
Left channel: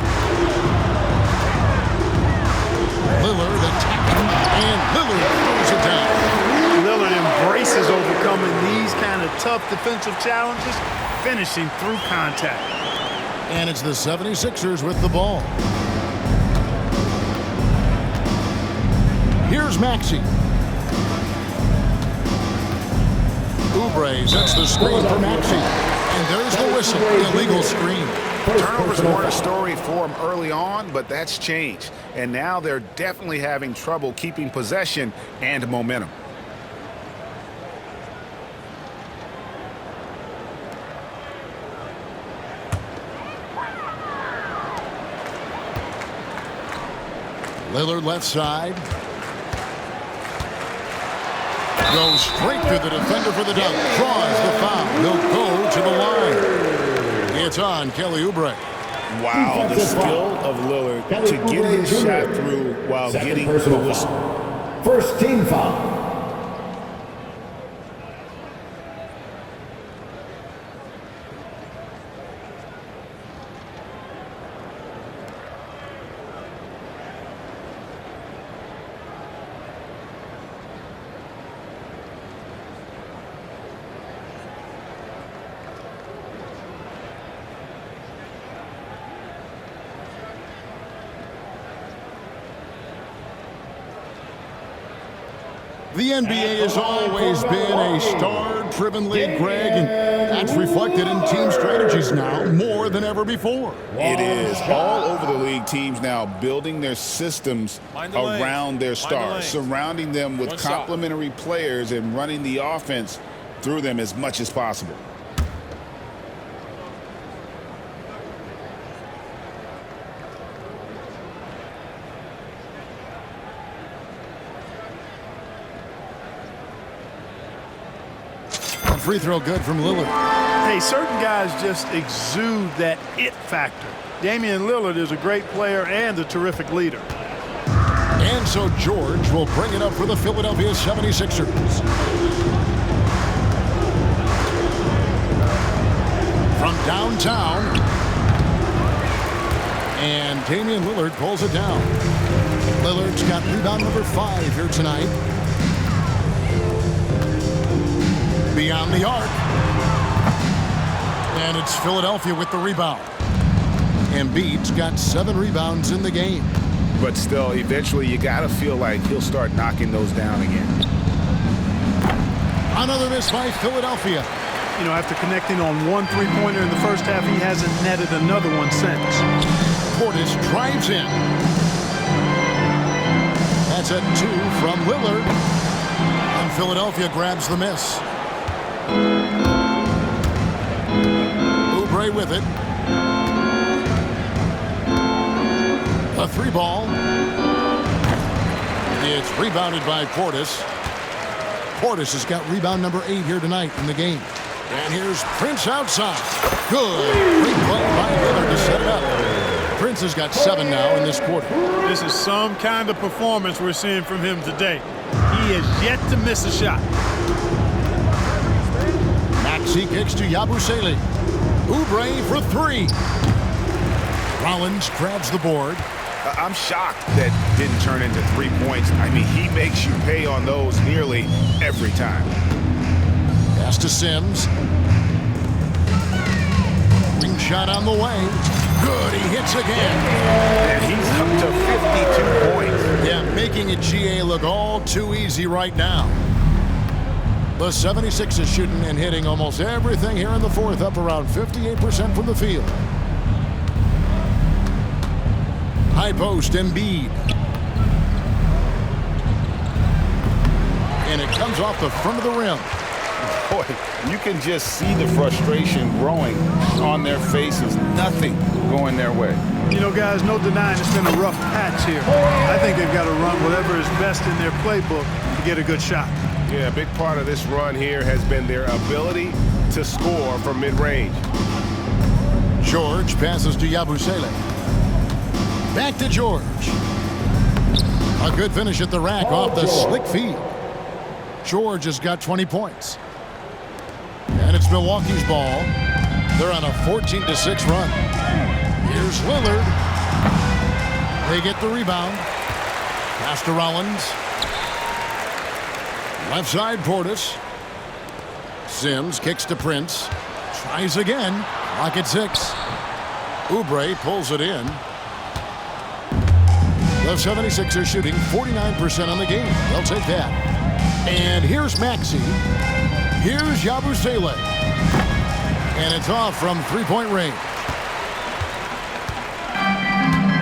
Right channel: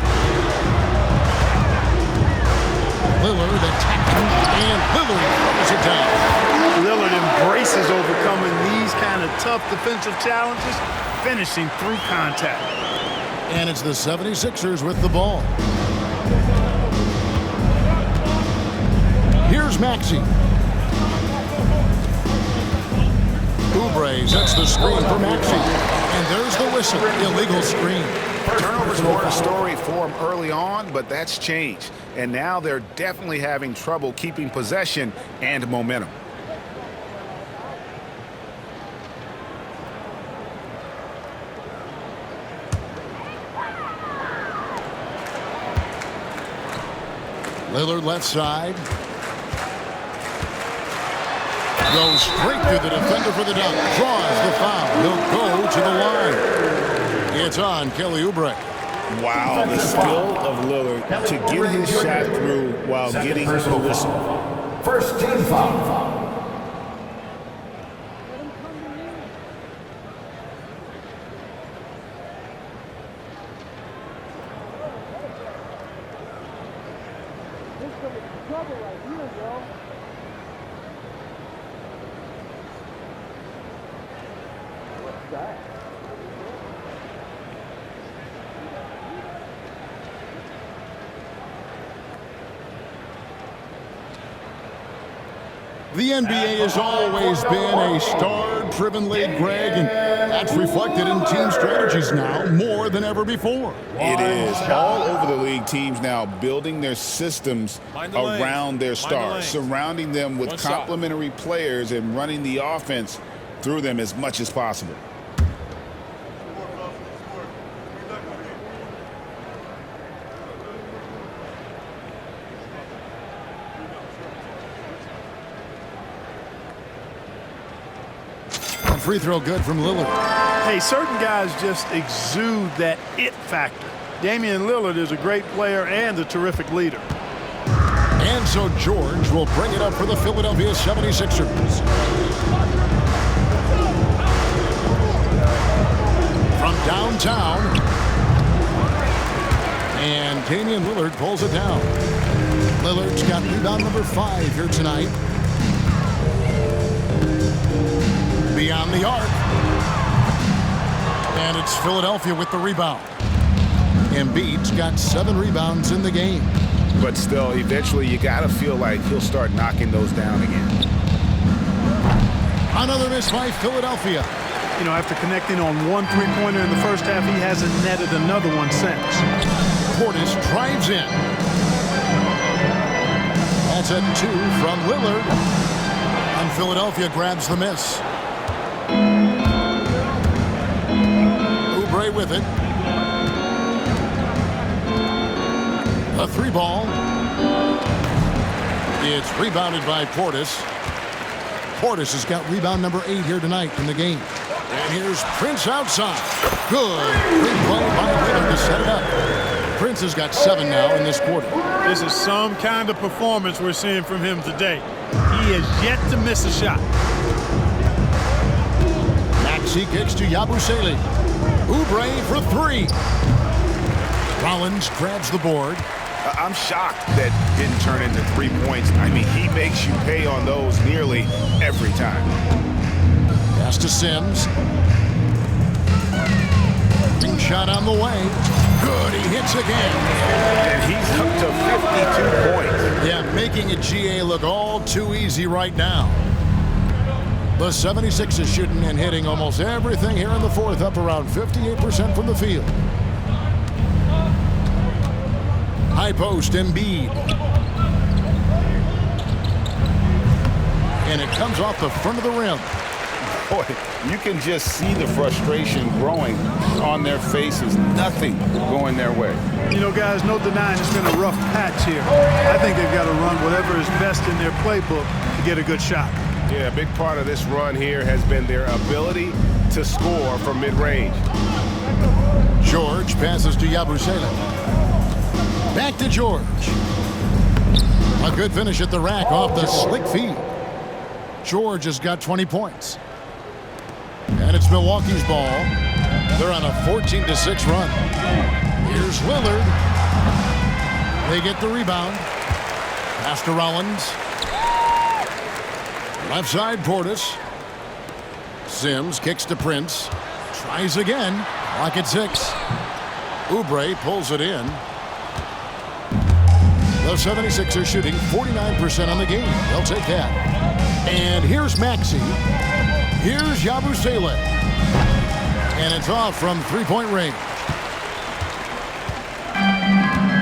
Lillard attacking, and Lillard throws it down. Lillard embraces overcoming these kind of tough defensive challenges, finishing through contact. And it's the 76ers with the ball. Here's Maxey. Oubre sets the screen for Maxey. And there's the whistle. Illegal screen. Turnovers weren't a story for him early on, but that's changed. And now they're definitely having trouble keeping possession and momentum. Lillard left side. Goes straight through the defender for the dunk. Draws the foul. He'll go to the line. It's on Kelly Oubre. Wow, the skill of Lillard to get his shot through while getting the whistle. First team foul. The NBA has always been a star-driven league, Greg, and that's reflected in team strategies now more than ever before. It is. All over the league, teams now building their systems around their stars, surrounding them with complementary players and running the offense through them as much as possible. Free throw good from Lillard. Hey, certain guys just exude that it factor. Damian Lillard is a great player and a terrific leader. And so George will bring it up for the Philadelphia 76ers. From downtown. And Damian Lillard pulls it down. Lillard's got rebound number 5 here tonight. Beyond the arc. And it's Philadelphia with the rebound. Embiid's got 7 rebounds in the game. But still, eventually you got to feel like he'll start knocking those down again. Another miss by Philadelphia. You know, after connecting on 1 3-pointer in the first half, he hasn't netted another one since. Portis drives in. That's a 2 from Lillard. And Philadelphia grabs the miss. Oubre with it. A 3 ball. It's rebounded by Portis. Portis has got rebound number 8 here tonight in the game. And here's Prince outside. Good. Great play by Lillard to set it up. Prince has got 7 now in this quarter. This is some kind of performance we're seeing from him today. He has yet to miss a shot. Maxey kicks to Yabusele. Oubre for 3. Rollins grabs the board. I'm shocked that didn't turn into 3 points. I mean, he makes you pay on those nearly every time. Pass to Sims. Ring shot on the way. Good, he hits again. And he's up to 52 points. Yeah, making a GA look all too easy right now. The 76ers shooting and hitting almost everything here in the fourth, up around 58% from the field. High post, Embiid. And it comes off the front of the rim. Boy, you can just see the frustration growing on their faces. Nothing going their way. You know, guys, no denying it's been a rough patch here. I think they've got to run whatever is best in their playbook to get a good shot. Yeah, a big part of this run here has been their ability to score from mid-range. George passes to Yabusele. Back to George. A good finish at the rack off the slick feed. George has got 20 points. And it's Milwaukee's ball. They're on a 14-6 run. Here's Lillard. They get the rebound. Pass to Rollins. Left side, Portis. Sims kicks to Prince. Tries again. Clock at 6. Oubre pulls it in. The 76ers shooting 49% on the game. They'll take that. And here's Maxey. Here's Yabusele. And it's off from three-point range.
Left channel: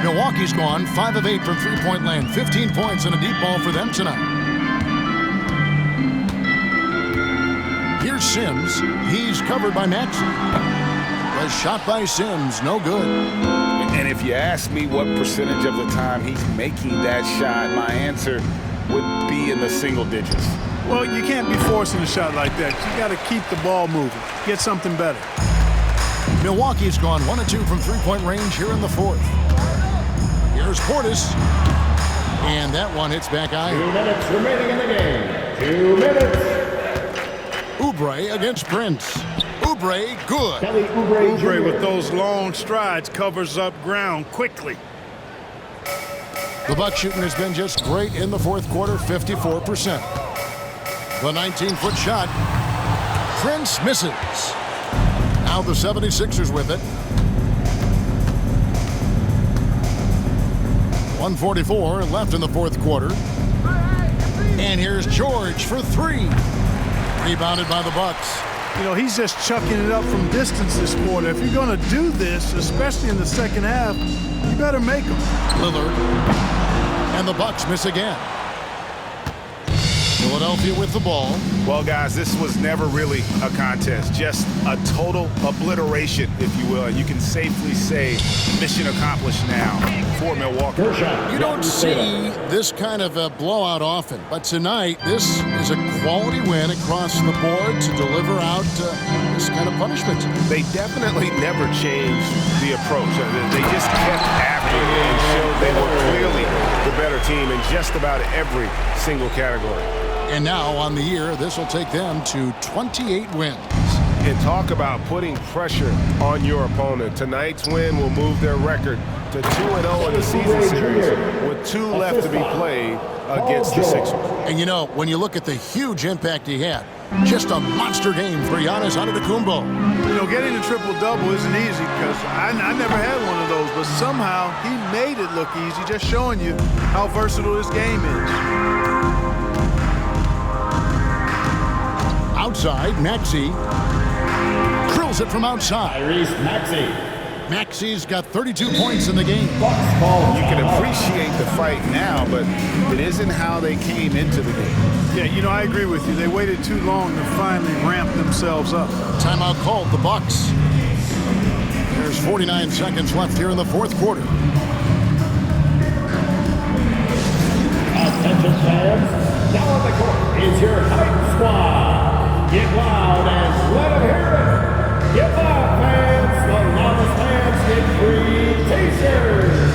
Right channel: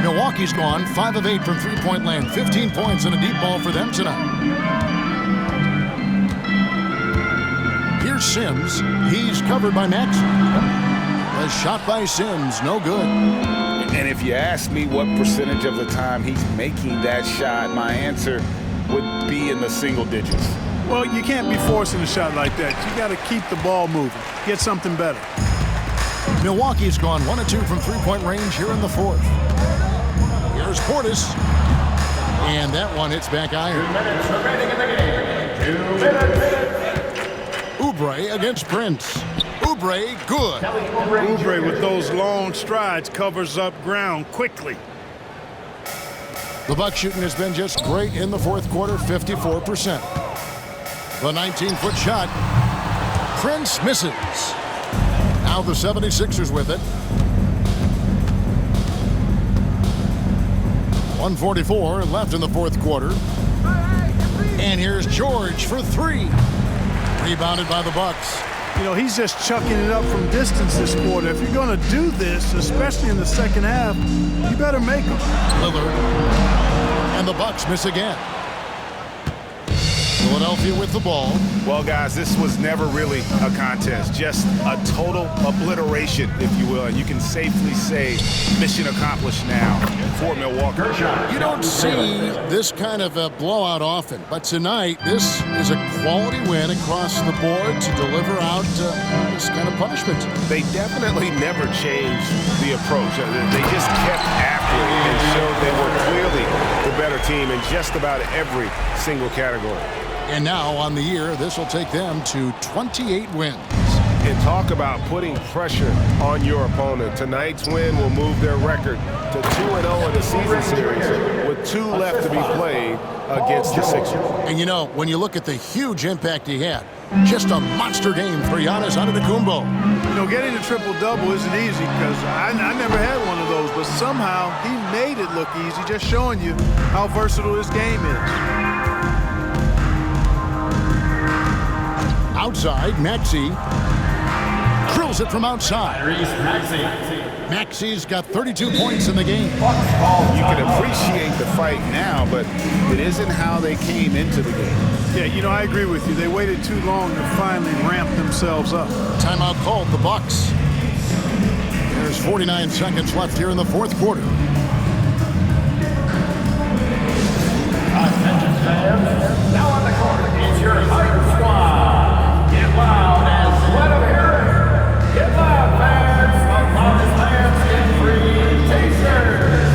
Milwaukee's gone 5 of 8 from three-point land. 15 points and a deep ball for them tonight. Here's Sims. He's covered by Maxey. The shot by Sims, no good. And if you ask me what percentage of the time he's making that shot, my answer would be in the single digits. Well, you can't be forcing a shot like that. You got to keep the ball moving. Get something better. Milwaukee's gone 1 of 2 from three-point range here in the fourth. Here's Portis. And that one hits back iron. 2 minutes remaining in the game. 2 minutes. Oubre against Prince. Oubre, good. Oubre with those long strides covers up ground quickly. The Bucks shooting has been just great in the fourth quarter, 54%. The 19-foot shot. Prince misses. Now the 76ers with it. 1:44 left in the fourth quarter. And here's George for 3. Rebounded by the Bucks. You know, he's just chucking it up from distance this quarter. If you're going to do this, especially in the second half, you better make them. Lillard. And the Bucks miss again. Philadelphia with the ball. Well, guys, this was never really a contest, just a total obliteration, if you will. And you can safely say mission accomplished now for Milwaukee. You don't see this kind of a blowout often, but tonight this is a quality win across the board to deliver out this kind of punishment. They definitely never changed the approach. They just kept after it and showed they were clearly the better team in just about every single category. And now on the year, this will take them to 28 wins. And talk about putting pressure on your opponent. Tonight's win will move their record to 2-0 in the season series with 2 left to be played against the Sixers. And you know, when you look at the huge impact he had, just a monster game for Giannis Antetokounmpo. You know, getting a triple-double isn't easy because I never had one of those, but somehow he made it look easy, just showing you how versatile this game is. Outside, Maxey drills it from outside. Tyrese Maxey. Maxey's got 32 points in the game. You can appreciate the fight now, but it isn't how they came into the game. Yeah, you know, I agree with you. They waited too long to finally ramp themselves up. Timeout called, the Bucks. There's 49 seconds left here in the fourth quarter. Attention fans, now on the court is your Hype Squad. Get loud and let them hear it. Get loud, fans. The loudest fans get free t-shirts.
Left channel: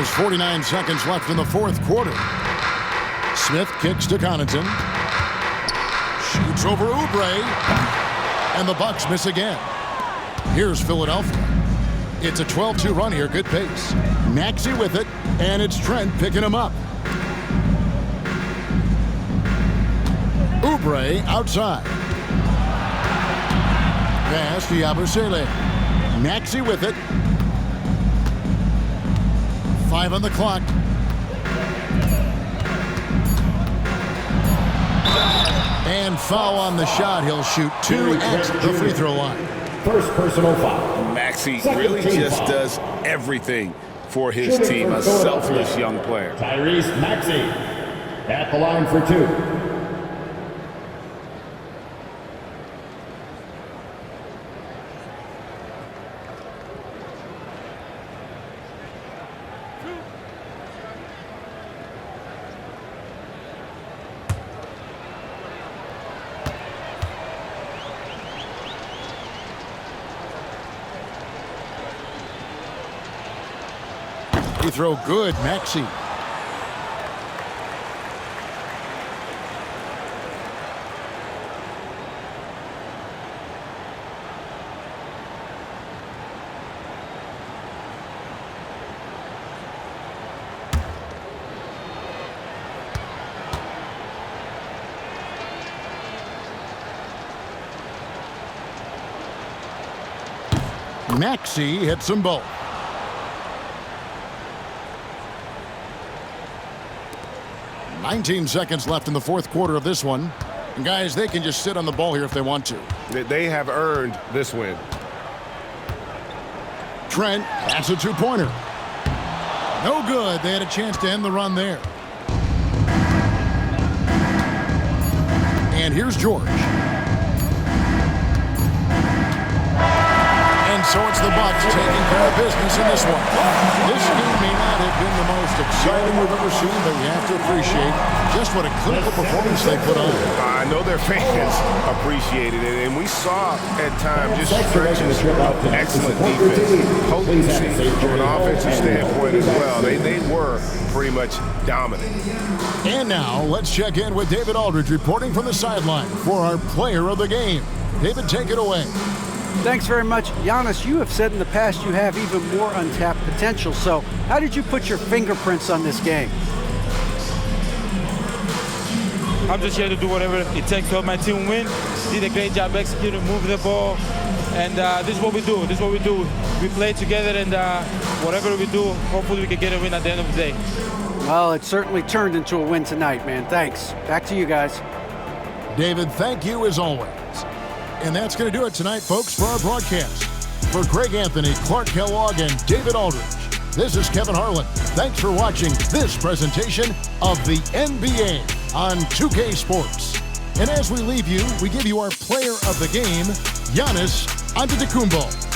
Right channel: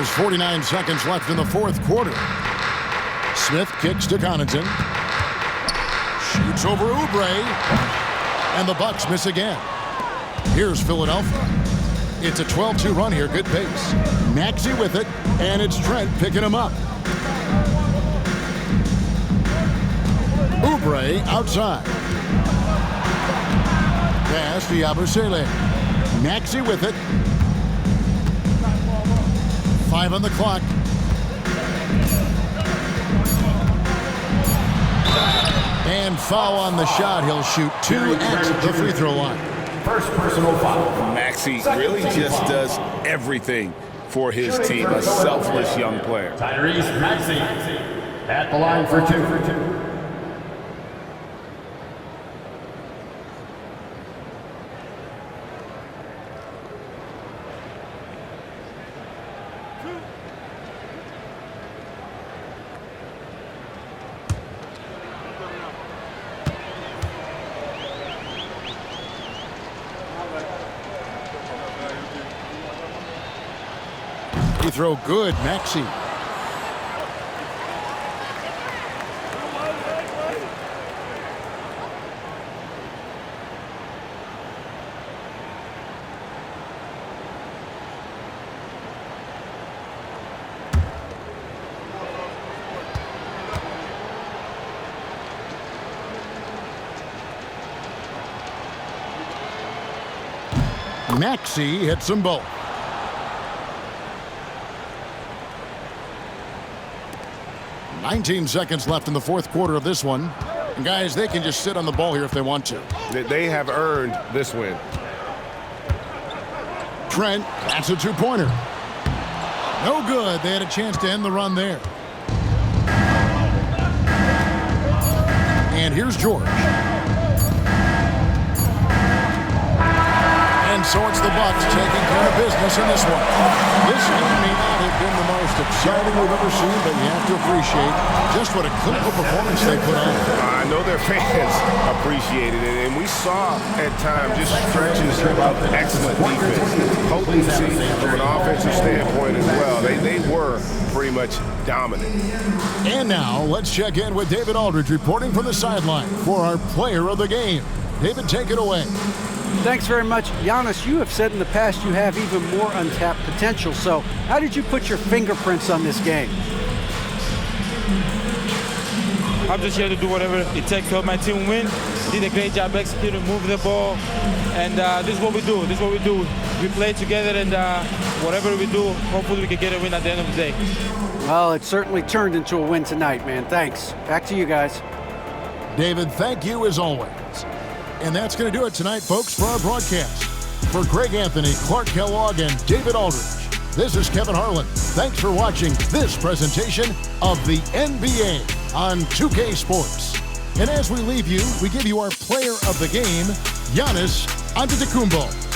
There's 49 seconds left in the fourth quarter. Smith kicks to Connaughton. Shoots over Oubre. And the Bucks miss again. Here's Philadelphia. It's a 12-2 run here. Good pace. Maxey with it. And it's Trent picking him up. Oubre outside. Pass to Yabusele. Maxey with it. 5 on the clock. And foul on the shot. He'll shoot 2 at the free throw line. First personal foul. Maxey really just does everything for his team. A selfless young player. Tyrese Maxey at the line for 2. Free throw good, Maxey. Maxey hits them both. $19 seconds left in the fourth quarter of this one. And guys, they can just sit on the ball here if they want to. They have earned this win. Trent, that's a two-pointer. No good. They had a chance to end the run there. And here's George. And so it's the Bucks taking care of business in this one. This game may not have been the most exciting we've ever seen, but you have to appreciate just what a clinical performance they put on. I know their fans appreciated it, and we saw at times just stretches of excellent defense, potency from an offensive standpoint as well. They were pretty much dominant. And now let's check in with David Aldridge reporting from the sideline for our player of the game. David, take it away. Thanks very much. Giannis, you have said in the past you have even more untapped potential. So how did you put your fingerprints on this game? I'm just here to do whatever it takes to help my team win. Did a great job executing, move the ball. And this is what we do. This is what we do. We play together, and whatever we do, hopefully we can get a win at the end of the day. Well, it certainly turned into a win tonight, man. Thanks. Back to you guys. David, thank you as always. And that's going to do it tonight, folks, for our broadcast. For Greg Anthony, Clark Kellogg, and David Aldridge, this is Kevin Harlan. Thanks for watching this presentation of the NBA on 2K Sports. And as we leave you, we give you our player of the game, Giannis Antetokounmpo.